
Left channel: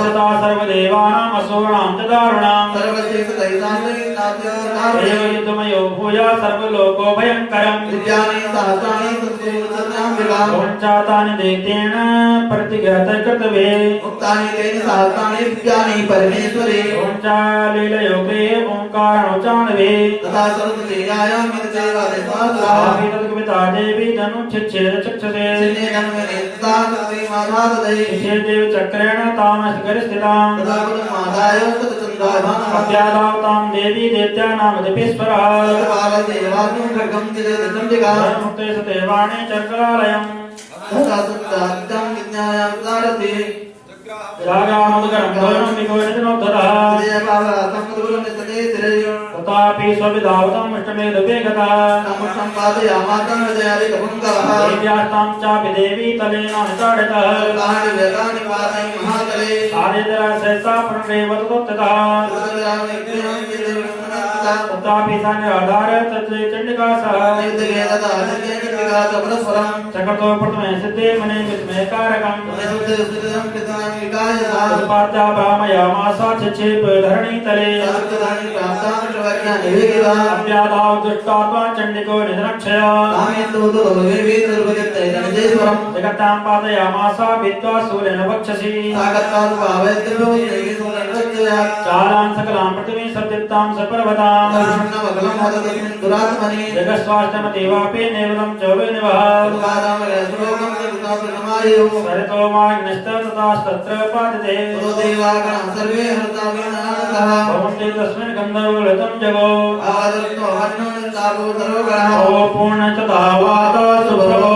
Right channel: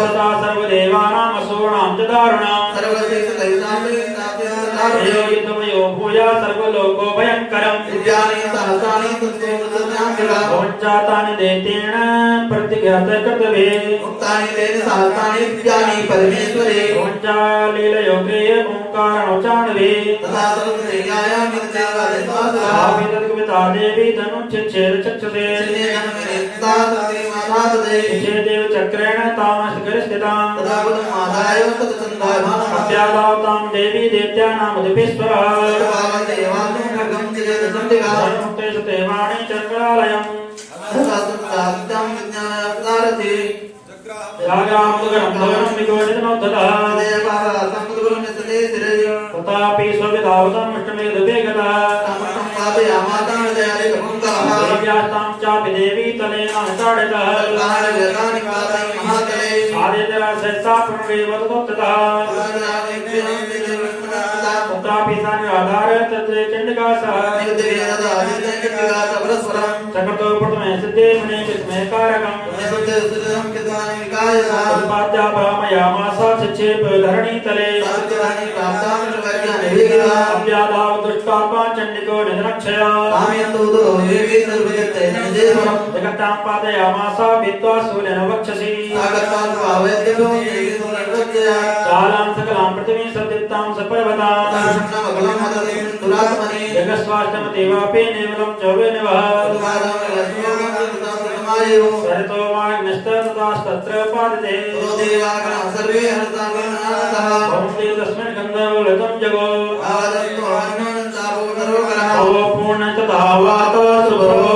तथा सर्वदेवानामसुराणां च दारुणां एवं भूया सर्वलोको भयङ्करम् पञ्चातानि दैत्येन प्रतिघातकृतवे पञ्चालीलयोगे ओङ्कारणोच्चारणवे तद्गमिता देवी धनुच्छेद चक्षुषे देव चक्रेण तामसकरस्थिताम् अद्यादावतां देवी दैत्यानामुदपेश्वरः मुक्ते सुते वाणी चक्रालयम् जागामुदगणं विकोटितनोद्धतः तथापि स्वविधावतम् इष्टमेधुभे गतः देव्यास्तां चापि देवी तलेनानुचाडितः आदित्यराजसहसा पुनरेवतोत्ततः तथापि सा निराधार तत्ते चण्डिका सह चक्रतो प्रथमे सिद्धे मुने विस्मयकारकम् उत्पाद्या ब्राह्मयामासा चिक्षेप धरणीतले अव्यादाव दुष्टात्मा चण्डिको निधनक्षया जगत्तां पादयामासा भित्त्वा सूर्येण वक्षसि चालां सकलां पृथिवीं सप्तित्तां सपर्वतां जगस्वाष्टमतीवापि नेवलं चौवेनिवः सरितो वाग्निस्ततस्तत्र पादते भवन्ति तस्मिन् गन्धर्वलतं जगो ओ पूर्णतथा वाता सुप्रभो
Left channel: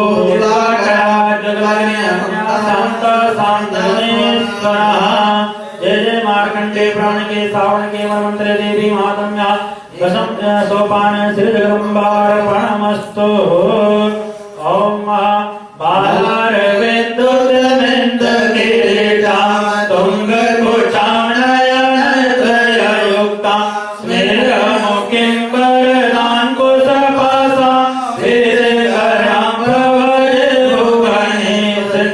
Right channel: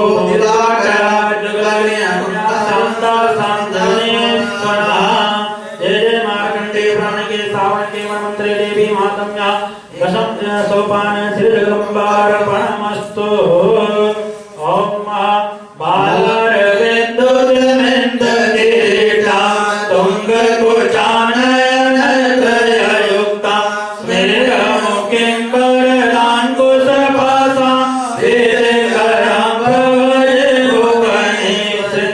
शान्तासान्तनेश्वरः जय जय मार्कण्डे प्राणके सावणके वनमन्त्रे देवी मातम्या दशम सोपान श्री जगदम्बार्पणमस्तु ओम बालर विद्युत किरीटा तुंग कुचानयनतयुक्ता स्मेरमुखिं वरदां कुशपासा वेदकरां भवये भुवनेश्वरी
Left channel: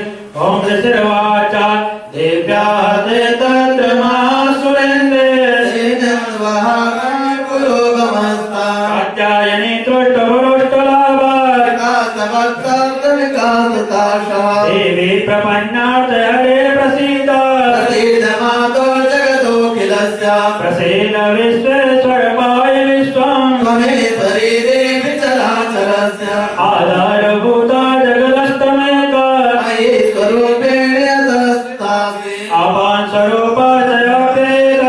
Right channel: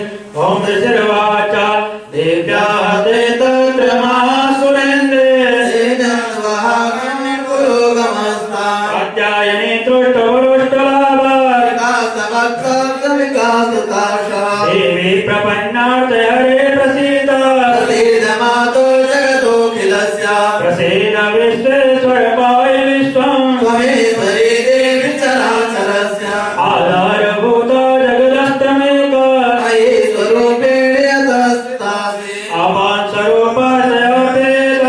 ओम ऋषिर्वाचा देव्या कात्यायनी देवी प्रपन्नार्थ हरे प्रसीद प्रसीद विश्वेश्वर पाहि विश्वम् आधारभूता जगदस्तमेक आभान् स्वरूपाशयापेद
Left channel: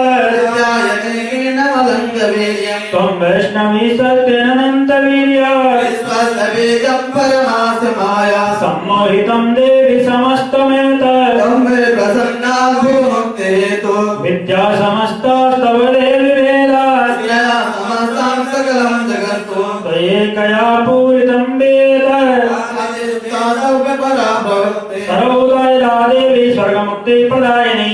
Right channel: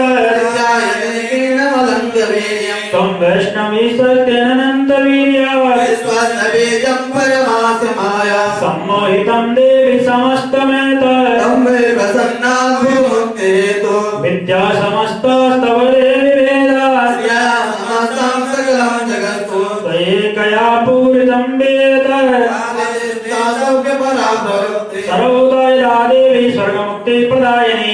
त्वं वैष्णवी सत्यनन्तवीर्या सम्मोहितं देवी समस्तमेतत् विद्या समस्तास्तव देवी वेदात् त्वयैकया पूरितं वेदत् सर्वोदया देवी स्वर्गमुक्तिप्रदायिनी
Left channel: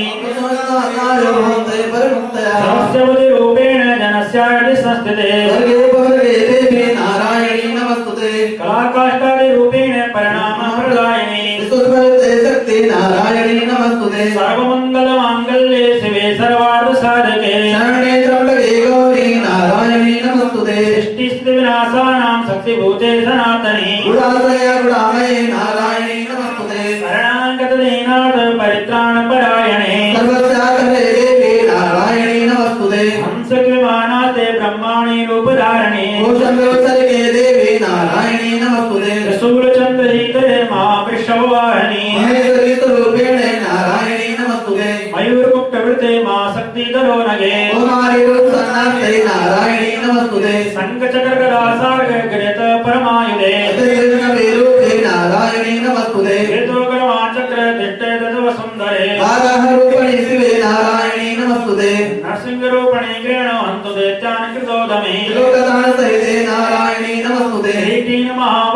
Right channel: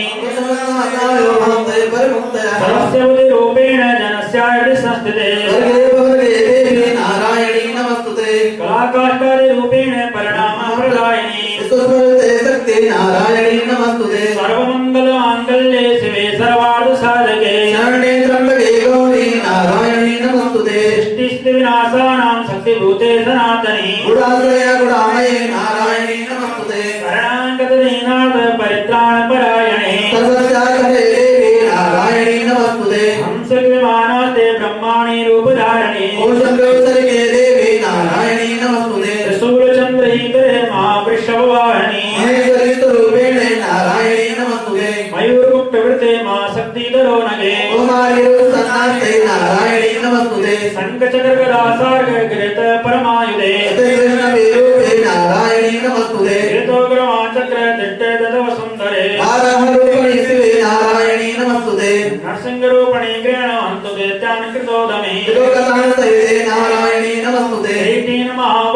सर्वस्य बुद्धिरूपेण जनस्यायति संस्थिते कलाकाष्ठादिरूपेण परिणामप्रदायिनी सर्वमङ्गलमाङ्गल्ये शिवे सर्वार्थसाधके सृष्टिस्थितिविनाशानां शक्तिभूते सनातनी शरणागतदीनाथ परित्राणपरायणे हंसविमानास्ते ब्रह्माणि रूपधारिणे देवी नारायणी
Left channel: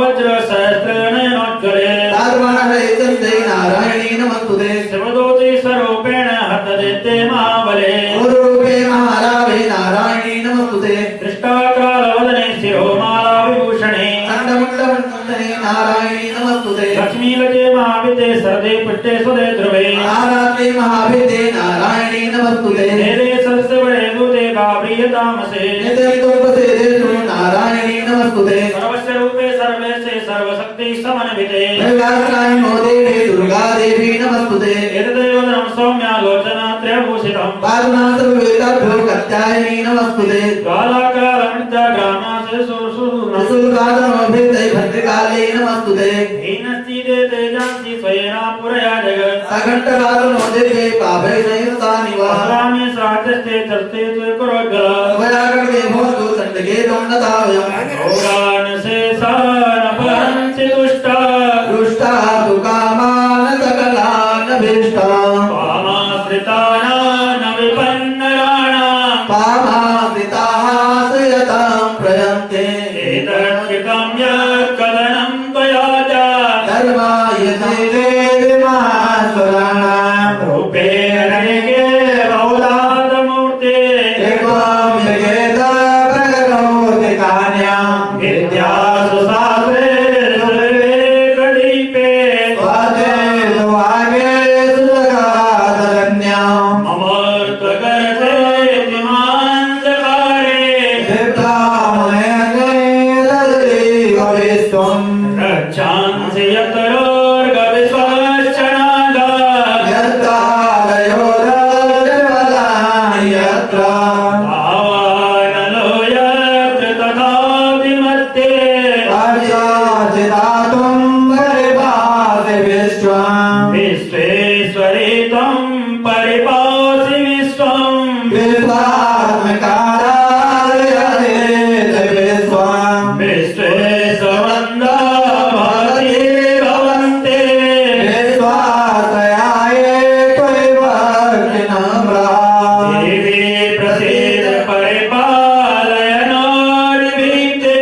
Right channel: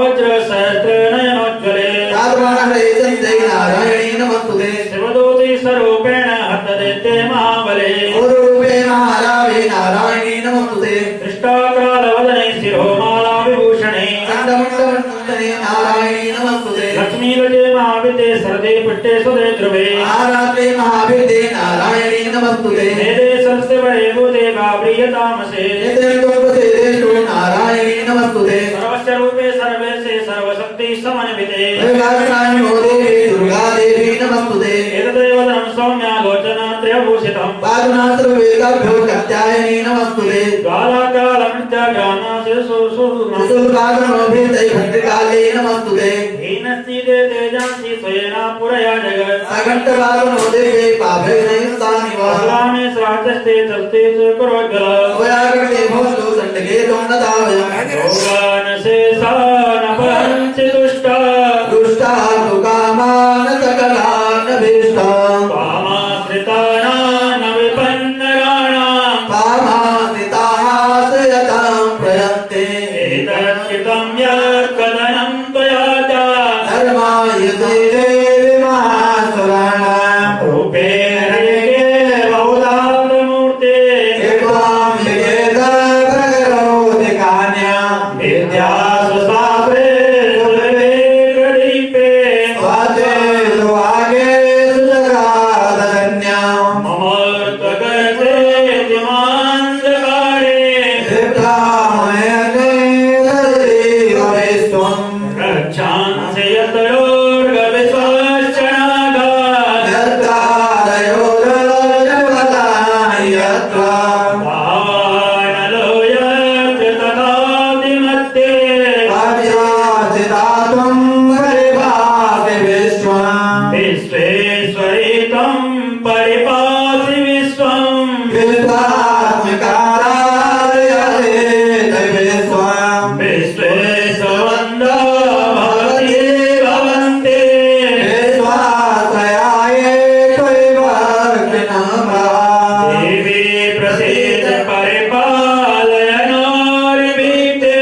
वज्र सहस्रनयनोज्ज्वले तारुणाग्रहितञ्जय नारायणी नमस्तुते शिवदूति स्वरूपेण हतदेते महाबले गुरुरूपेण आरावे नारायणी नमस्तुते दृष्टाकालवदने शिरोमाला विभूषणे अण्डमण्डलवन्दने नारायणी नमस्तुते लक्ष्मीगजे महाविते सरदे पुष्टे सुदे ध्रुवे आराते महाभिदे नारायणी नमस्तुते मेरे सबसे बड़े दूते बाब्रियतामसे नित्यरूपसेदेषु नारायणी नमस्तुते सर्वस्य रूपे सर्वेशे सर्वशक्ति समन्विते दुर्गानारायणो देवी दुर्गा देवी नमस्तुते एतदेव नाम सौम्यालोचना त्रयभूषितम् पादुनाथर्वेदाभ्यो कात्यायनी नमस्तुते बालाकालमृत्याग्रामासे सुरसुरनम् सुरागमभिर्दै भद्रकाले नमस्तुते हीनस्ति ते तेजांसि स्वयेना पुरया जगत् सघट्टकालो देवे पापैर्नैवतानि वा भगवाने श्राचस्ते चर्ते च कुरोज्ज्वल वयागणे भवतु दण्डके दण्डतावयम् भोगान् शेषान् अपहरन्ति दुष्टा दुष्टा तु कामान् सकलान् भीष्टान् कामाश्रितानां विपन्नराणाम् कामासिताः सयतां प्रयन्ते एतत्कृतं यत्कथनं त्वया च धर्माय ते देवी महासुराणाम् रूपे हरिके बहुधातमूर्ते एकवां विजेता प्रकरोति कान्याम् विद्यासु शास्त्रे सुरवेकदीपे स्वाते सुवागे सुजगादरण्याम् अमर्त्वकरते जिमान्धकारे सिद्धामयने तदेव विश्वम् रक्षांसि यत्तरोर्गविश्वश्चनागात् यत्तारयो रजपदानि यत्र भावानलो यत्र तथाभिमत्ते पाविषाचितात्वं परिभासि विश्वम् विश्वेश्वरे त्वं परिपासि विश्वम् विश्वात्मकारायते विश्वम् विश्वेश्वरन्दा भवति भवन्ते विश्वाश्रयाय त्वैव कृणमः देवी प्रसीद परिपालय नारीभीते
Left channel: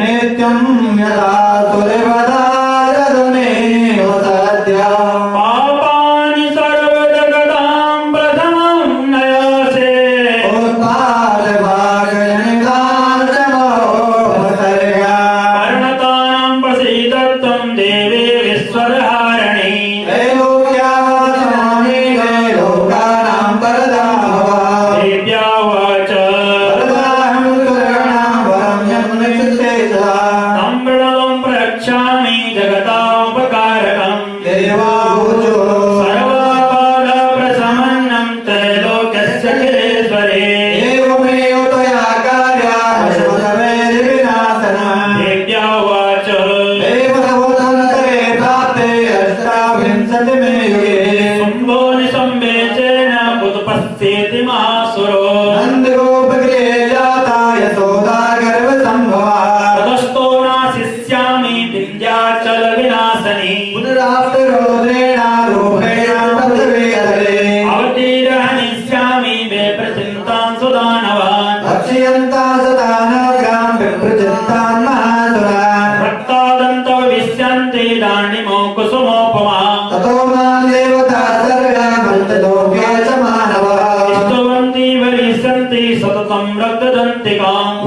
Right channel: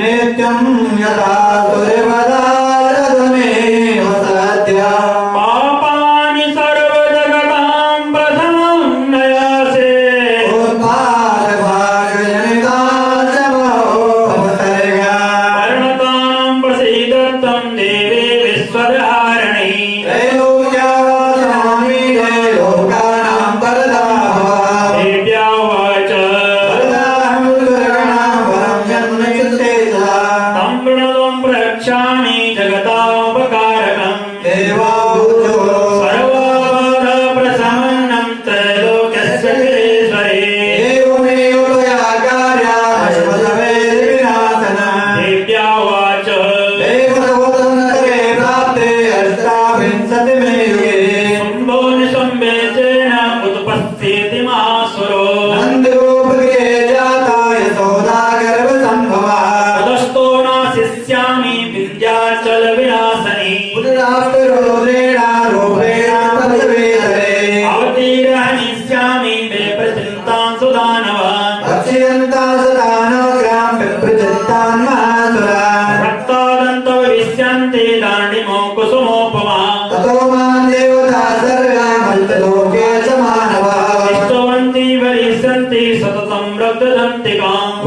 नित्यं यदा सुरवदारदुनेव सत्यम् पापानि सर्वजगतां प्रथमं नयासे वर्णतां प्रसीद त्वं देवी विश्वधारिणी देव्या वाच तं प्रणवं प्रक्षामि जगतापकारकम् सर्वपादप्रशमनं त्रैलोक्यस्य चिरेश्वरे देव्या वाच शुम्भो निशुम्भेचेन उत्पस्थिति मासुरो ततस्तो नाशिष्यामि विन्ध्याचलविनाशनि अवतीर्णनिष्यामि वे प्रचिन्तां सुदानवान् रक्तादन्तो विश्यन्ति दाण्डिमो कुसुमोपमा स्तुवन्ति वरिष्यन्ति सततं रक्तदन्तिकाम्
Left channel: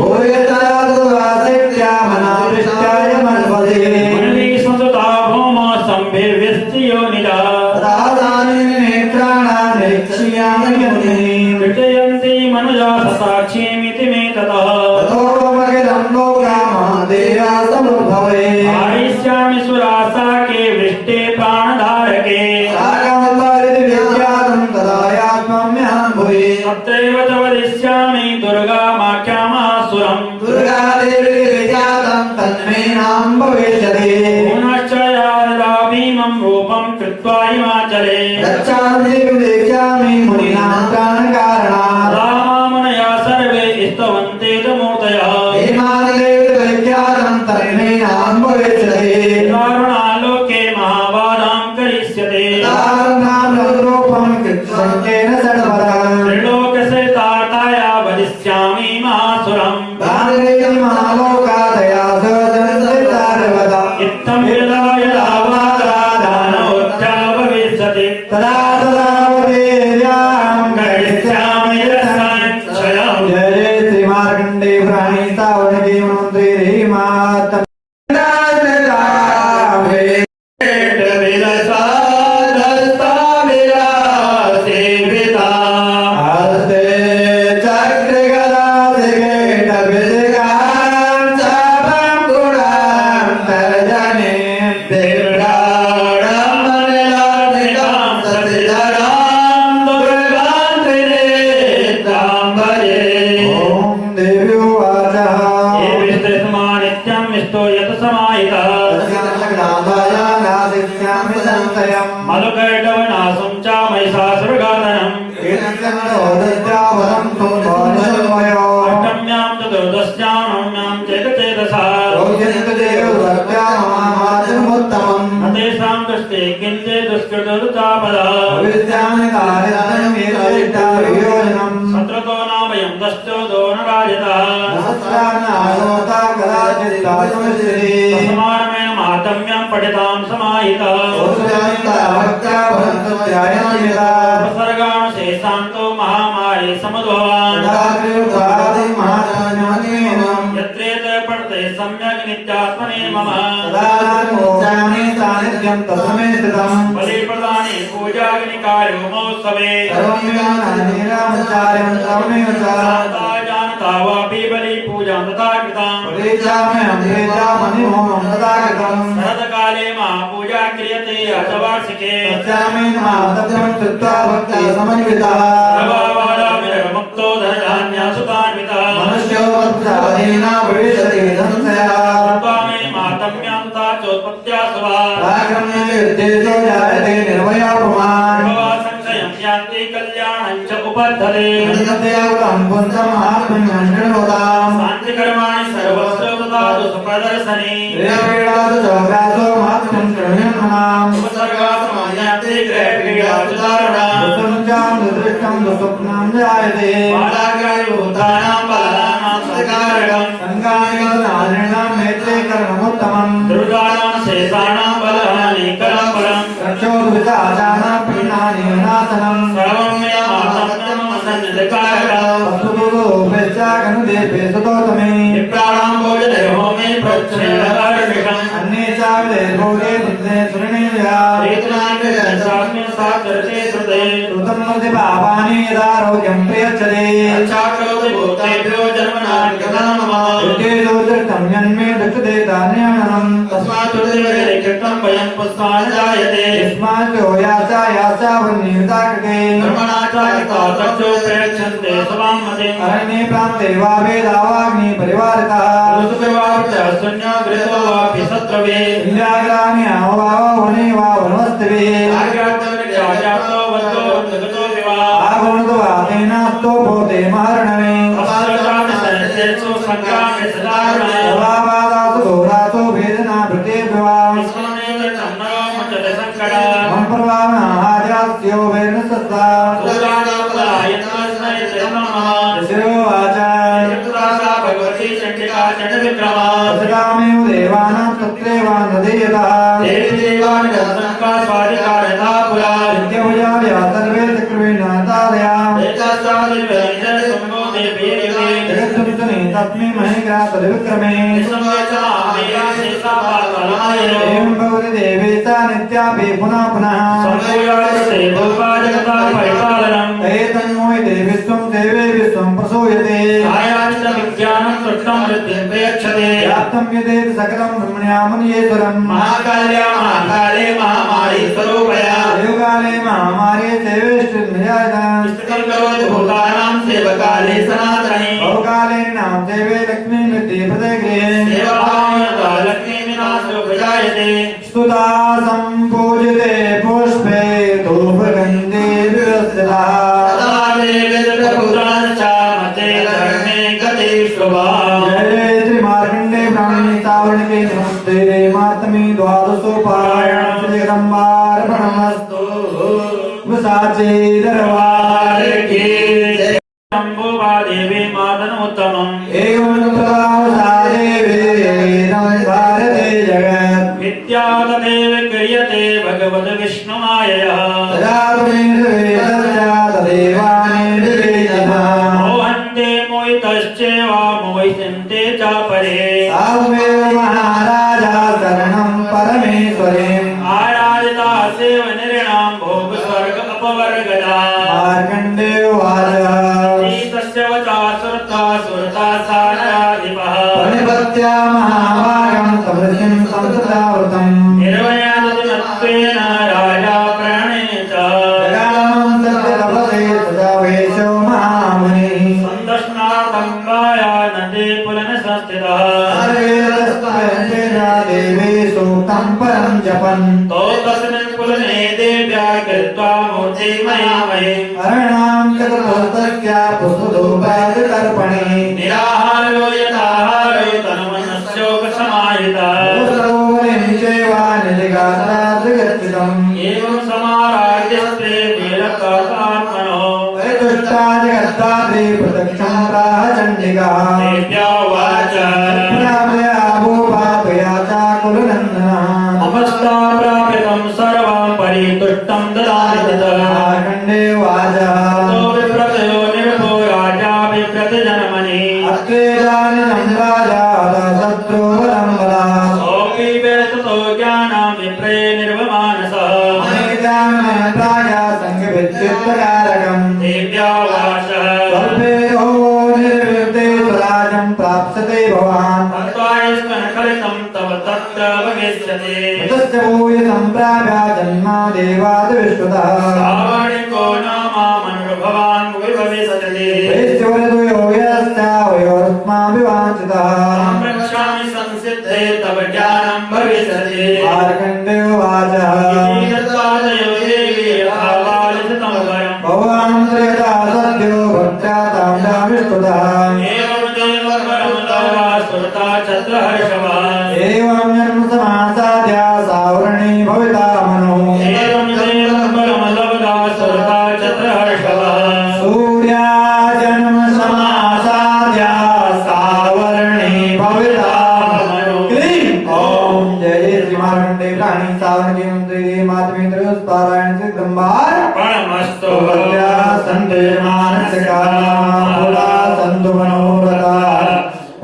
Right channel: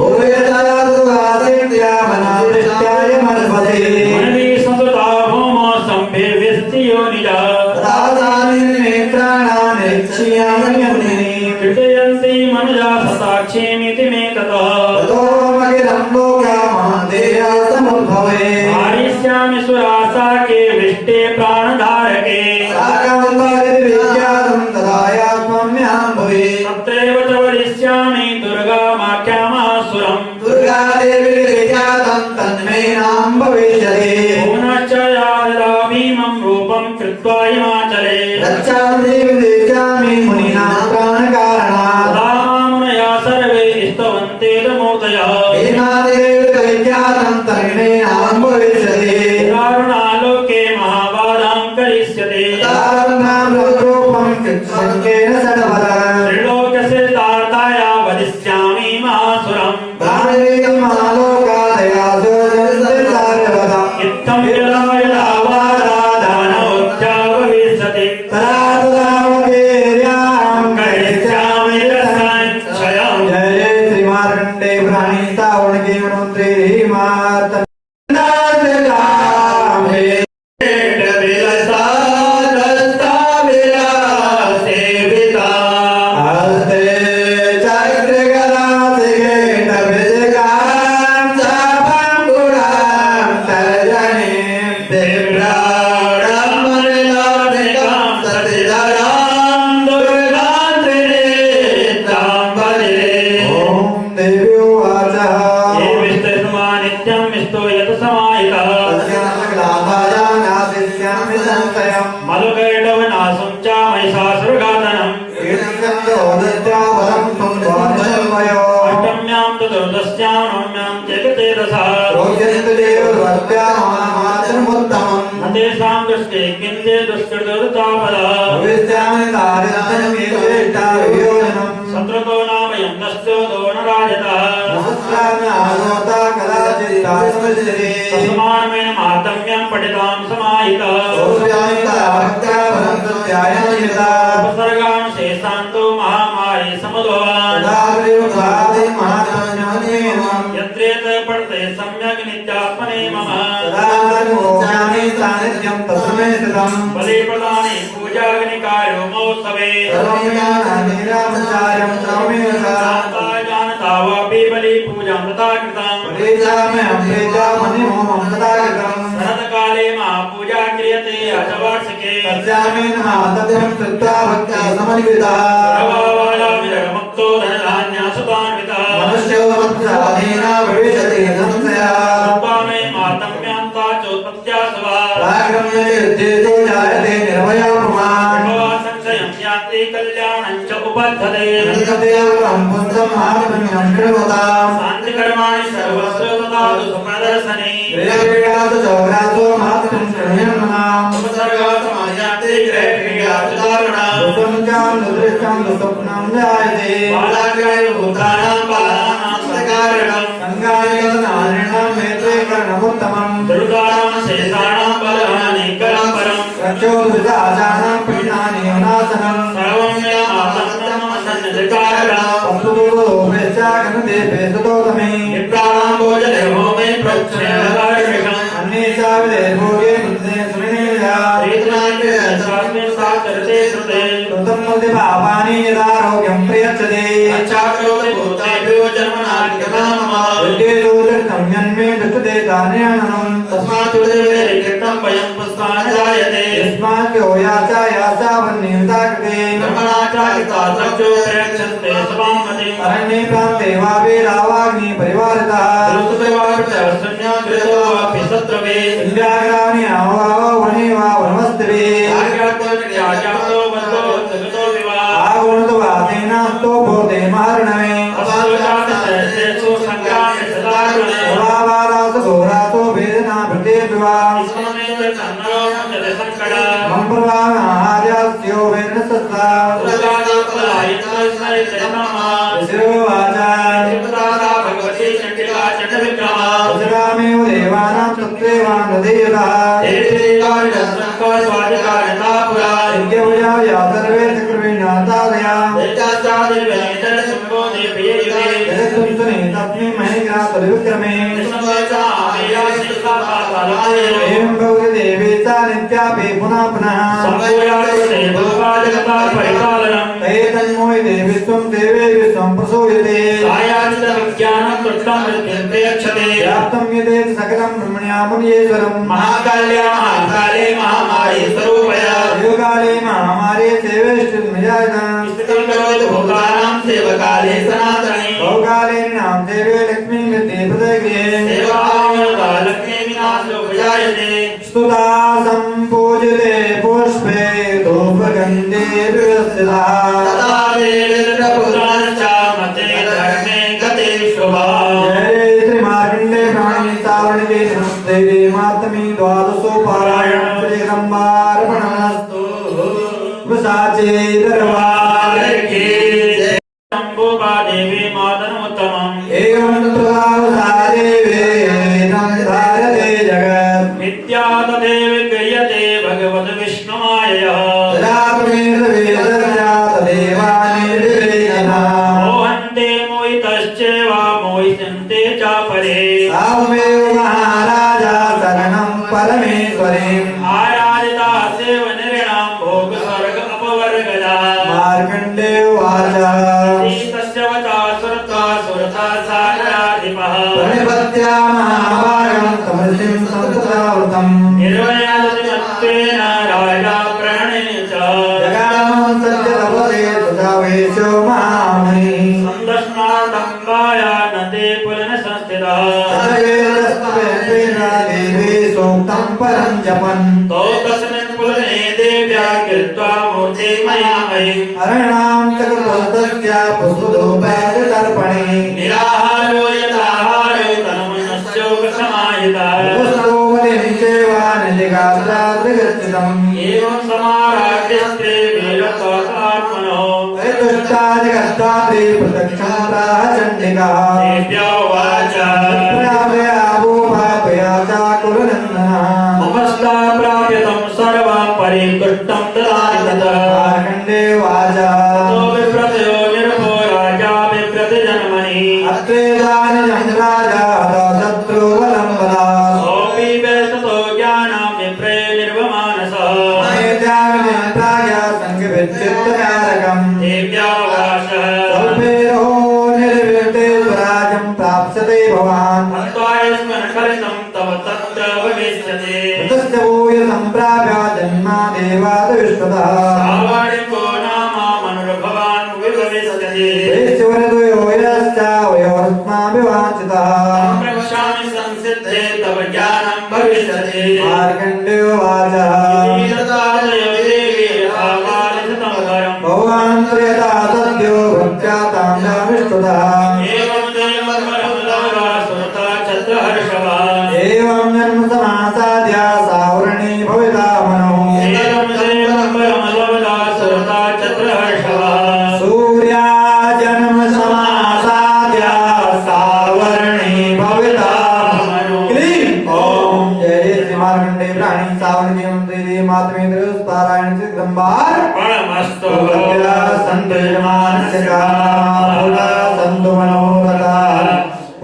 मुनिभिः संस्तुता भौमो सम्भिर्व्यस्तियोनिजा कृतयन्ति मनुजा ससाक्षीमिति मे ततः आरिष्यामि सुरासाके वृष्टे प्राणधारके तत्रैव च वदिष्यामि दुर्गामाख्यामासुरम् पुनश्च याददा भीमं रूपं कृत्वा हिमाचले तदा मुनयः सर्वे स्तवन्ते तमोदयः दारुणालोके महाबाधां करिष्यते त्रिलोकसे ताताया वदिष्यामि महासुरम् समाहिता मलुकैटवनासं च महिषासुरघातनम् अष्टम्यां चतुर्दश्यां नवम्यां चेतचेतसा तेषां दुष्टे किञ्चे दुष्कृतरुतापदा शत्रुतो नामयं दश्चोदो न राजतः समानमेन मातम्यं पठितां समाहितः उपसर्गानुशेषान्तो महामारी समुद्भवान् यत्रेत पठते सम्यक् नित्यात्मने मम बलिप्रदाने पूजाग्निकार्यो महोत्सवे जानता वापि बलि पूजां तथा कृताम् शरत्काले महापूजा क्रियते अथ वार्षिके सर्वबालाविरमुक्तो धनधान्यसुतान्वितः मातम्यां ता चोत्पत्त्या सवा संशयं यान्ति कल्याणं च उपद्धते शान्तिकर्माणि सर्वस्य ददातु सुप्रदर्शने उपसर्गात्मन्यान्ति ग्रहक्रियासु दारुणम् बालाग्राय भूतानां बालानां सकारकम् दुर्गाणां शेषाणां बलानेकरं परम् सर्वं मे मातङ्गं सन्निधिकारकम् विप्राणां भोजने होमे प्रोक्षणकार्यकम् अच्छाकरोति भूतेभ्यो जन्मनां तस्मात् कीर्तनं वयं पुष्पान् जायते कर्मणा चालिता तक्षो प्रेक्षन्ते स्वां मतिम् अरण्ये प्रान्ते वा वेदावाग्नि परिवारितः शून्यो गृहो वापि शत्रवे इंद्राग्राणि आवावो वने वा वनमस्तवे आज्ञाप्तो वद्दो जगतो विवा आगुणतो आतेनास्तो भूते मारणवे अपादोषादिशेषु संग्रामे सदा पुरावादासु घोरासु वेदना भृतेद्वा विस्मरणेन चन्नरो मुञ्चते संकटा सम्प्रदान आर्यास्यो वेदसत्ता शिरोवाचा भगवती चण्डिका चण्डविक्रमा सगामेव देवानां तत्रेवां हृदयतः यज्ञपूजा सर्वे चक्रविनाथादया तस्मै महेन्द्रा तद्विक्रमे एवं गौरदेवी च नित्यापि पुनः पुनः एतन्मोहि देवी त्वं देवे विश्वं प्रसूयते व्याप्तं यदेत सकलं ब्रह्मण्यामुनीश्वरम् महाकाले महामारी स्वरूपया योगाले महामारी सेवेष्टिर्निजायताम् भूतानां सेवकाले सनातने बहुकाले नाम देवे लक्ष्मी मृत्ति प्रदग्रे सेवामयता लक्ष्मी विनाशो विजायते स्तुता सम्पूजिते पुष्पे धूपगन्धे विरसिता तदा देवीर्प्रभुरान् च मते धर्मे गते शुभा जय श्री मार्कण्डे प्राणी चावणके नमस्ते दे मातमी द्वादशो पारायण श्री रंबार्पणमस्तु विसाचे दरबार की शम्भुवा देवी मातनोत्तमम् एवं प्रभावसा देवी नमस्कारते जगत् नित्या तदेव क्रियते भगवद् विष्णुमायया मोहन्ते मोहितश्चैव मोहितन्ते च परे आराधिता सेव नृणां भोग स्वर्ग अपवर्गजा तस्य वचा सुरता सुरता साराधिपः निर्वयनत्वेन राजा प्रणेन च संदर्शनार्थं वाया नदी पुलन संस्थितः मंत्रं जपन् तो तस्मिन् पुलने देव्या कृत्वा मूर्तिमयामये हरणां जगत्तस्य पुष्पधूपादितर्पणे निराहारो यथाहारो तन्मनस्योपसमाहिता सरोवरिं चैवानिलिगात्रादिगच्छितम् एवं समाराध्यस्ते वीरकौतात्मनो परितुष्टादिगत्तादि प्रत्यक्षं प्राह चण्डिका देव्या उवाच प्रापयावो पापयाता कुलनन्दनः नमस्ता प्राप्यतं सर्वं परितुष्टं ददामि तत् मार्कण्डे उवाच तो विप्रतयो निर्भो राजा बिभ्रति जन्मनि अत्रेदानिजं राजा शत्रुबलं बलात् सोऽपि वेततो ज्ञानं विप्रे निर्वमानसः राजा सङ्गविच्चित्तकारकम् देव्या उवाच स्वल्पेयो निर्विद्ये स्वराजं प्राप्स्यते भवान् हत्वा स्मन् खलितं तव तत्र भविष्यति तस्य भूय सम्प्राप्य जन्मा देवात् विश्वतः श्रावणिको नाम मनुर्भवान् विभविष्यति वैश्वरद्वयो यश्चावयोरस्माभिवाञ्छितः रक्षामि संसिद्धे तव ज्ञानं भविष्यति मार्कण्डेय उवाच ीरतादयो देवी आवालितं वरम् भवान् यथा सद्यो भक्त्या तां विश्वतः एवं देववरं लब्ध्वा सुरता चत्रहर्षवान् एवं जन्म समासाद्य सावरणे भविता मनो एवं देववरं लब्ध्वा सुरता चत्रहर्षवान् सूर्या जन्म समासाद्य सावरणे भविता मनो क्लीं ओम जय श्री मार्कण्डेय प्राणी सावरणे मंत्री मातमेन्द्र पारायण से गंभार प्रणमस्तु संतु यजमानस्य कामना संतु मनोरथा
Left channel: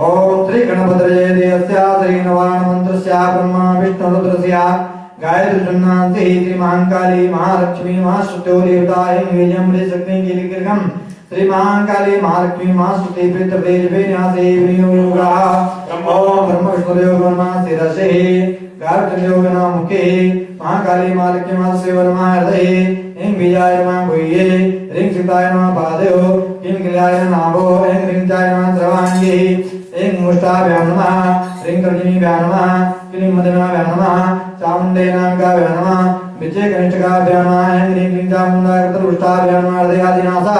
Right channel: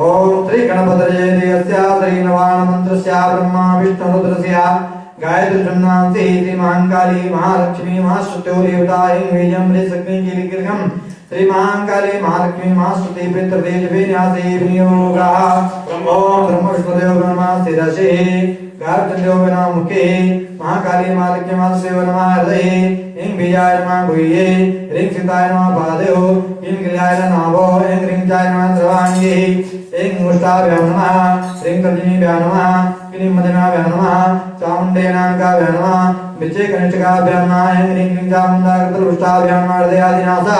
ओम श्री गणपतये देवस्य श्री नवान मंत्रस्य ब्रह्मा विष्णु रुद्रस्य गायत्री ब्रह्मांति श्री महाकाली महालक्ष्मी महाश्रुत्यो देवताय वेजं लेसग्नि गिरिगिरगम श्री महाकाली महालक्ष्मी महाश्रुति पितृदेव विन्यासे विनियोगा ओम ब्रह्म विष्णुदेव ब्रह्मा शिरसे गायत्री ब्रह्मा मुखे महाकाली महालक्ष्मी महाश्रुति ब्रह्मा हृदये ing bijaya ma guye ring sitaya ma bhadeho ing gilayana navo ing ring jaya ma sarvangi ing musta vyanama ring karjini vyanama kini madana vyanama chamunde namka vyanama viche ganishka vyanama ing ring chamunda katal usta vyanama ardayadinasa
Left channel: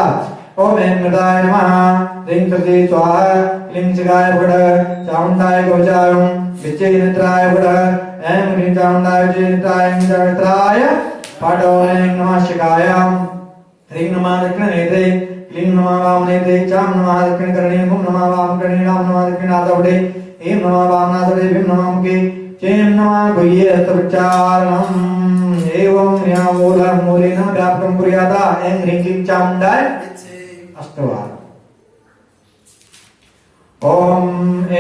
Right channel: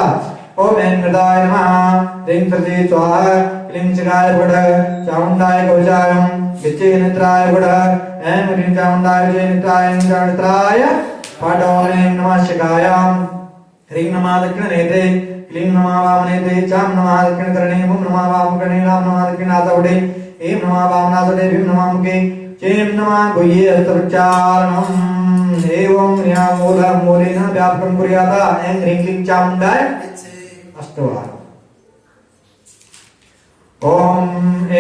om ing nrdaya namaha ring sardi swaha ing chiraya vada chamundaya kavachayam viche ganitraya vada ing ring chamundaya chenitraya ing ganitraya पाठों नमः शिकाय ह्रीं नमः दक्षिणनेते क्लीं नमः वामनेते चां नमः दक्षिणकर्णे हुं नमः वामकर्णे राम नमः दक्षिणातवडे ऐं नमः वामनासदे भीं नमः मुखे चें नमः गुह्ये हस्तोच्चारणम् एवं ह्रीं मूलेन व्यापकं कुर्यात् ऐं ह्रीं क्लीं चामुण्डाय अष्टवारम् ओम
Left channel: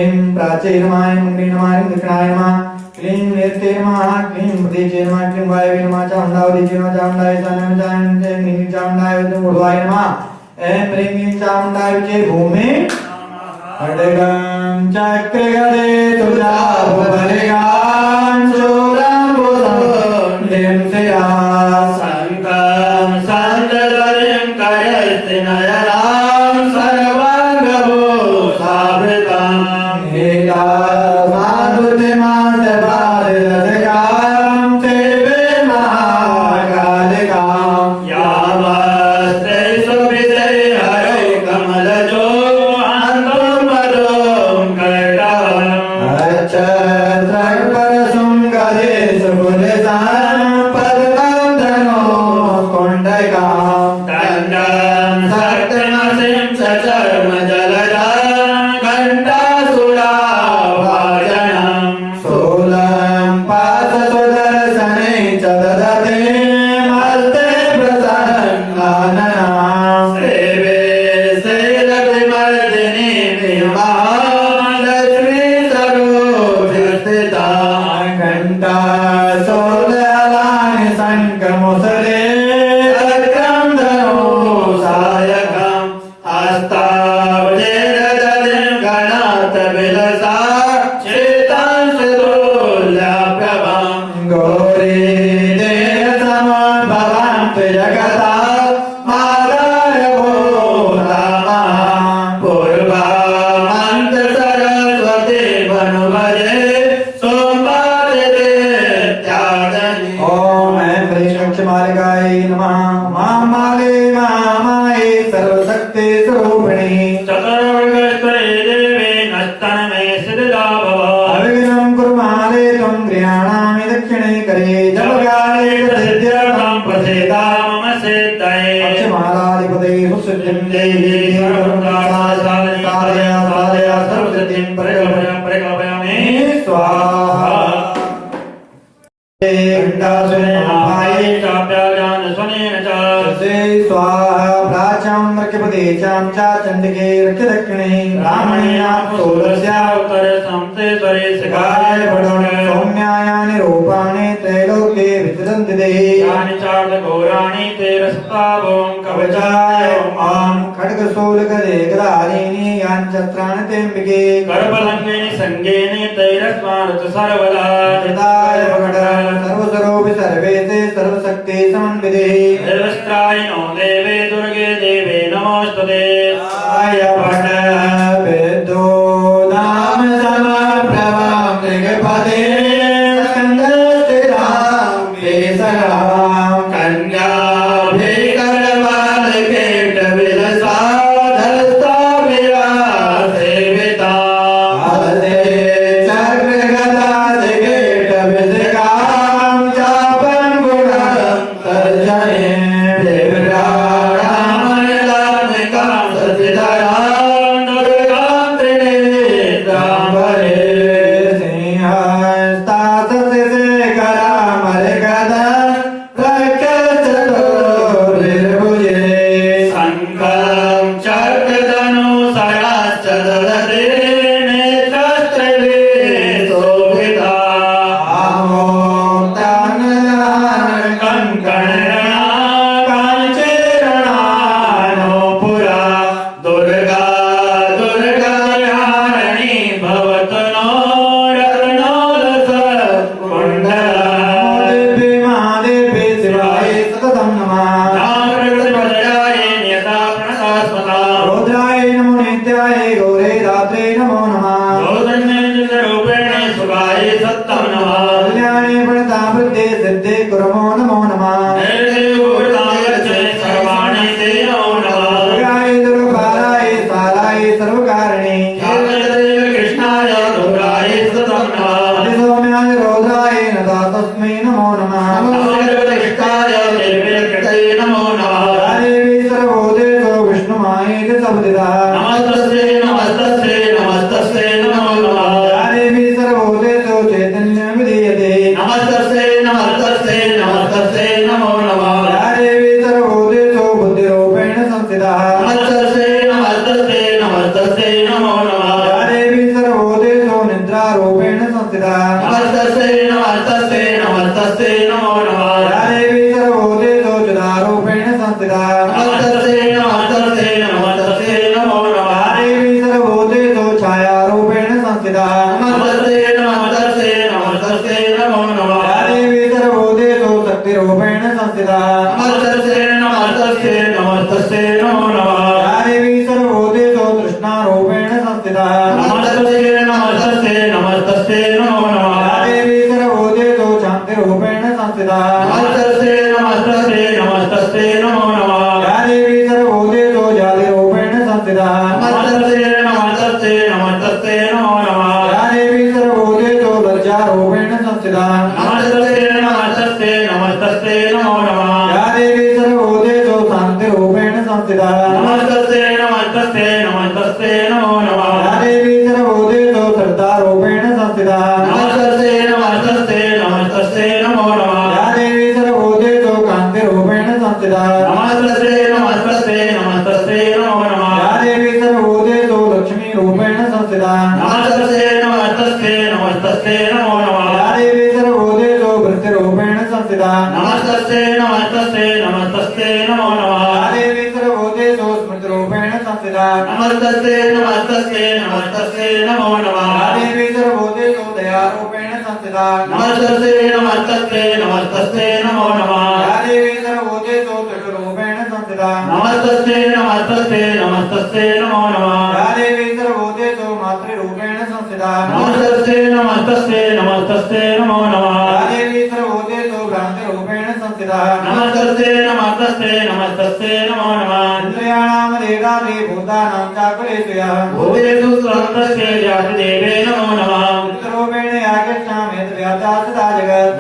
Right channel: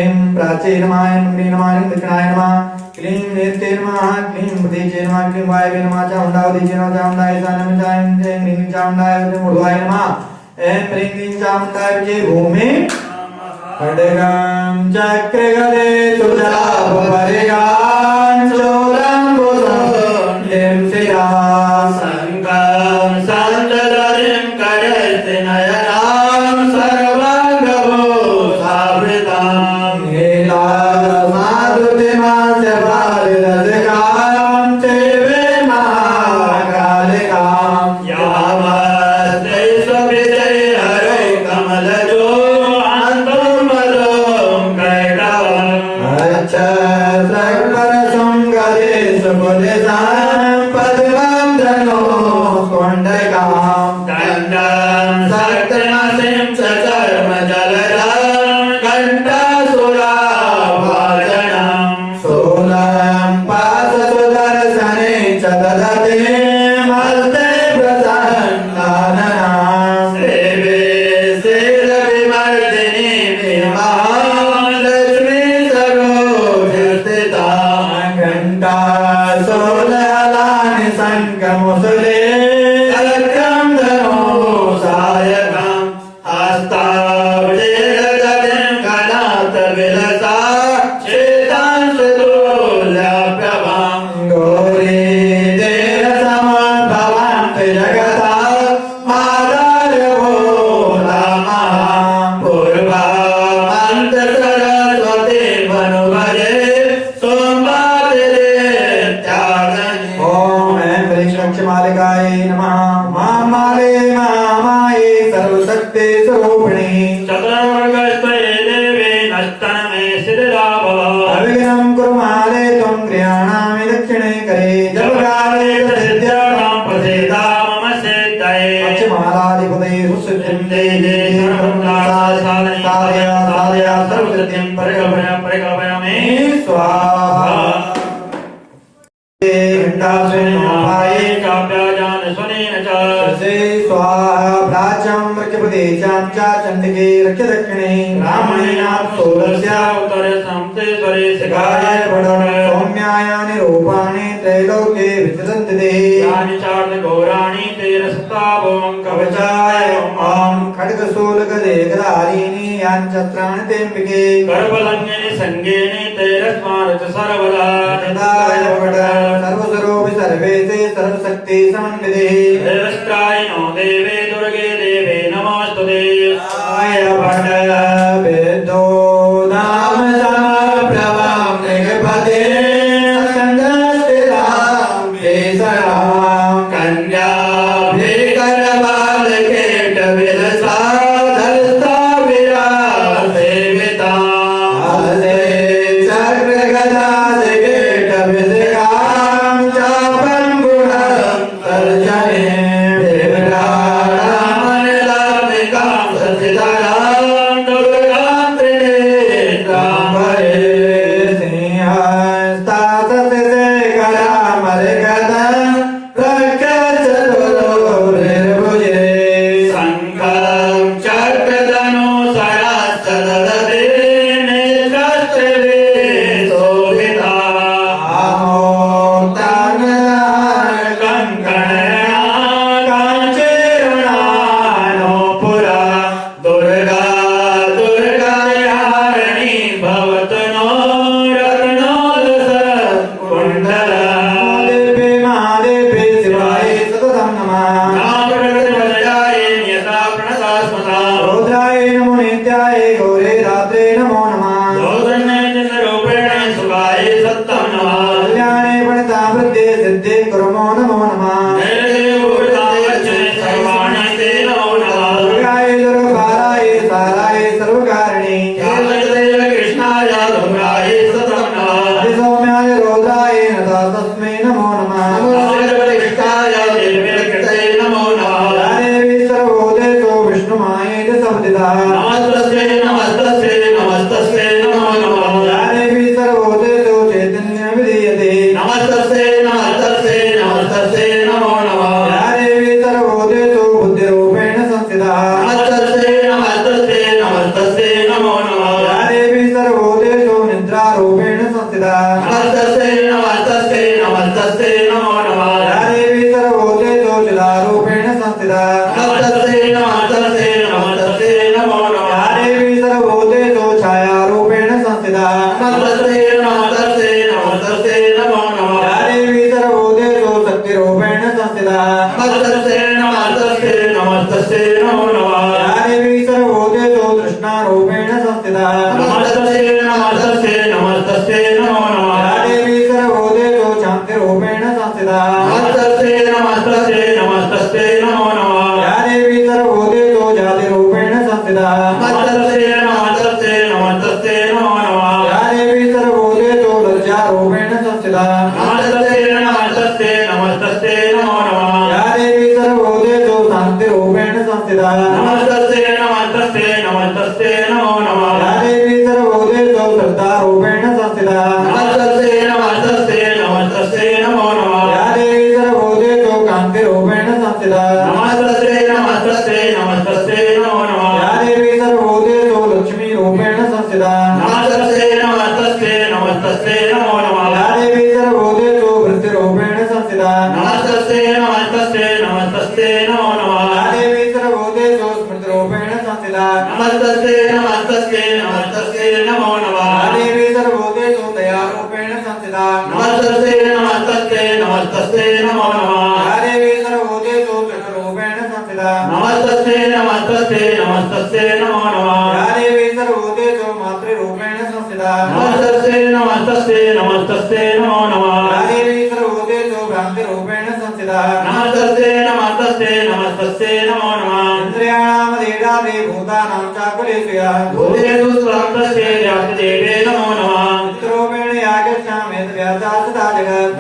ऐं प्राचे नमः ऐं ह्रीं नमः ह्रीं दक्षिणाय नमः क्लीं एते नमः क्लीं प्रतीचे नमः क्लीं वायवे नमः चामुण्डावतीचे नमः चामुण्डाय सानम चायं ऐं ह्रीं चामुण्डाय ऊर्ध्वाय नमः ऐं ह्रीं चामुण्डाय विजय भूमि खड्गं चक्रगदे सुजापरिगां शूलं बुधं शिरा शङ्खं सन्ददरिं कजस्ति नयनां सर्वाङ्गभूषावृतां नीला Love स्वाहा घण्टास्वनेन चाप्याजान स्वनेन च तस्यै स्वाहा प्राच्यां रक्यपदे चां च चण्डिके रक्यदक्षिणे ब्राह्मणेनात्सोलस्या उत्तर संते स्वरे शिखाय पठन सौम्याय निरूपाणे त्रैलोक्ये विचरन्ति ते यानि चार्थ गौराणि तेरस्ता भवं कवचाय मां खड्गशूलगदेगधारीणि याञ्चत्राणि तेऽम्बिके गर्भलङ्घेन सङ्गेन तैरस्मानुच सर्वदा यदाय सर्वस्वरूपि सर्वे ते सर्वशक्ति समन्विते देवस्ताय नो देवे दुर्गे देवे नमोऽस्तुते आय भट वेदो नाम समप्रभा मृगपते स्कन्दस्थितां केसरां कन्याभिकरवालकेटविलसाधस्ता विरासेविता हस्ते चक्रगदादिकेटविसिकां चापं गुणं तर्जने देवरामनिलानिकां सतितरां दुर्गां त्रिनेत्रां वरे सिंहस्तासतिशेखरामरिगदां रक्षचतुर्भुजे शङ्खं चक्रधनुसहस्रदलते नेत्रस्त्रिवे शोभिता काञ्चीर्णानोपुरा दुर्गा दुर्गायारिणी भवतनो रत्नोलसत्कुण्डला देवी महादेवी शिवाय सततं नमः रुद्राय नमो नित्याय गौरे रात्रे नमो नमः कल्याणे प्रणतावृत्ते सिद्धे कुर्मो नमो नमः दुर्गाय दुर्गाय साराय सर्वकारिणे सौम्याय रौद्राय नता तस्मै नमो नमः देवी सर्वभूतेषु विष्णुमायेति संस्थिता देवी सर्वभूतेषु चैतन्येन विधीयते देवी सर्वभूतेषु बुद्धिरूपेण संस्थिता देवी सर्वभूतेषु निद्रारूपेण संस्थिता देवी सर्वभूतेषु चिदारूपेण संस्थिता देवी सर्वभूतेषु छायारूपेण संस्थिता देवी सर्वभूतेषु शक्तिरूपेण संस्थिता देवी सर्वभूतेषु तृष्णारूपेण संस्थिता देवी सर्वभूतेषु शान्तिरूपेण संस्थिता देवी सर्वभूतेषु जातिरूपेण संस्थिता देवी सर्वभूतेषु लज्जारूपेण संस्थिता देवी सर्वभूतेषु शान्तिरूपेण संस्थिता देवी सर्वभूतेषु श्रद्धारूपेण संस्थिता देवी सर्वभूतेषु कान्तिरूपेण संस्थिता देवी सर्वभूतेषु लक्ष्मीरूपेण संस्थिता देवी सर्वभूतेषु वृत्तिरूपेण संस्थिता देवी सर्वभूतेषु स्मृतिरूपेण संस्थिता देवी सर्वभूतेषु दयारूपेण संस्थिता देवी सर्वभूतेषु चतुर्रूपेण संस्थिता देवी सर्वभूतेषु मातृरूपेण संस्थिता देवी सर्वभूतेषु भ्रान्तिरूपेण संस्थिता इन्द्रियाणामधीनादि भूतानां चाकुलेषु यः चित्ररूपेण यागच्छामि यद्व्यासासदा जगत्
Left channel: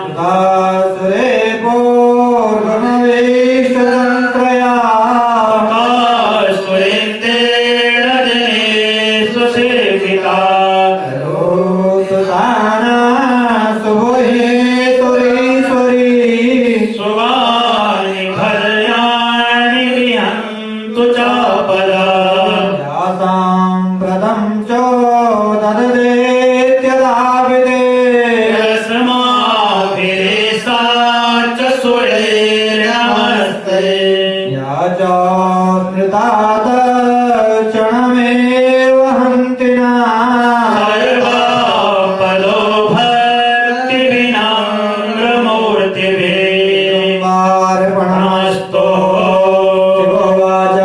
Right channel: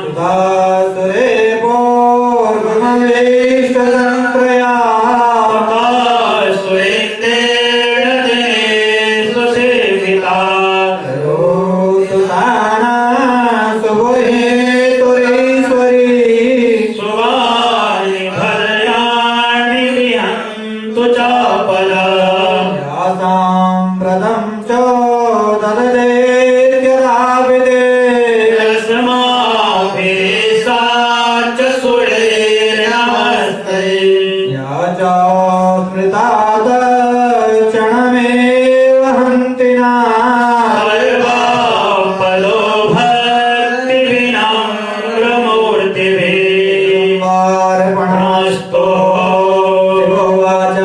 सुधासुरे पूर्वमवेश्वरन्त्रया सुरेन्द्रेण दिने स्वसे तदेत्यदाविदे यस्माभिरेषाच सूर्ये नमस्ते या च स्मृता तत्क्षणमेव हन्ति न सर्वापदो भक्तिविनम्रमूर्तिभिः वार्पणस्तु शिवोवाच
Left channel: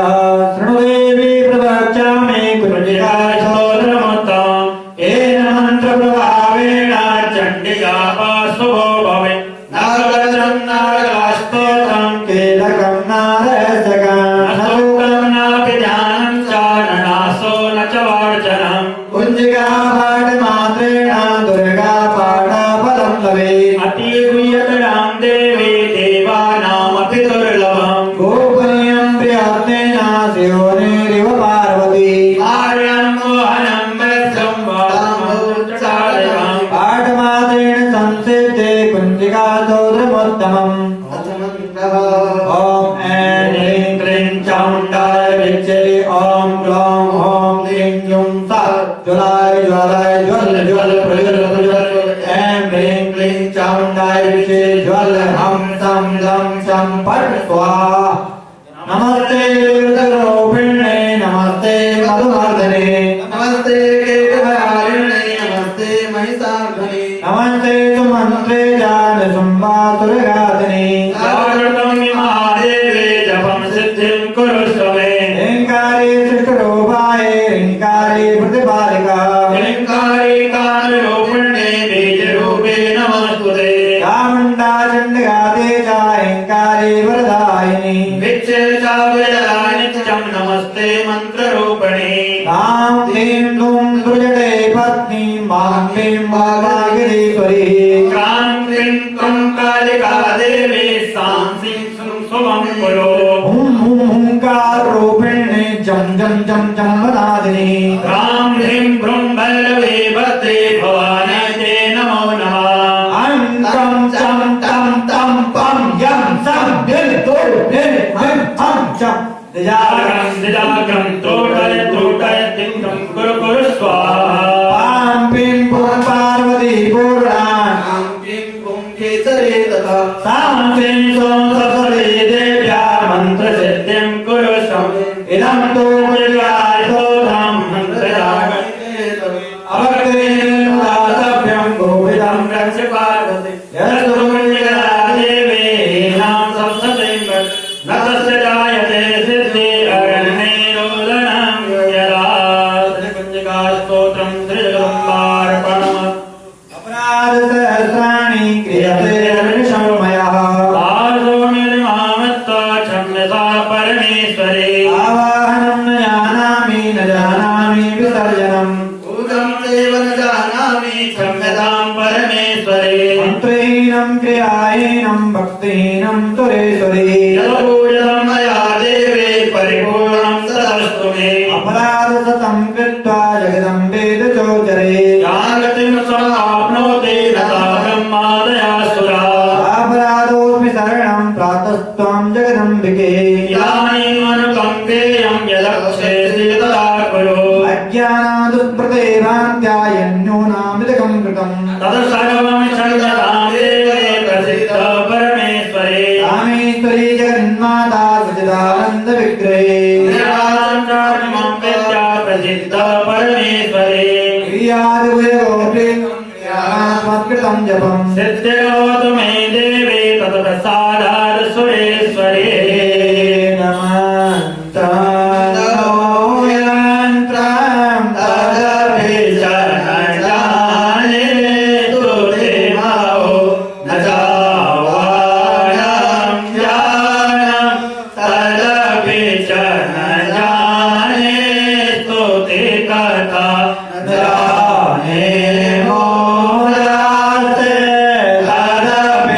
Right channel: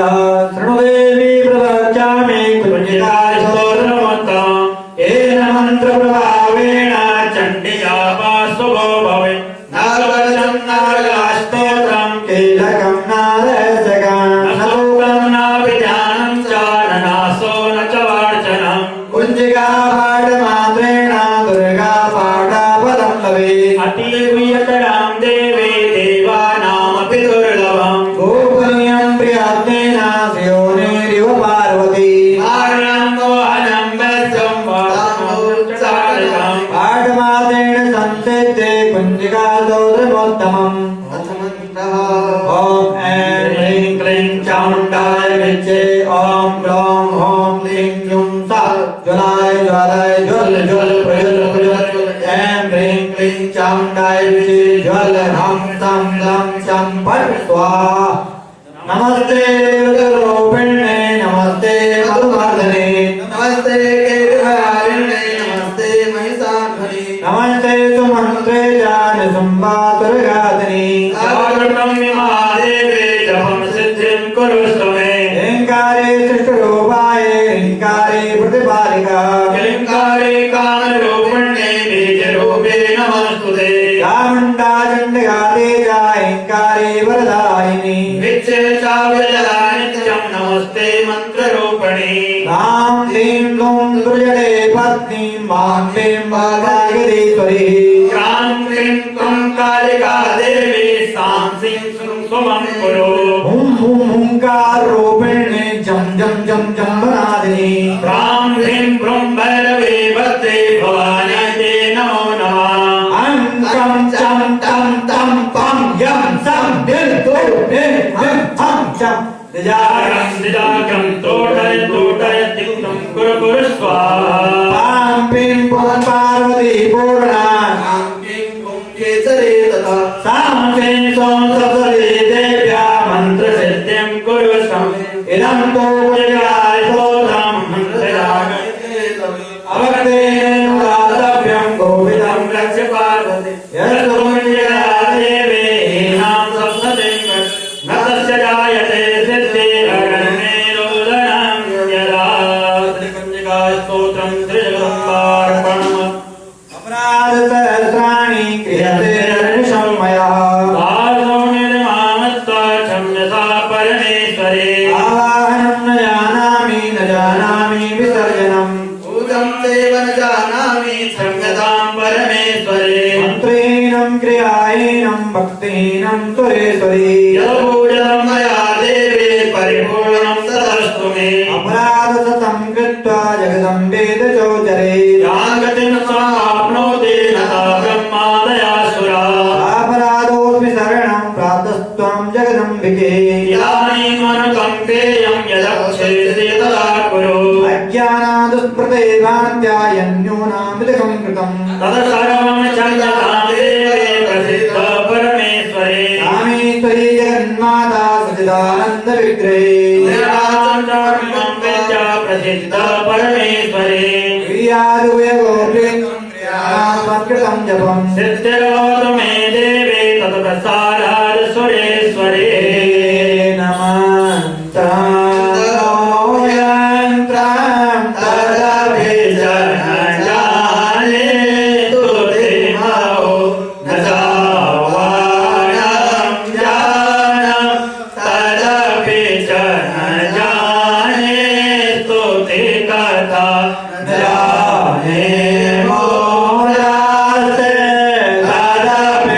शृणु देवी प्रवक्ष्यामि कुञ्जिकाय स्तोत्रमुत्तमम् येन मन्त्रप्रभावेण चण्डिका पार्श्वो भवेत् नागजं नागस्तोत्रं कीलकं नारसकं न सूत्रं नापि ध्यानं च न नासो न च वार्चनम् कुञ्जिका पाठमात्रेण दुर्गा पाठफलं लभेत् अतीवीयतरां देवी देवानामपि दुर्लभम् गोपनीयं प्रियात्मेन शिवनेरिव पार्वती आर्यं मोहनं वैद्यं वादमुच्चारिकम् पाठमात्रेण संसिद्धे कुञ्जिका स्तोत्रमोत्तमम् ॐ ऐं ह्रीं क्लीं चामुण्डाय विद्ये ॐ ग्लौं ह्रौं क्लीं ह्लूं सा ज्वलाय ज्वालाय ज्वल ज्वल प्रज्वल प्रज्वल ऐं ह्रीं क्लीं चामुण्डाय विद्ये ज्वल ह्रौं सं लं चं फट् स्वाहा नमस्ते रुद्ररूपिणे नमस्ते मधुवर्धने नमस्ते केतुभयारिणे नमस्ते महिषासुरे नमस्ते सुमन्त्रे जानशुम्भासुरघातिने सर्वं महादेवे जपं सिद्धिं कुरुष्व मे ह्रीङ्कारे सृष्टरूपाय ह्रीङ्कारे प्रतिपालिका ह्रीङ्कारे कालरूपिण्ये बीजरूपे नमस्तुते चामुण्डा चण्डिका तेजा ह्रीङ्कारे वरदायिनी विच्चे चाव्यया नित्यं नमस्ते मन्त्ररूपिणे रां ह्रीं क्लूं दुर्जटे पत्नी मां ह्रीं वाग्वागिरीश्वरी क्रां क्रीं क्लं कालिका देवी सां सिं सुमं कुरु हुं हुं हुंकाररूपिणे जं जं जं जं वनादिनी क्रां ह्रीं भ्रूं भैरवे भद्रे भवान्यै ते नमो नमः ऐं कं चं तं तं पं यं सं भिं तु भिं भिं हं चं निजागं निजागं तोटय तोटय तिक्तं कुरु कुरु स्वाहा पां पिं पुं पार्वती पूर्णां सां सिं सों सप्तदे देव्या मन्त्रसिद्धिं कुरु स्वम् इदं तु कुञ्जिकाय स्तोत्रं मन्त्रयागम् अवगतेन दातव्यं गोविदं रक्ष पार्वती यदुर्या देवे नाम संसदे न तस्य जायते सिद्धिरगणे रोदनं यदा कुञ्जिका स्तोत्रं त्रिजगम्बार्पणम् अपराधसहस्राणि क्रियते हर्षं मया आदो निर्मामत्वा क्षम्यता परमेश्वरे आवाहनं न जानामि विसर्जनम् पूजं देव न जानामि क्षम्यतां परमेश्वरे मन्त्रेणं क्रियायेनं भक्तेनं सुरेश्वरी यदपूजितं मया देवे परिपूर्णं तदस्तु मे अपराधशतं कृत्वा जगदम्बेदचोचरे यागतिं स्वाप्नोति न सा ब्रह्मादयासुरा अपराधोऽपि शरणं प्रातस्त्वं जगदम्बिके यानीमनुकम्पेयं यदक्षेसि तदा कुरु अज्ञानादुस्मृते भ्रान्त्यायन्यूनामिदकं कृतम् तत्सर्वं क्षम्यतां देवे प्रसिद्ध परमेश्वरे रामेश्वरी जगन्माता सच्चिदानन्दविग्रहे निरासं विद्या प्रसिद्ध परमेश्वरे क्रियारुगोपीकृतं जपम् सिद्धिर्भवतु मे देवे तत्प्रसादात् सुरेश्वरे नमन्तं तदभिजनजाने तुतिमो न जावायं जानं तदभिजनजाने स्तुतिकर्ता जाने मोरासे तदभिजनजाने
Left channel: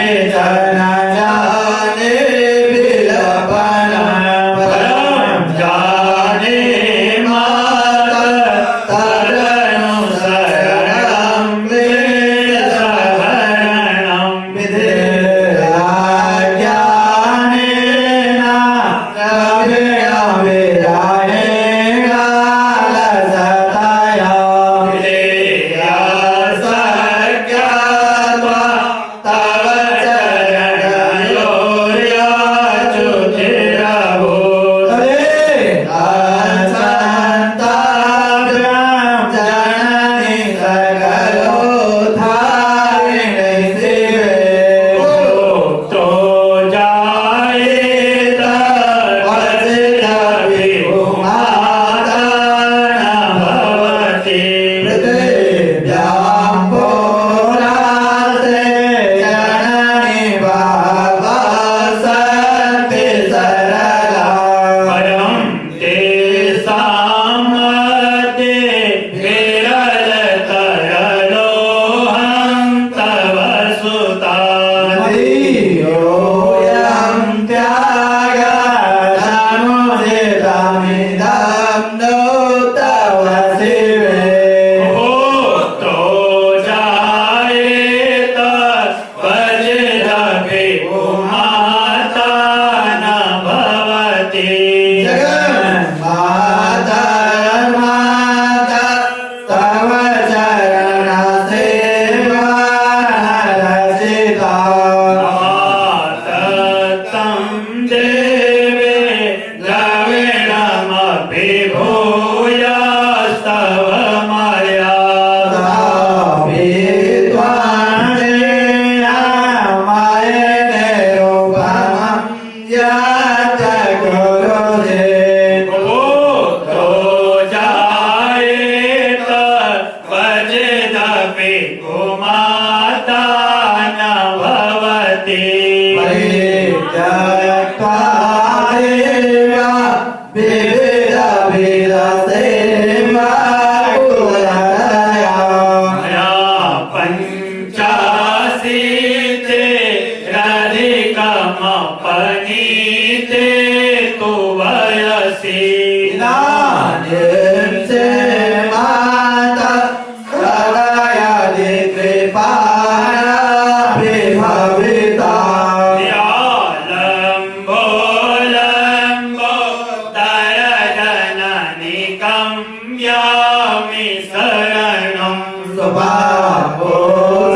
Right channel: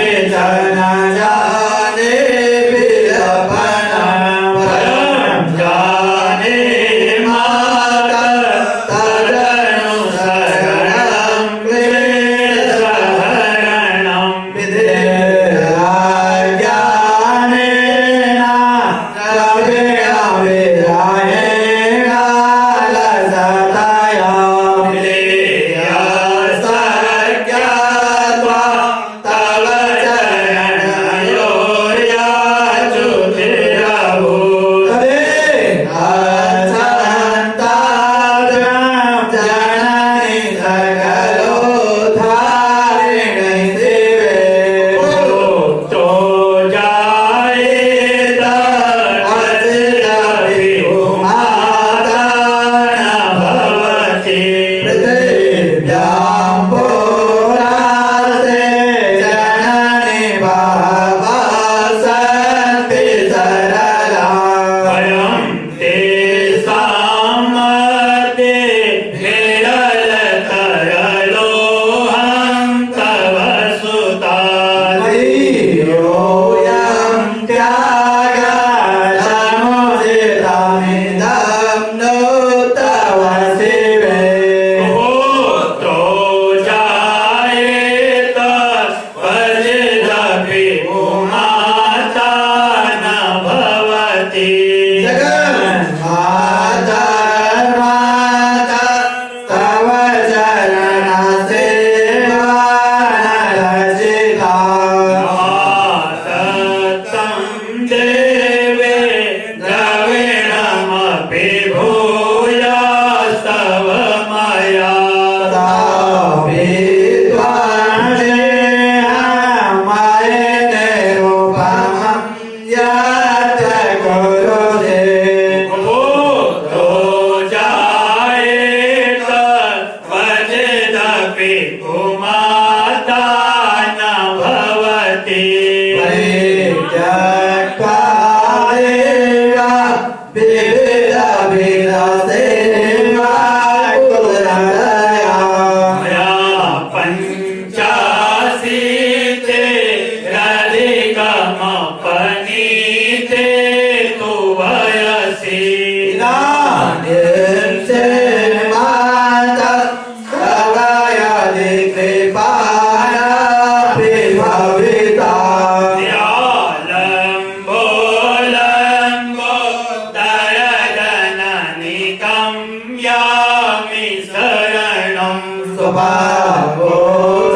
भागो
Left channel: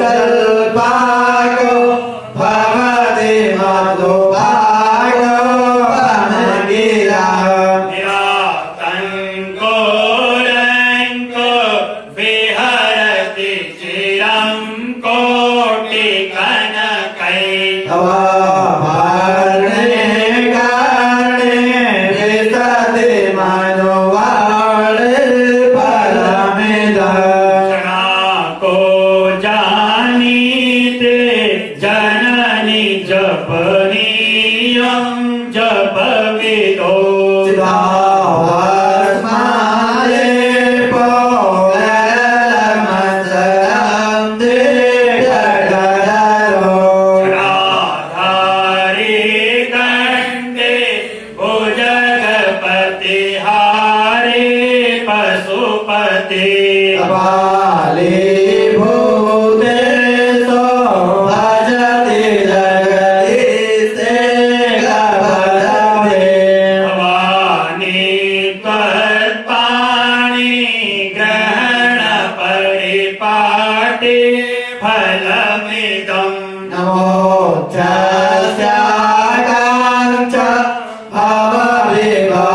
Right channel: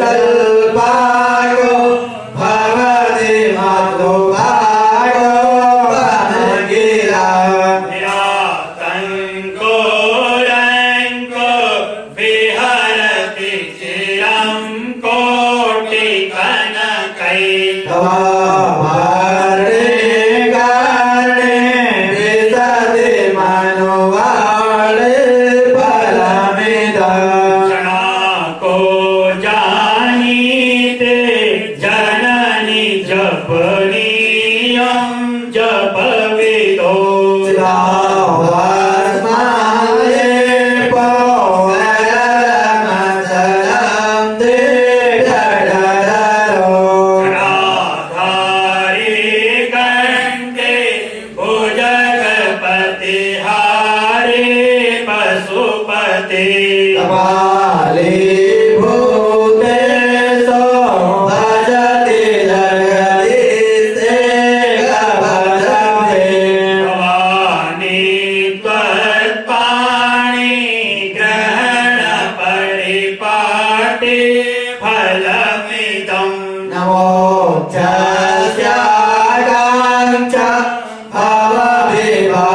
जल भागो भगवती मधु भागो बनगीला यातंको रंको विहरति चिरं कोटि कनकै तवारे गाने विदते मनोवारे परमिदा क्षणा को जानीते जननी जपनीयं जपविदो चिदावास्माये पोगरमजलं दृढधरो क्षणाधारी गण्डे भुजगपतिहारी पशुपति कपाले भूतेशो भजति जगदीशे गभजते भवानी त्वत्पाणि ग्रहण परिपाटि फलमिदम् नमोऽच्चास्यागाञ्च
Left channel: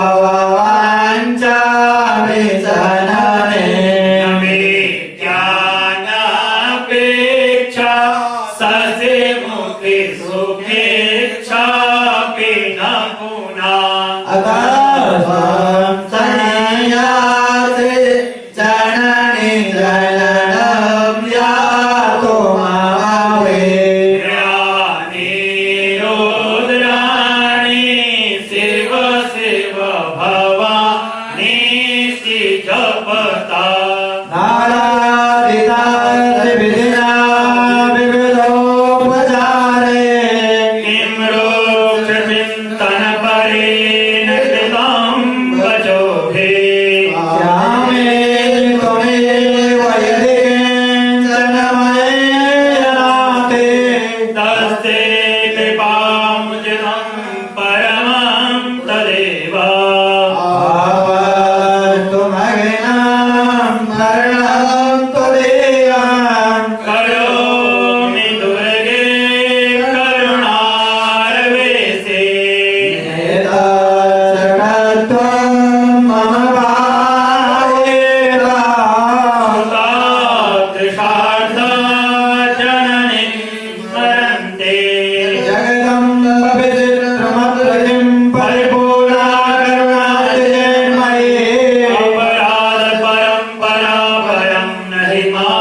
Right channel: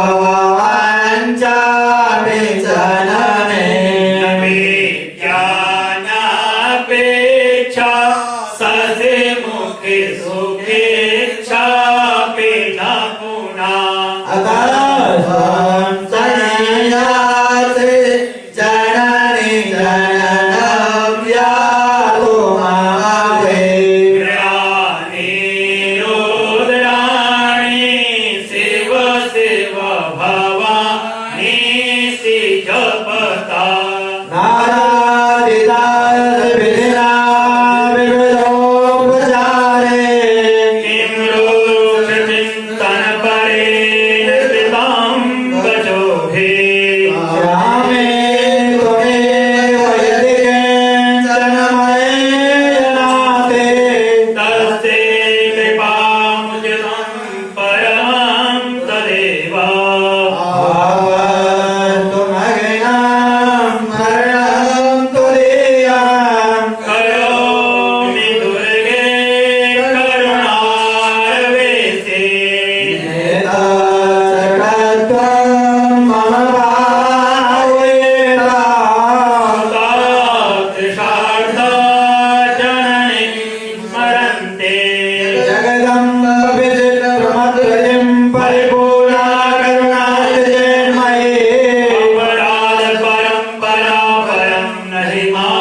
भवविभवाञ्च विजनने विज्ञानापेक्षा ससे मुखि सुखेच्छापि न पुना अतः संयासे जननि जननं यातो महावे ग्राणी रुद्राणी शिव शिव भवानी सि जपता किं रोचचिन्तनपरेण कृतं वचोभिः तस्ते कृपामुचितं परमं तदेव करोमि दुर्गे करुणारवेशे कृषार्धा जननी स्मरन्ते अपराध परं परापरं नहि मा